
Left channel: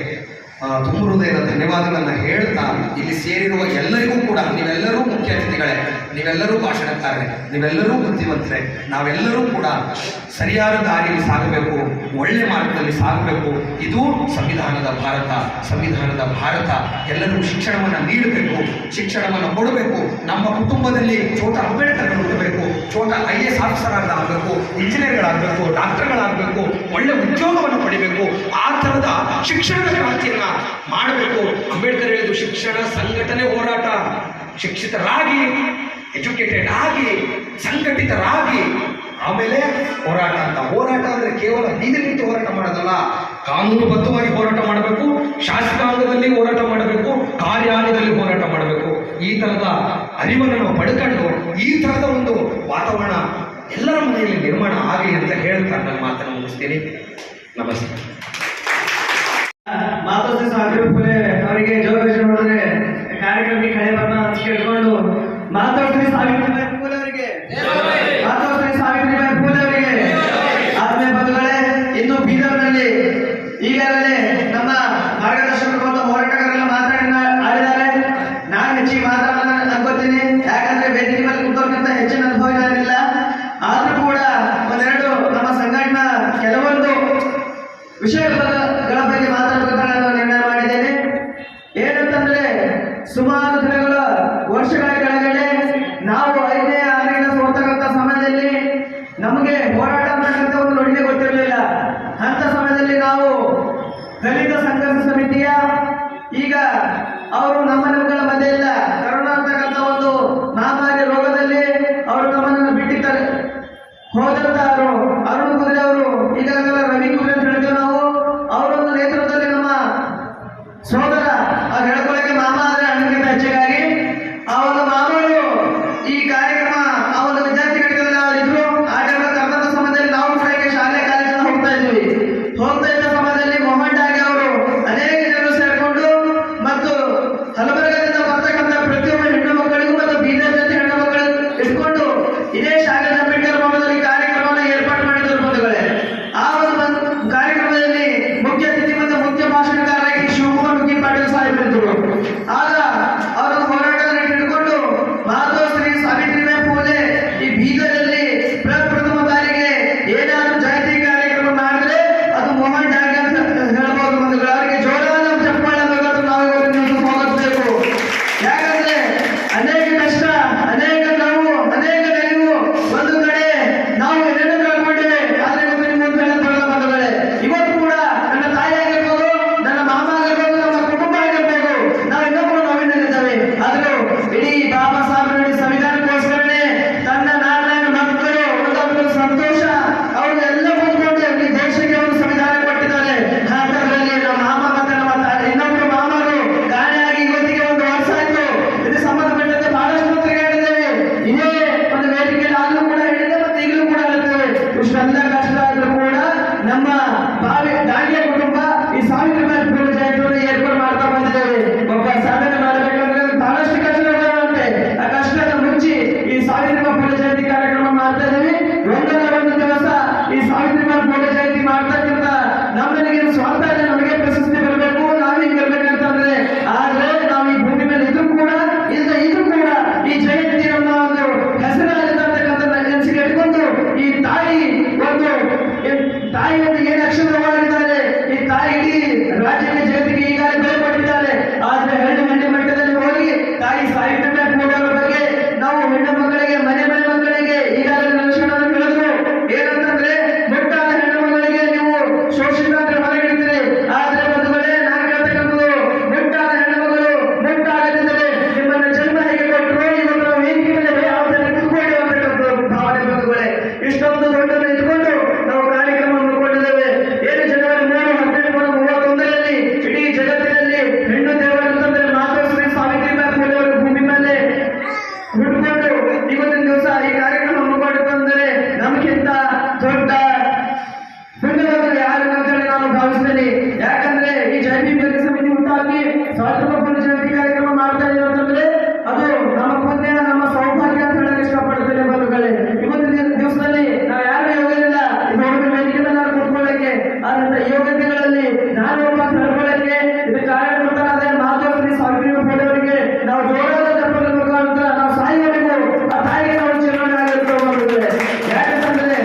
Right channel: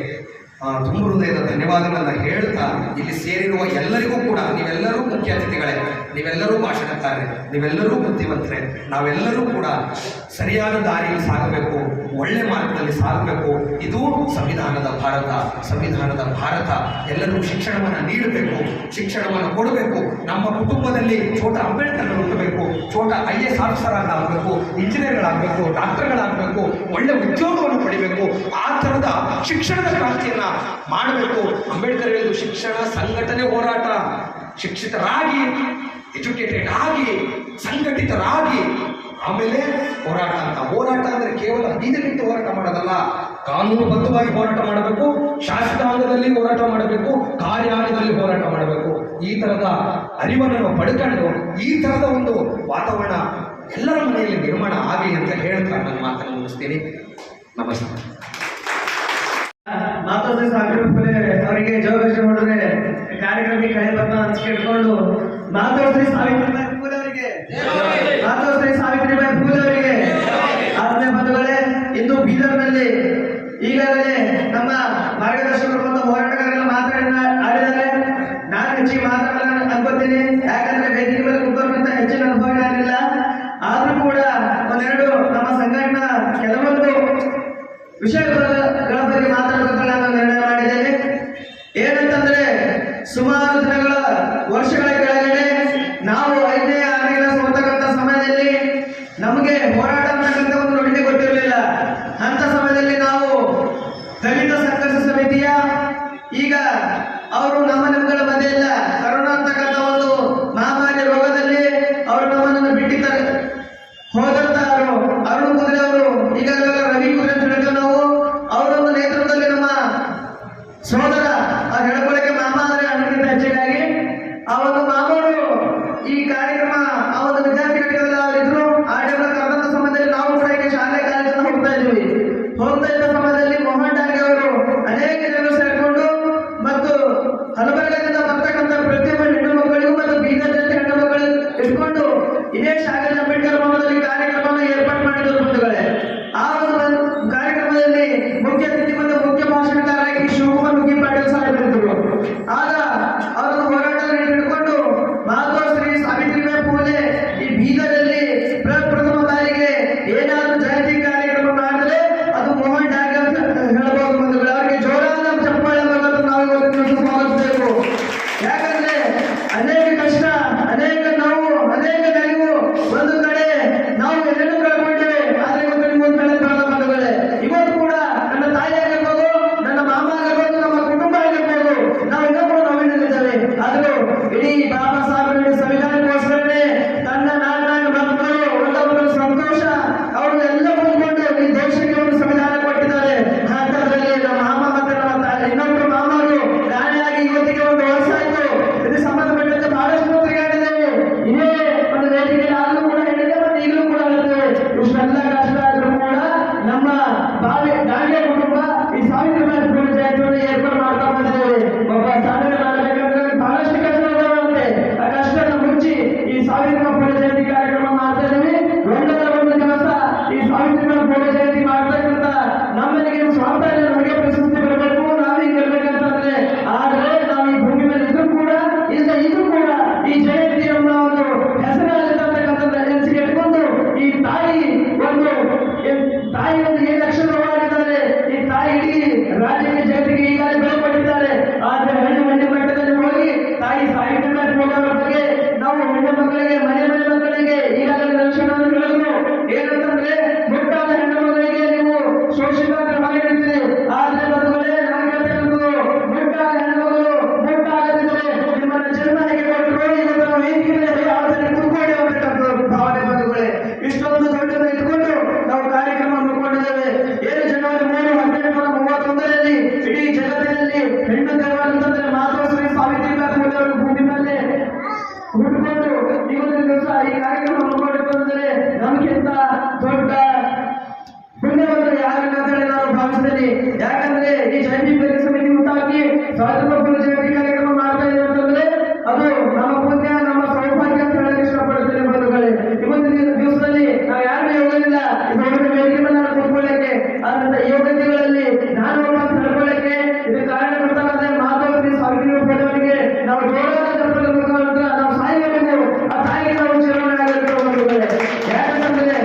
ತುಂಬ ಹೃದಯದ ಧನ್ಯವಾದಗಳನ್ನ ಹೇಳ್ತಾ, ಇಲ್ಲಿ ಸೇರಿರುವ ಎಲ್ಲರಿಗೂ ಕೂಡ ನೀವೆಲ್ಲರೂ ಮುಖ್ಯ ಅತಿಥಿಗಳೇ, ನೀವೆಲ್ಲರೂ ಭಾಷಣಕಾರರೇ, ನೀವೆಲ್ಲರೂ ಬುದ್ಧಿವಂತರೇ. ನಾವೆಲ್ಲರೂ ಕೂಡ ಸರಿಯಾದ ದಾರಿಯಲ್ಲಿ ಸಾಗಬೇಕು, ಒಳ್ಳೆ ಮಾರ್ಗದಲ್ಲಿ ಸಾಗಬೇಕು. ಇದು ಸಂವಿಧಾನದ ಭಾರತ. ಎಲ್ಲರಿಗೂ ಶಿಕ್ಷಣವನ್ನು ನೀಡಬೇಕು, ಶಿಕ್ಷಣವನ್ನು ಕೊಡಬೇಕು. ನಮ್ಮ ಕುಟುಂಬದಲ್ಲಿ ಛೋಟ ಅಂಬೇಡ್ಕರ್ ಹುಟ್ಟಬೇಕು, ಛೋಟ IAS ಆಫೀಸರ್ ಆಗಬೇಕು, ಇಂಜಿನಿಯರ್ಗಳಾಗಬೇಕು, ಡಾಕ್ಟರ್ಗಳಾಗಬೇಕು, ಒಳ್ಳೆ ಉದ್ಯೋಗವನ್ನು ಪಡಿಬೇಕು. ಆ ಥರದ ಶಿಕ್ಷಣದ ಕ್ರಾಂತಿಯನ್ನ ಮಾಡಬೇಕು. ಅಂಬೇಡ್ಕರ್ ಹೇಳಿದ್ದು ಶಿಕ್ಷಣ, ಸಂಘಟನೆ, ಹೋರಾಟ. ಶಿಕ್ಷಿತರಾಗಿ, ಎಜುಕೇಟೆಡ್ ಆಗಿ, ಸಂಘಟಿತರಾಗಿ, ಆಮೇಲೆ ಹೋರಾಟ ಅಂತ. ಹೋರಾಟ ಅಂದ್ರೆ ಕೇವಲ ಬೀದಿಗಿಂತ ಹೋರಾಟ ಮಾಡೋದಲ್ಲ, ಕಾನೂನುಬದ್ಧವಾಗಿ ಹೋರಾಟ ಮಾಡಬೇಕು, ಶಾಸಕಾಂಗದಲ್ಲಿ ಹೋರಾಟ ಮಾಡಬೇಕು, ಕಾರ್ಯಾಲಯದಲ್ಲಿ ಹೋರಾಟ ಮಾಡಬೇಕು. ಈ ತರದ ಅರಿವನ್ನು ನಾವು ಪಡ್ಕೊಂಡು ಈ ತರದ ಒಂದು ವಾತಾವರಣ ಎಲ್ಲರ ಮನೆಯಲ್ಲಿ ನಿರ್ಮಾಣ ಆಗಲಿ ಅಂತ ಹೇಳ್ತಾ ನನ್ನ ಮಾತನ್ನು ಮುಗಿಸ್ತೀನಿ. ನಮಸ್ತೆ. ಮಾತೋಶ್ರೀ ಸಾವಿತ್ರಿ ಫುಲೆ ಅವರಿಗೆ ಜವಾಬ್ದಾರಿ ಮಾಡಿದ್ರೆ ಕಾರ್ಯಕ್ರಮಕ್ಕೆ ಕಳೆ ಬರ್ತಾ ಅಂತ ಕೇಳ್ಕೊಂಡು ಮಾತೋಶ್ರೀ ಸಾವಿತ್ರಿಬಾಯಿ ಫುಲೆ ಅವರಿಗೆ, ಮಾತೋಶ್ರೀ ಸಾವಿತ್ರಿಬಾಯಿ ಫುಲೆ ಅವರಿಗೆ. ಆತ್ಮೀಯ ಬಂಧುಗಳೇ, ಇಂದು ಬೀದರ್ನಲ್ಲಿ ಈಗಾಗಲೇ ನಮ್ಮ ಮಾರ್ಗದರ್ಶಕರು ಮತ್ತು ಹೋರಾಟಗಾರರೆಲ್ಲ ಆಡಿದ್ದಾರೆ. ನಾನು ಹೆಚ್ಚಿಗೆ ಮಾತಾಡಲ್ಲ ಅನ್ಕೋತೀನಿ, ಯಾಕಂದ್ರೆ ವೇದಿಕೆ ಮೇಲೆ ಕೂತೋರ್ಗಿಂತ ಹೆಚ್ಚಿನ ಅನುಭವ ಏನಿಲ್ಲ. ಆದ್ರೂ ಕೂಡ ಒಂದೆರಡು ನಮ್ಮ ಸಂಘಟನಾ ಕೆಲವೊಂದು ವಿಷಯಗಳ ಬಗ್ಗೆ ಮಾತಾಡಬೇಕಂತ ನಾನು ನಿರ್ಣಯ ಮಾಡಿದ್ದೇನೆ. ಏನಂತಂದ್ರೆ, ಸುಮಾರು ದಿನಗಳ ವರ್ಷಗಳ ಕೆಳಗಡೆ ನಾವು 5ನೇ 6ನೇ ಕ್ಲಾಸ್ ಓದ್ತಕ್ಕಂಥ ಸಮಯದಲ್ಲಿ ನಮಗೆ ಹೋರಾಟ ಮಾಡತಕ್ಕಂಥ ಒಂದು ನುಡಿಮೆ ಗೊತ್ತಿರಲಿಲ್ಲ. ಅಂತ ಸಮಯದಲ್ಲಿ ನಾವು ದಲಿತ ಸಂಘರ್ಷ ಸಮಿತಿಯ, ಈಗ ಅವರು ನಮ್ಮಗಳ ಮಧ್ಯೆ ಇಲ್ಲ, ಕರೋನಾ ಅಂತಕ್ಕಂಥ ಒಂದು ಮಹಾಮಾರಿ ರೋಗದಲ್ಲಿ ಅವರು ನಮ್ಮನ್ನು ಬಿಟ್ಟಿದ್ದಾರೆ. ಹೋದಂತ ಅರುಣ್ ಕುದುರೆ ಅವರು, ಈಗಾಗಲೇ ರವಿ ಕುದುರೆ ಅಂತ ಹೇಳ್ತೇವೆ ನಾವು, ಅವರೊಂದು ನೇತೃತ್ವದಲ್ಲಿ ನಮ್ಮ ಸೋದರ ಅವ್ರು ಹೇಳ್ಕೊಳ್ಳೋಕೆ ಮಾಮ ಅಂದ್ರೆ ಅಣ್ಣಕ್ಕಿಂತ ಹೆಚ್ಚಿಗಾಗಿ ಆ ಒಂದು ಮಾಮೂಲು ಈ ಕಾರ್ಯಕ್ರಮ ಆ ಒಂದು ವಿದ್ಯಾರ್ಥಿಗಳಿಗೆ ಅವರಿದ್ರು. ಆ ಟೈಮ್ ಕರ್ನಾಟಕ ಸಮಯದಲ್ಲಿ ನಾವು ಕೂಡ ಶಾಲೆ ಕಾಲೇಜನ್ನು ಹೋಗ್ತಾ ಇದ್ದ ಸಮಯದಲ್ಲಿ ಮೊಹಮ್ಮದ್ ಆಗಿ ಅವರು ಅನೇಕ ಜನರು ಸೇರಿಕೊಂಡು ಮತ್ತು ಹಲಬರ್ಗದಿಂದ ಬರ್ತಕ್ಕಂಥ ಪ್ರತಿಯೊಬ್ಬ ಹೆಣ್ಣು ಮಕ್ಕಳಿಗೂ ಮತ್ತು ಬೀದರ್ ಜೊತೆ ಹೆಣ್ಣು ಮಕ್ಕಳಿಗೂ ಇಟ್ಕೊಂಡು ಇದೇ ಶಾಲೆ ಅಂಬೇಡ್ಕರ್ ಭವನದಲ್ಲಿ ಕಾರ್ಯಕ್ರಮವನ್ನು ಏರ್ಪಾಡು ಮಾಡಿದರು ಬಂಧುಗಳೇ. ಆ ಒಂದು ಕಾರ್ಯಕ್ರಮದಲ್ಲಿ ಮುಖ್ಯ ಅತಿಥಿ ಮತ್ತು ಮುಖ್ಯ ಭಾಷಣಕಾರರಾಗಿ ಶಿವಕುಮಾರ್ ಮುಗಿ ಪಾಟೀಲ್ ಸಾಹೇಬರಿದ್ದರು. ಆಗ ಅವರನ್ನು ಹೋರಾಟದಲ್ಲಿ ಹಿಡಿದುಕೊಂಡು ಮಾತೋಶ್ರೀ ಸಾವಿತ್ರಿಬಾಯಿ ಫುಲೆ ಈ ಬೀದರಲ್ಲಿ ಪ್ರಪ್ರಥಮ ಬಾರಿಗೆ ಏನಾದರೂ ಜಯಂತಿ ಕಾರ್ಯಕ್ರಮ ಮಾಡಿದ್ರೆ ಅದು ಮೋಹನ್ ಡಾಗೆ ಅಂತ ಹೇಳ್ಬೋದು ಬಂಧುಗಳು. ಅವರಿಗೆ ಜೋರಾದ ಚಪ್ಪಾಳೆ ಮೂಲಕ ನಾವು ಇವತ್ತು ಸ್ವಾಗತಿಸಬೇಕು. ಯಾಕಂದ್ರೆ ಅನೇಕ ಕಷ್ಟ, ಅನೇಕ ನೋವು, ಅನೇಕ ನೆರವು, ಒಂದು ಕಡೆ ನಾವು ಏನೇನು ಕಳ್ಕೊಂಡಿವೆ, ಆದ್ರೆ ಇವತ್ತು ನಿಮ್ಮ ಮುಂದೆ ಬಂಧುಗಳೇ, ಇವತ್ತು ಕೂಡ ನನ್ನ ತಾಯಿ ಆಗಿರ್ಬೋದು, ನನ್ನ ಮಾಮ ಆಗಿರ್ಬೋದು, ನಮ್ಮ ಕುಟುಂಬ ಆಗಿರ್ಬೋದು, ನಾವು ಇನ್ನೂ ಕೂಡ ನೋವಿನಲ್ಲಿದ್ದೇವೆ. ಆದರೂ ಇಡೀ ಬಾಬಾ ಸಾಹೇಬ್ ಸಂವಿಧಾನಕ್ಕೋಸ್ಕರನೇ ತನ್ನ 4 ಮಕ್ಕಳು ಒಂದೊಂದು ಸಂತೋಷ ಅವ್ರನ್ನೆಲ್ಲ ಕೂತ್ಕೊಂಡು ಈ ದೇಶಕ್ಕೆ ಒಂದು ಸಂವಿಧಾನ ಕೊಟ್ಟಿದ್ದಾರೆ. ಅಂತದ್ರಲ್ಲಿ ನಮ್ಮ ಮಾಮ ಮತ್ತೆ ನಮ್ಮ ಇನ್ನೊಬ್ಬರು ಮಾಮರು ಕಾಣೆಯಾಗಿ ಇವತ್ತಿಗೆ 1 ವರ್ಷ ಆಯ್ತು. ಇದು ಸಂಬಂಧಪಟ್ಟಂತೆ ಬಹಳಷ್ಟು ತಿರುಗಾಡಿದ್ದೇವೆ. ಇದೇ ಒಂದು ವೇದಿಕೆಯಲ್ಲಿ ಆಗಲೂ ಕೂಡ ಹೇಳಿದೆ ಮತ್ತು ಈಗಲೂ ಕೂಡ ಹೇಳ್ತೇವೆ. ಇಷ್ಟೆಲ್ಲ ಕಷ್ಟ ಆದ್ರೂ ಕೂಡ ನಮ್ಮ ಡಾಂಗೆ ಕುಟುಂಬ ಈ ಸಾವಿತ್ರಿಬಾಯಿ ಫುಲೆ ಜಯಂತಿಯನ್ನು ಏರ್ಪಾಡು ಮಾಡ್ತಾ ಬಂದಿದ್ದೇವೆ. ಒಬ್ಬ ಸಾಧನೆ ಮಾಡಬೇಕಂದ್ರೆ ಬಹಳಷ್ಟು ಕಷ್ಟಗಳಿರುವಂತೆ ಆ ಕಷ್ಟದ ಮುಚ್ಚಿ ಈ ಸಾವಿತ್ರಿಬಾಯಿ ಫುಲೆ ಜಯಂತಿ ಕಾರ್ಯಕ್ರಮ ಮಾಡ್ತಾ ಇದ್ದೀವಿ. ಒಂದಲ್ಲ ಒಂದು ದಿವಸ ಈ ಸಾವಿತ್ರಿಬಾಯಿ ಫುಲೆ ಜಯಂತಿ ಮಾಡ್ತಕ್ಕಂಥ ನಮ್ಮನಿಗೆ ಸ್ವಾರ್ಥ ಇಲ್ಲ, ನಮಗೆ ಪ್ರಶಸ್ತಿ ಬರಬೇಕು, ನಾವೇ ಇರ್ಬೇಕಂತಂದ್ರೆ. ಆದ್ರೆ ನಾವು ಈ ಭೂಮಿ ಮೇಲೆ ಇದ್ರೂ ಕೂಡ ಇದ್ರೂ ಕೂಡ ಈ ಜಯಂತಿ ನಮ್ಮ ಒಂದು ಹೆಸರಿರ್ತಕ್ಕಂಥ ನೆನಸಿಗೆ ಇಟ್ಕೊಂಡು ಈ ತಾಯಿ ಒಂದು ಏನು ಅಕ್ಷರವಾಗಿದ್ದಾರೆ, ಈ ತಾಯಿ ಇಡೀ ರಾಜ್ಯಕ್ಕೆ ಜಗತ್ತಿಗೆ ಈಗಾಗಲೇ ಬೆಲೆ ಕೊಟ್ಟಿದ್ದಾರೆ. ಆದ್ರೆ ಹಳ್ಳಿ ಮಟ್ಟದಲ್ಲಿ ಹೋಗಿ ತಾಯಿ ಸಾವಿತ್ರಿಬಾಯಿ ಫುಲೆ ಅವರ ಬಗ್ಗೆ ನಾವು ಹೆಣ್ಣು ಮಕ್ಕಳಿಗೆ, ಮನೆ ಮಕ್ಕಳಿಗೆ ಈಗಾಗಲೇ ನಿರೀಕ್ಷಣವನ್ನು ಕೇಳಿದ್ರು. ಏನಂತಂದ್ರೆ, ಮುಟ್ಟಾದ ಹೆಣ್ಣು ಮಕ್ಕಳಿಗೆ ನೀವು ಶೋಷಿತ ಹೊರಗಿಡ್ತೀರಿ. ಆದ್ರೆ ಬಂಧುಗಳೇ, ನಾನು ಹೇಳ್ತಕ್ಕಂಥದ್ದು, ಮುಟ್ಟಾದ ಹೆಣ್ಣು ಮಕ್ಕಳು ಮುಟ್ಟಾಗದಿದ್ದರೆ ನಿಮ್ಮನ್ನ ಜನ್ಮ ಹೇಗೆ ಕೊಟ್ಟರು, ಇವತ್ತು ವೇದಿಕೆ ಮೇಲೆ ಯಾವ ಕೂತ್ಕೊಳ್ಳಿ ಅಂತಕ್ಕಂಥದ್ದು ಭಾವನೆ ಬಂಧುಗಳೇ. ಇಷ್ಟೊಂದು ದೊಡ್ಡನ್ನು ಇಟ್ಕೊಂಡು ನಾವು ಕಾರ್ಯಕ್ರಮವನ್ನು ಕೊಂಡಿದ್ದೇವೆ. ಏನು ಜನವರಿ 3, 1831ರಲ್ಲಿ ಇಡೀ ಜಗತ್ತಿನಲ್ಲಿ ಹೆಣ್ಣು ದೇವರಂತಂದ್ರೆ ಮಾತೋಶ್ರೀ ಸಾವಿತ್ರಿಬಾಯಿ ಫುಲೆ ಅವರು ಭೂಮಿ ಮೇಲೆ ಹುಟ್ಟುಕೊಂಡು ಇವತ್ತಿನ ದಿವಸ ಈ ಕಾರ್ಯಕ್ರಮ ಹಮ್ಮಿಕೊಂಡಿದ್ದಂದರೆ ನಮಗಿಂತ ದೊಡ್ಡ ಪುಣ್ಯವಂತರು ಯಾರಿಲ್ಲ ಅಂತ ಹೇಳಿ ನಾನು ಭಾವಿಸ್ತೇನೆ. ಯಾಕಂದ್ರೆ ಈ ಜಯಂತಿ ಸಮಿತಿ ಉಂಟಾಗಿ ಸಾವಿತ್ರಿಬಾಯಿ ಫುಲೆ ಜಯಂತಿ ಕಾರ್ಯಕ್ರಮ ಮಾಡ್ತಾ ಇದೀವಿ ಅಂತಂದ್ರೆ ಅದು ನಮ್ಮ ಪುಣ್ಯ, ನಮ್ಮ ಸೌಭಾಗ್ಯ ಅಂತ ಹೇಳಕ್ಕೆ ಇಷ್ಟಪಡ್ತೇನೆ ಬಂಧುಗಳೇ. ಇವತ್ತಿನ ದಿವಸದಲ್ಲಿ ನಾವು ಯಾರು ಯೋಗವಿಲ್ಲ ಇದೊಂದು ವೇದಿಕೆ ಮೇಲೆ ನಾನು ಕೂತ್ಕೊಳ್ಳಕ್ಕೆ. ಆದ್ರಿಂದ ಯೋಗ್ಯತೆಗಳಲ್ಲಿ ನಾನು ಒಬ್ಬ ಅಂತ ಹೇಳ್ಕೊಳ್ಳಕ್ಕೆ ಇದು ಕಾರ್ಯಕರ್ತರಾದ ಮಾತೋಶ್ರೀ ಸಾವಿತ್ರಿಬಾಯಿ ಫುಲೆ ಅವರಿಗೆ ನಾವು ಜೋರಾದ ಚಪ್ಪಾಳೆ ಮುಖಾಂತರ ನಾವು ಸಾಯಬೇಕು. ಆ ತಾಯಿಗೆ ನಾವು ಚುನಾವಣೆ ಆಗಿರ್ತೇವೆ ಬಂಧುಗಳೇ. ಯಾಕಂತಂದ್ರೆ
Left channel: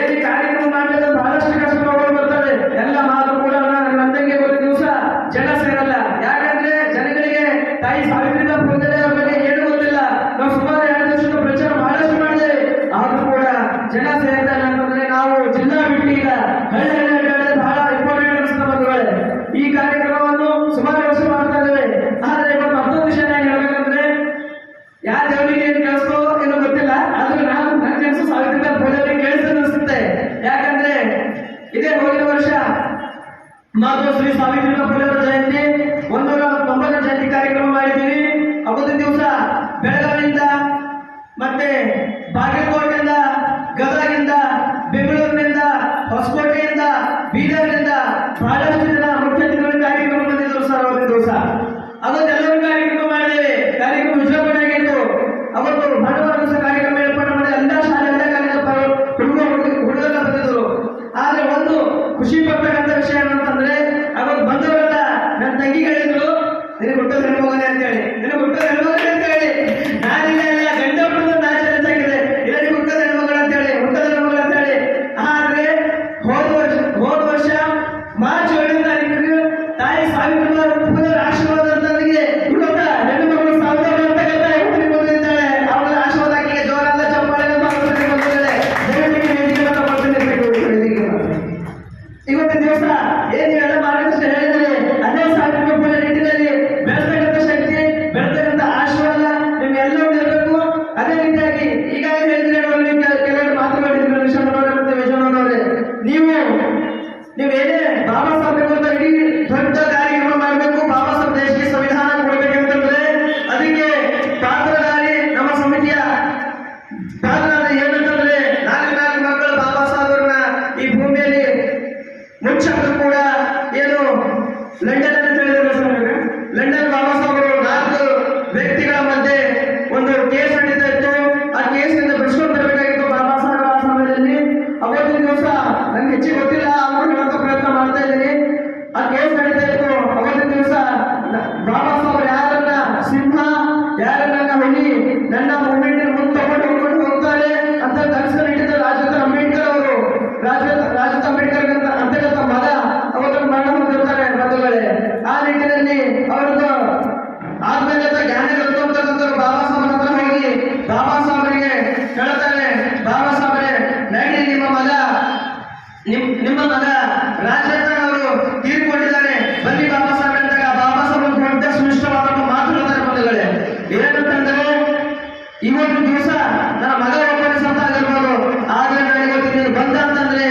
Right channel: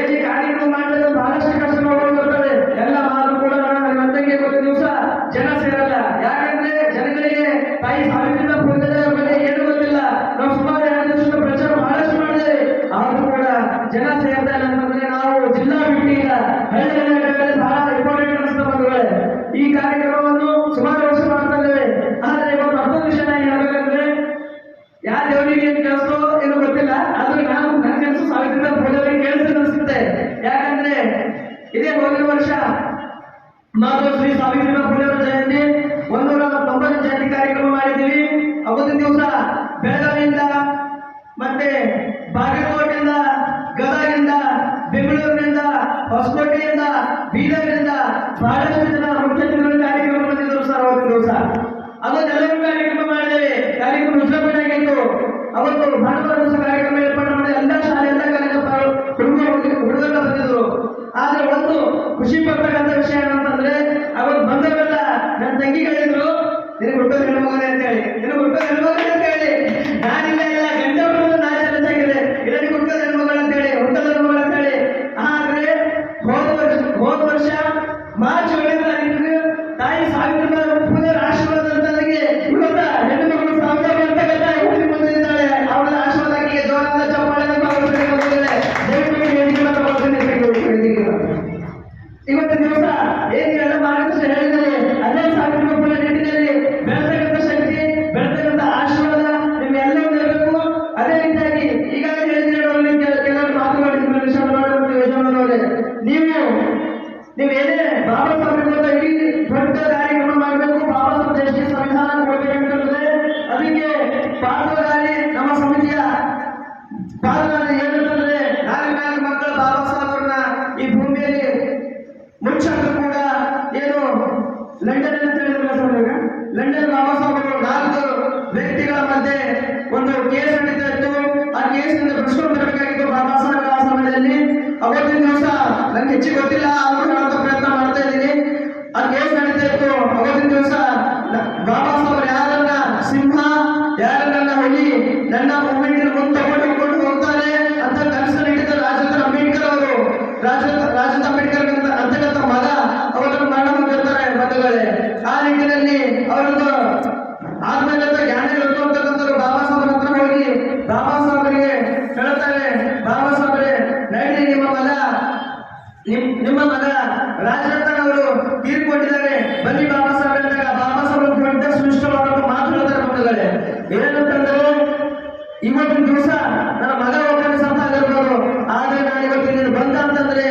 ಏನು ಕಾರ್ಯಕ್ರಮ ಮಾಡಿದ್ರೆ ಬಹಳಷ್ಟು ಕಷ್ಟಗಳು ಬರ್ತವೆ. ಎಲ್ಲ ಮಾತು ಕೂಡ ನಂದಂಗೆ ಇವತ್ತು ದಿವಸ ಜನ ಸೇರಲ್ಲ. ಯಾಕಂದ್ರೆ ಜನಗಳಿಗೆ ತಾಯಿ ಸಾವಿತ್ರಿಬಾಯಿ ಫುಲೆ ಅವರ ಬಗ್ಗೆ ಏನು ಗೊತ್ತಿಲ್ಲ. ನಾವು ಸುಮಾರು 2 ವರ್ಷದ ಪ್ರಚಾರ ಬಹಳಷ್ಟು ಮಾಡಿದ್ದೇವೆ, ಆದ್ರೂ ಕೂಡ ಜನ ಸೇರ್ತಾ ಇಲ್ಲ ಅಂತಂದ್ರೆ ನಾವು ಜಿಲ್ಲಾ ಬಿಟ್ಟು ಈಗ ಹಳ್ಳಿ ಬಹಳ ಇಂಪಾರ್ಟೆಂಟ್ ಅನಿಸ್ತಾ ಬಂಧುಗಳೇ. ಈ ಕಾರ್ಯಕ್ರಮವನ್ನು ಸುಮಾರು ವರ್ಷ ಮಾಡ್ತಾ ಇದ್ದೇವೆ. ಆದ್ರೆ ಇವತ್ತು ಅರ್ಥದ ವಿಷಯ ಹೇಳ್ಬೇಕಂದ್ರೆ ಯಾವ ದೇವರಿಗೆ ಏನು ಕೆಲಸೋ ಏನೋ ಗೊತ್ತಿಲ್ಲ, ಆದ್ರೆ ನನ್ನ ಕೆಲಸ ಸಾವಿತ್ರಿಬಾಯಿ ಫುಲೆ ಅವರಿಗೆ ಕೇಳಿಸ್ತದೆ ಅನಿಸುತ್ತೆ. ಯಾಕಂದ್ರೆ ಇದೇ ಹೋಗಿನ ವರ್ಷ ಮಾತೋಶ್ರೀ ಸಾವಿತ್ರಿಬಾಯಿ ಫುಲೆ ಅವರ ಜಯಂತಿ 190ನೇ ಜಯಂತಿ ಕಾರ್ಯಕ್ರಮ ಮಾಡಿದ್ದೀವಿ. ಅವತ್ತಿನ ದಿವಸ ಬೆಳಗಾವಿಯಿಂದ ಮತ್ತೆ ಬಾಗಲಕೋಟೆಯಿಂದ, ಗದಗಿಂದ, ಬೆಂಗಳೂರಿನಿಂದ, ಹೊಸಕೋಟೆಯಿಂದ ಬೀದರ್ನಿಂದ ಬಹಳಷ್ಟು ಜನ ಮುಖ್ಯ ಅತಿಥಿಗಳು ಕಾರ್ಯಕ್ರಮ ಬಂದಿದ್ದರು ಸರ್ ಅವತ್ತಿನ ದಿವಸ. ಅದನ್ನೆಲ್ಲರೂ ಕಾರ್ಯಕ್ರಮ ಮಾಡಿದ್ದೇವೆ. ಕಾರ್ಯಕ್ರಮ ಉದ್ಘಾಟನೆ ಆಗಿತ್ತು. ಅವತ್ತು ಭಾನುವಾರ ದಿವಸ ಕಾರ್ಯಕ್ರಮ ಏರ್ಪಾಡು ಮಾಡಿ ಎಲ್ಲ ಶಾಲೆ ಎಲ್ಲ ಕಾಲೇಜು ಹುಡುಗರೆಲ್ಲ ಬಂದಿದ್ದರು. ಆದ್ರೆ ಒಂದು ಖುಷಿ ಪಡ್ತಕ್ಕಂಥ ವಿಷಯ ಏನಂತಂದ್ರೆ ಅವತ್ತು ಬಂದವರೆಲ್ಲ ನನ್ನ ತಂಗಿ ಹೇಳಿದ್ರು ನಿನಗೆ ಹುಟ್ಟೋದು ಹೆಣ್ಮಗನೆ ಅಂತ ಹೇಳಿ, ನಿನಗೆ ಹುಟ್ಟೋದು ಹೆಣ್ಮಗನೆ ಅಂತ ಹೇಳಿ. ನಾನಿಲ್ಲ ಇಲ್ಲ ಗಂಡ ಹುಟ್ಟೋದು ನಾ ಚಾಲೆಂಜ್ ಆಗಿದೆ, ಇಲ್ಲ ನಿನಗೆ ಹುಟ್ಟೋದು ಹೆಣ್ಮಗಳು ಅಂತ ಹೇಳಿ, ಹುಟ್ಟೋದು ಹೆಣ್ಮಗಳು ಅಂತ ಹೇಳಿ. ಆದ್ರೆ ಹೋದ ವರ್ಷ ಮಾರ್ಚ್ 7ನೇ ತಾರೀಕಿಗೆ ತಾಯಿ ಸಾವಿತ್ರಿಬಾಯಿ ಫುಲೆರ ಆಶೀರ್ವಾದ ಅಂತ ನನಗೆ ಇವತ್ತ ಹೆಣ್ಣು ಮಕ್ಕಳು ಸಾವಿರ ಅಂತಕ್ಕಂಥ ಹುಡುಗಿ ಬಂದಿದ್ದಾಳೆ. ಅವಳ ಆಶೀರ್ವಾದ ಆಕೆಗೆ ಜೋರಾದ ಚಪ್ಪಾಳೆ ಬಂದಿದ್ದಾಳೆ. ದಯವಿಟ್ಟು ವೇದಿಕೆ ಬರ್ತೀನಿ. ಇವತ್ತಿನ ದಿವಸ ಏನು ಎಲ್ಲ ಮಾರ್ಗದರ್ಶನ ಹೇಳಿದರೆ ಅದೇ ಸಾವಿತ್ರಿಬಾಯಿ ಫುಲೆ ನಿಟ್ಟಿನಲ್ಲಿ ಬೆಳೆತಕ್ಕಂಥ ಶಕ್ತಿ, ಬೆಳೆತಕ್ಕಂಥ ಆಶೀರ್ವಾದ ನಿಮ್ಗೆಲ್ಲವೂ ಇರಬೇಕು. ಅದೇ ರೀತಿಯಾಗಿ ಈಗಾಗಲೇ ಹೇಳಿದ್ರೆ ಕೆಲವರು ಮಾತುಗಳಿದ್ರು ವಿಷಯನವರೇ ಮತ್ತು ಯಜಮಾನವರೇ, ನೀವು ಏನೇ ಬಾಬಾ ಸಾಹೇಬ್ ಅಂತ ಇಡೀ ದೊಡ್ಡ ಕಾರ್ಯಕ್ರಮ ಮಾಡಬೇಕು, ಬಾಬಾ ಸಾಹೇಬ್ ದೇಶಕ್ಕೆ ಸಂವಿಧಾನ ಕೊಡಬೇಕಂತಂದ್ರೆ ಅದಕ್ಕೆ ಪಾತ್ರಧಾರಿ ನಮ್ಮ ಸಮಿತಿಯ ಪಾತ್ರಧಾರಿ ಏನಂತಂದ್ರೆ 4 ಮಕ್ಕಳು ಬಾಬಾ ಸಾಹೇಬ್ರನ್ನ ಈ ಭೂಮಿಯಲ್ಲಿ ಮುಚ್ಚಾದ್ರು ಕೂಡ ಏನು ಲಂಡನ್ ಅಂತ ಹೇಳಿದ್ರು. ಲಂಡನ್ ಬಾಬಾ ಸಾಹೇಬರು 4 ವ್ಯಕ್ತಿಗಳ ಮಧ್ಯೆ ಒಂದು ಕೇಸ್ ನಡೀತಾ ಇತ್ತು. ಆ ಕೇಸ್ನಿಂದ ಬಿಡಿಸ್ಕೊಂಡು ಬರಬೇಕಾಗಿತ್ತು ಬಾಬಾ ಸಾಹೇಬ್ ಆ ಸಮಯದಲ್ಲಿ. ಅವತ್ತಿನ ದಿವಸ ನನ್ಗೆ ಹೆಚ್ಚಿಗೆ ಗೊತ್ತಿಲ್ಲ, ಆದ್ರೂ ಹೇಳೋಕೆ ಪ್ರಯತ್ನ ಮಾಡ್ತಾ ಇದ್ದೀನಿ. ಆ ಕೇಸ್ ನಡೀತಾ ಇತ್ತು. ಅವತ್ತಿನ ದಿವಸ ಬಾಬಾ ಸಾಹೇಬ್ ಯಾರನ್ನ ಸಿಂಹ, ಯಾರನ್ನ ಹುಲಿ, ನನ್ನ ಮೂಮೆಂಟ್ ಮುಂದೆ ತಗೊಂಡು ಹೋಗ್ತಾರೆ ಅಂತ ಕನಸು ನೀಡಿದ ರಾಜೇಂದ್ರ ಅಂಬೇಡ್ಕರ್ ಅವರು. ರಾಜೇಂದ್ರ ಅಂಬೇಡ್ಕರ್ ಅಂತಕ್ಕಂಥ ಮಗ ಅವರನ್ನು ಮರಣ ಹೊಂದಿರ್ತಾರೆ ಬಂಧುಗಳೇ. ಆ ನಿಟ್ಟಿನಲ್ಲಿ ಅವರದ್ದು ಆತ್ಮೀಯತೆ ಜ್ಞಾನ ಇರುತ್ತು ಅಂತಕ್ಕಂಥವ್ರು ಬಾಬಾ ಸಾಹೇಬ್ ಹತ್ರ ಹೋಗಿ ಬಾಬಾ ಸಾಹೇಬರಿಗೆ ಹೇಳ್ತಾರೆ, ಬಾಬಾ ಸಾಹೇಬ್ರೆ ನಡಿ, ನಿಮ್ಮ ಮಗ ರಾಜೇಂದ್ರ ಅವರು ತೀರ್ಕೊಂಡಿದ್ದಾರೆ, ಬನ್ನಿ ಬಾಬಾ ಸಾಹೇಬ್ ಅಂದಾಗ ಬಾಬಾ ಸಾಹೇಬ್ ದೊಡ್ಡ ಶ್ರೇಷ್ಠವಾದ ಮಾತು ಹೇಳ್ತಾರೆ ಬಂಧುಗಳೇ. ಏನಂತಂದ್ರೆ ಇವತ್ತಿನ ದಿವಸ ನನ್ನ ಮಗ ಒಬ್ಬನೇ ಸತ್ತ ಆಗಿರ್ಬೋದು, ಆದ್ರೆ ನಾನು ಇವತ್ತಿನ ಬಂದ ಅಂತಂದ್ರೆ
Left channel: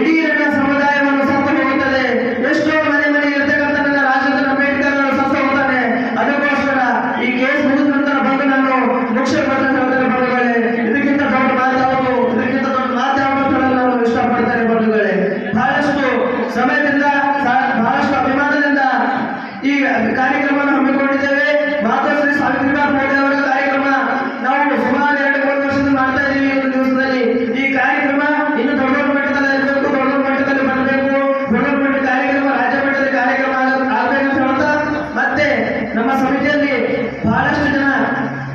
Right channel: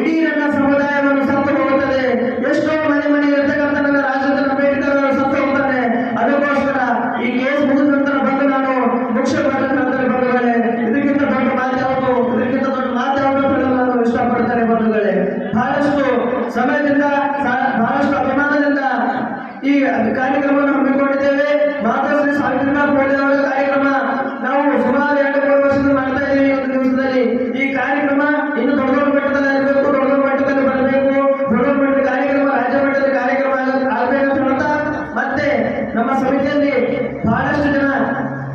ಇಡೀ ನನ್ನ ಸಮುದಾಯವನ್ನು ಸತ್ತು ಹೋಗುತ್ತದೆ. ಎಷ್ಟೋ ಮನೆ ಇರ್ತಕ್ಕಂಥ ನನ್ನ ರಾಜೇಂದ್ರ ಅಂಬೇಡ್ಕರ್ ಅವರು ಸತ್ತು ಹೋಗ್ತಾನೆ. ಅದಕ್ಕೋಸ್ಕರ ಈ ಕೇಸ್ ಮುಗಿದ ನಂತರ ಬಂದು ನಾನು ಮುಖ್ಯ ಹೇಳ್ತಾರೆ ಬಂಧುಗಳೇ. ಇದಕ್ಕಿಂತ ದೊಡ್ಡ ಮಾತಾಡೋದು ನಾನು ಇಷ್ಟಪಡ್ತಾರೆ ಬಂಧುಗಳೇ. ಬಹಳಷ್ಟು ಸಮಯದಿಂದ ಬಹಳಷ್ಟು ಅಭಿಮಾನದಿಂದ ಈ ಕಾರ್ಯಕ್ರಮವನ್ನು ಹಮ್ಮಿಕೊಂಡಿದ್ದೇವೆ. ಮಾತಾಶ್ರೀ ಸಾವಿತ್ರಿಬಾಯಿ ಫುಲೆ ಅವರ ಕಾರ್ಯಕ್ರಮ ನಾವು ಸುಮಾರು 2-3 ವರ್ಷದಿಂದ ಮಾಡ್ತಾ ಇದ್ದೀವಿ. ಒಂದು ದಿವಸದಲ್ಲಿ ಈ ಕಾರ್ಯಕ್ರಮ ಇನ್ನು ದೊಡ್ಡ ಮಟ್ಟದಲ್ಲಿ ಇರಬೇಕು, ದೊಡ್ಡ ಮಟ್ಟದಲ್ಲಿ ಬರಬೇಕು, ದೊಡ್ಡ ಮಟ್ಟದ ಕಾರ್ಯಕ್ರಮ ರಾಜ್ಯ ಮಟ್ಟದಲ್ಲಿ ಕಾರ್ಯಕ್ರಮ ಆಗಬೇಕು ಅಂತ ಹೇಳ್ತಾ ಮತ್ತೆ ನಮ್ಮ ಸಮಿತಿಯಲ್ಲಿ ಬಹಳಷ್ಟು ಜನ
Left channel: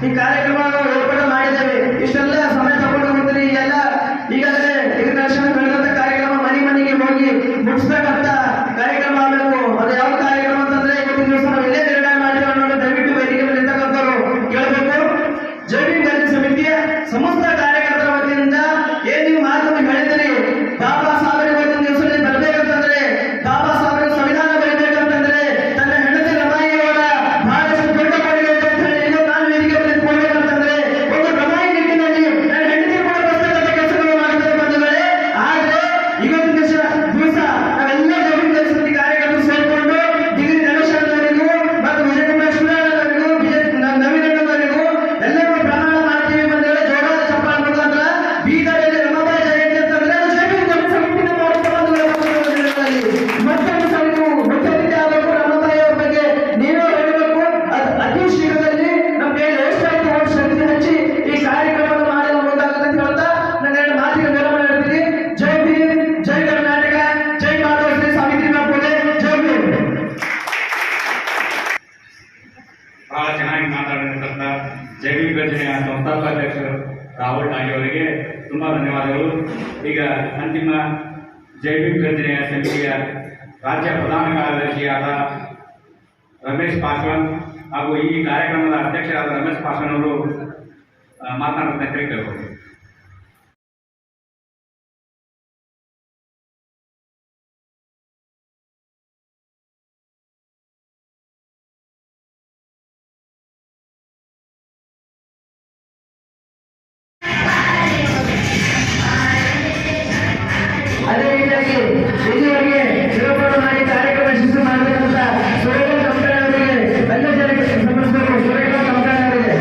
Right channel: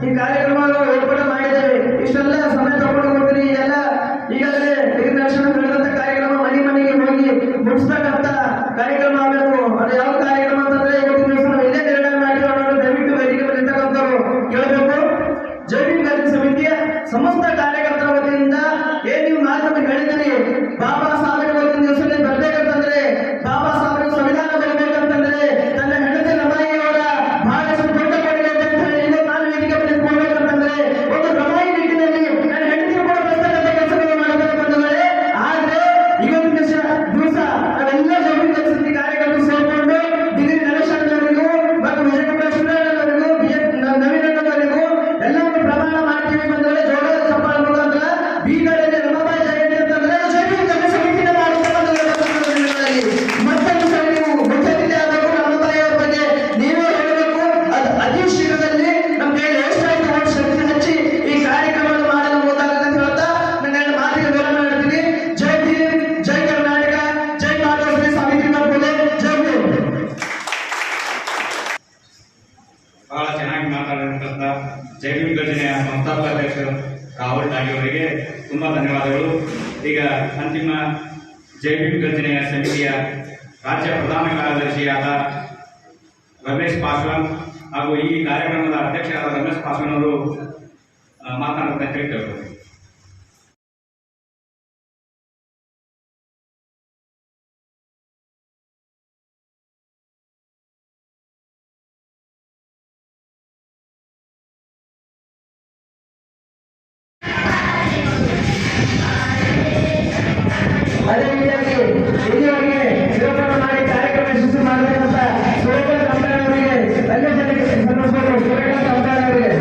ಈ ಕಾರ್ಯಕ್ರಮವನ್ನು ಏರ್ಪಾಡು ಮಾಡಿದ್ದೇವೆ. ಇಷ್ಟೆಲ್ಲ ಸಮಯ ತಗೊಂಡು ಹೋಗ್ತೀರಿ. ಎಲ್ಲ ಈಗಾಗಲೇ ಗಿರಿದರ್ಶನ ಬೆಳೆದಂತ ಕಾರ್ಯಕ್ರಮ ಮನೆಗೆ ಹೋಗಿ ಮುಗಿಸ್ಬೇಕಂತ ಕಾರ್ಯಕ್ರಮ ಆಗಬೇಕು. ಅದು ಯಾವ ಕಾರ್ಯಕ್ರಮ ಅಂತಂದ್ರೆ ಇವತ್ತಿನ ದಿವಸ ನಾವು ಎಲ್ಲೇ ನಿರ್ಣಯ ಮಾಡಿದ್ರು ಅನ್ನೋದು ದಯವಿಟ್ಟು ವೇದಿಕೆ ಮೇಲೆ ಇರ್ತಕ್ಕಂಥವ್ರು ಕೇಳಬೇಕು. ಜೈವಿಕ ಗರ್ಜಿ ಸಮಿತಿಯ ಸಮಸ್ತ ಕಾರ್ಯಕರ್ತರ ವತಿಯಿಂದ ಏನ್ ನೀವು ಮಾತನ್ನು ಹೇಳಿದ್ರಿ, ಬಾಬಾ ಸಾಹೇಬ್ ಇವತ್ತಿನ ದಿವಸದಲ್ಲಿ ಬರ್ಬೇಕಂತಂದ್ರೆ, ಬಾಬಾ ಸಾಹೇಬ್ ಸಂವಿಧಾನ ಬರೀಬೇಕಂತಂದ್ರೆ ನನ್ನ ಹೆಂಡತಿ ರಮಾಯಿಯವರ ಬಹಳಷ್ಟು ದೊಡ್ಡ ಕೊಡುಗೆ ಅಂತ ಹೇಳಿ ಇವತ್ತು ನಾನು ವೇದಿಕೆ ಮೇಲೆ ಕೊಡ್ಬೇಕಂತಂದ್ರೆ ಒಂದು ರಮಾಯಿ ನಿಟ್ಟಿನಲ್ಲಿ ನನ್ನ ಹೆಂಡತಿ ಕೂಡ ಬರ್ತಕ್ಕಂಥ ಕೆಲಸಗಳು ಮಾಡ್ತಾರೆ ಬಂಧುಗಳೇ. ಆದ್ರೆ ಇವತ್ತಿನ ದಿವಸ ನಾವೆಲ್ಲ ಜೈವಿಕ ಗರ್ಜಿ ಸಮಿತಿ ಕಾರ್ಯಕರ್ತರು ಸೇರ್ಕೊಂಡು ಡಿಗ್ರಿ ನರೇಶನವರಿಗೂ ಮತ್ತು ವಿಜಯಕುಮಾರ್ ಸುರೇಶನವರಿಗೂ ನವೀನವರಿಗೂ ಎಲ್ಲರೂ ಪ್ರಮಾಣ ಮಾಡ್ತೀವಿ ಬಂದರೆ ಜೋರಾದ ಚಪ್ಪಾಳೆ ಮುಖಾಂತರ ಬೀದರಲ್ಲಿ ರಮಾಬಾಯಿ ಜಯಂತಿ ಅಂತಂದ್ರೆ ಜೈವಿಕ ಗರ್ಜಿ ಸಮಿತಿನ ಮಾಡುತ್ತೆ ಬಂಧುಗಳಲ್ಲಿ. ಮತ್ತೊಂದು ಸಲ ನೀವು ಮುಖ್ಯ ಅತಿಥಿ ಆಗಬೇಕು, ರಮಾಬಾಯಿ ಅವರ ಬಗ್ಗೆ ನೀವೇ ಹೇಳಬೇಕು. ಅದು ಅತಿ ಶೀಘ್ರದಲ್ಲಿ ನಮ್ಮ ಕೈಯಲ್ಲಿ ಎಷ್ಟಾಯ್ತು ಅಷ್ಟು ಶಕ್ತಿ ಹಚ್ಚಿ ಈ ಕಾರ್ಯಕ್ರಮವನ್ನು ಮಾಡಲು ಮುಂದಾಗುತ್ತೆ ಅಂತ ಹೇಳ್ತಾ ನನ್ನ 2 ಮಾತಿಗೆ ವಿರಾಮ ಹೇಳ್ತೀನಿ. ಜೈ ಭೀಮ್, ಜೈ ಕರ್ನಾಟಕ, ಜೈ ಮಾತಾಶ್ರೀ ಸಾವಿತ್ರಿಬಾಯಿ ಫುಲೆ, ಜೈ ಭೀಮ್. ಬಹಳ ಚೆನ್ನಾಗಿ ಮಾತಾಡಿರ್ತಕ್ಕಂಥ ಜೈವಿಕ ಗರ್ಜನೆಯ ಸಂಸ್ಥಾಪಕ ಅಧ್ಯಕ್ಷರು ರಾಹುಲ್ ಟಾಗಿ ಅವರಿಗೆ ತುಂಬ ಧನ್ಯವಾದಗಳು. ಈಗ ಅಂತಿಮ ಜೈವಿಕ ಗರ್ಜನೆಯ ಸಮಿತಿಯ ರಾಜ್ಯ ಪ್ರಧಾನ ಕಾರ್ಯದರ್ಶಿಯಾದ ರಮೇಶ್ ಪಾಸ್ವಾನ್ ಹಾಗೂ ಈ ಕಾರ್ಯಕ್ರಮದ ಅಧ್ಯಕ್ಷರಾದ ರಮೇಶ್ ಪಾಸ್ವಾನ್ ಅವರು ಮಾತನಾಡುತ್ತಾ ಕೇಳ್ಬೋದು. ಅದೇ ರೀತಿಯಾಗಿ ಇಲ್ಲಿವರೆಗೆ ಶಿವಪುರ ಮಾಡಿ ಕಾರ್ಯಕ್ರಮ ಯಶಸ್ವಿ ಮಾಡಬೇಕಂತ ಸುರೇಖಾ ಕಂಪ್ಲೇಂಟ್ ಎಲ್ಲ ಜನಕ್ಕೆ ಸಮರ್ಪಿಸಬೇಕು. ಸುರೇಖಾ ಕಂಪ್ಲೇಂಟ್ ಅವರಿಗೆ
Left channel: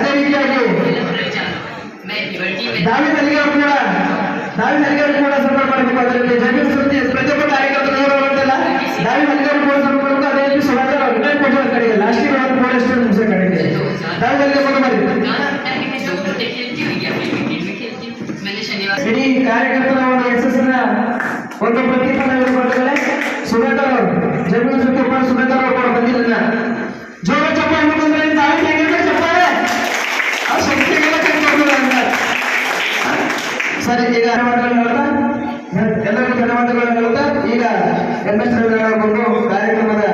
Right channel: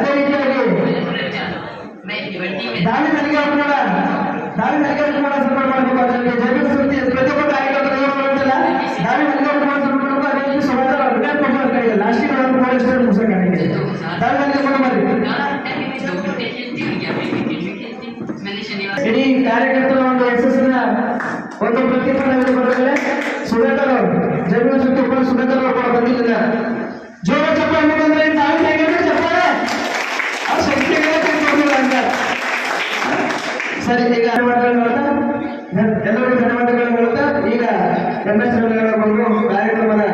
ಅದೇ ರೀತಿಯಾಗಿ ದಾಳಿ ನಲಿಗೆ ಕೂಡ ಸಪೋರ್ಟ್ ಮಾಡಬೇಕು. ಅದರಲ್ಲಿ ಜೈವಿಕ ಸುದ್ದಿ ಪ್ರತಿಯೊಬ್ಬ ಕಾರ್ಯಕರ್ತರು ಬರುತ್ತಲ್ಲ ದಾಳಿ ನಲಿಗೆ ಕೂಡ ಸಪೋರ್ಟ್ ಮಾಡಬೇಕು. ಅದೇ ರೀತಿ ಸುಧಾಕರ್ ಅಭಿನಯ ಕೊಡುವ ಕಡೆಗೆ ಲಾಸ್ಟಿಗೆ ಒಂದು ಕೂಡ ಎಷ್ಟು ಮುಗಿಸೋ ಕಡೆಗೆ ದಾಳಿ ನಲಿಗೆ ಕೂಡ ಮಾಡಿ. ಇಡೀ ಕಾರ್ಯಕರ್ತರ ಒಂದು ಯಶಸ್ಸಿನ ಒಂದು ಪ್ರತಿಫಲ ಬಂದರೆ ಸುಧಾಕರ್ ಅವರು ಜೈವಿಕ ಸುದ್ದಿ ಸುಧಾಕರ್ ಅವರು ಕೂಡ ಬಂದಿಲ್ಲ. ಜೋರ ಚಪ್ಪಾಳೆ ಬಂದ್ರೆ ದಾಳಿ ಹೇಗಿದ್ರೆ ಚಪ್ಪಾಳೆ ಆ ಶಕ್ತಿಗಳ ಅಂತ. ಸರಿ, ಈಗ ಧನ್ಯವಾದಗಳನ್ನು ಹೇಳ್ತಾ ಎಲ್ಲರಿಗೂ ಧನ್ಯವಾದಗಳನ್ನು ಹೇಳ್ತಾ ಈಗ ಬಂದು ಕಾರ್ಯಕ್ರಮದ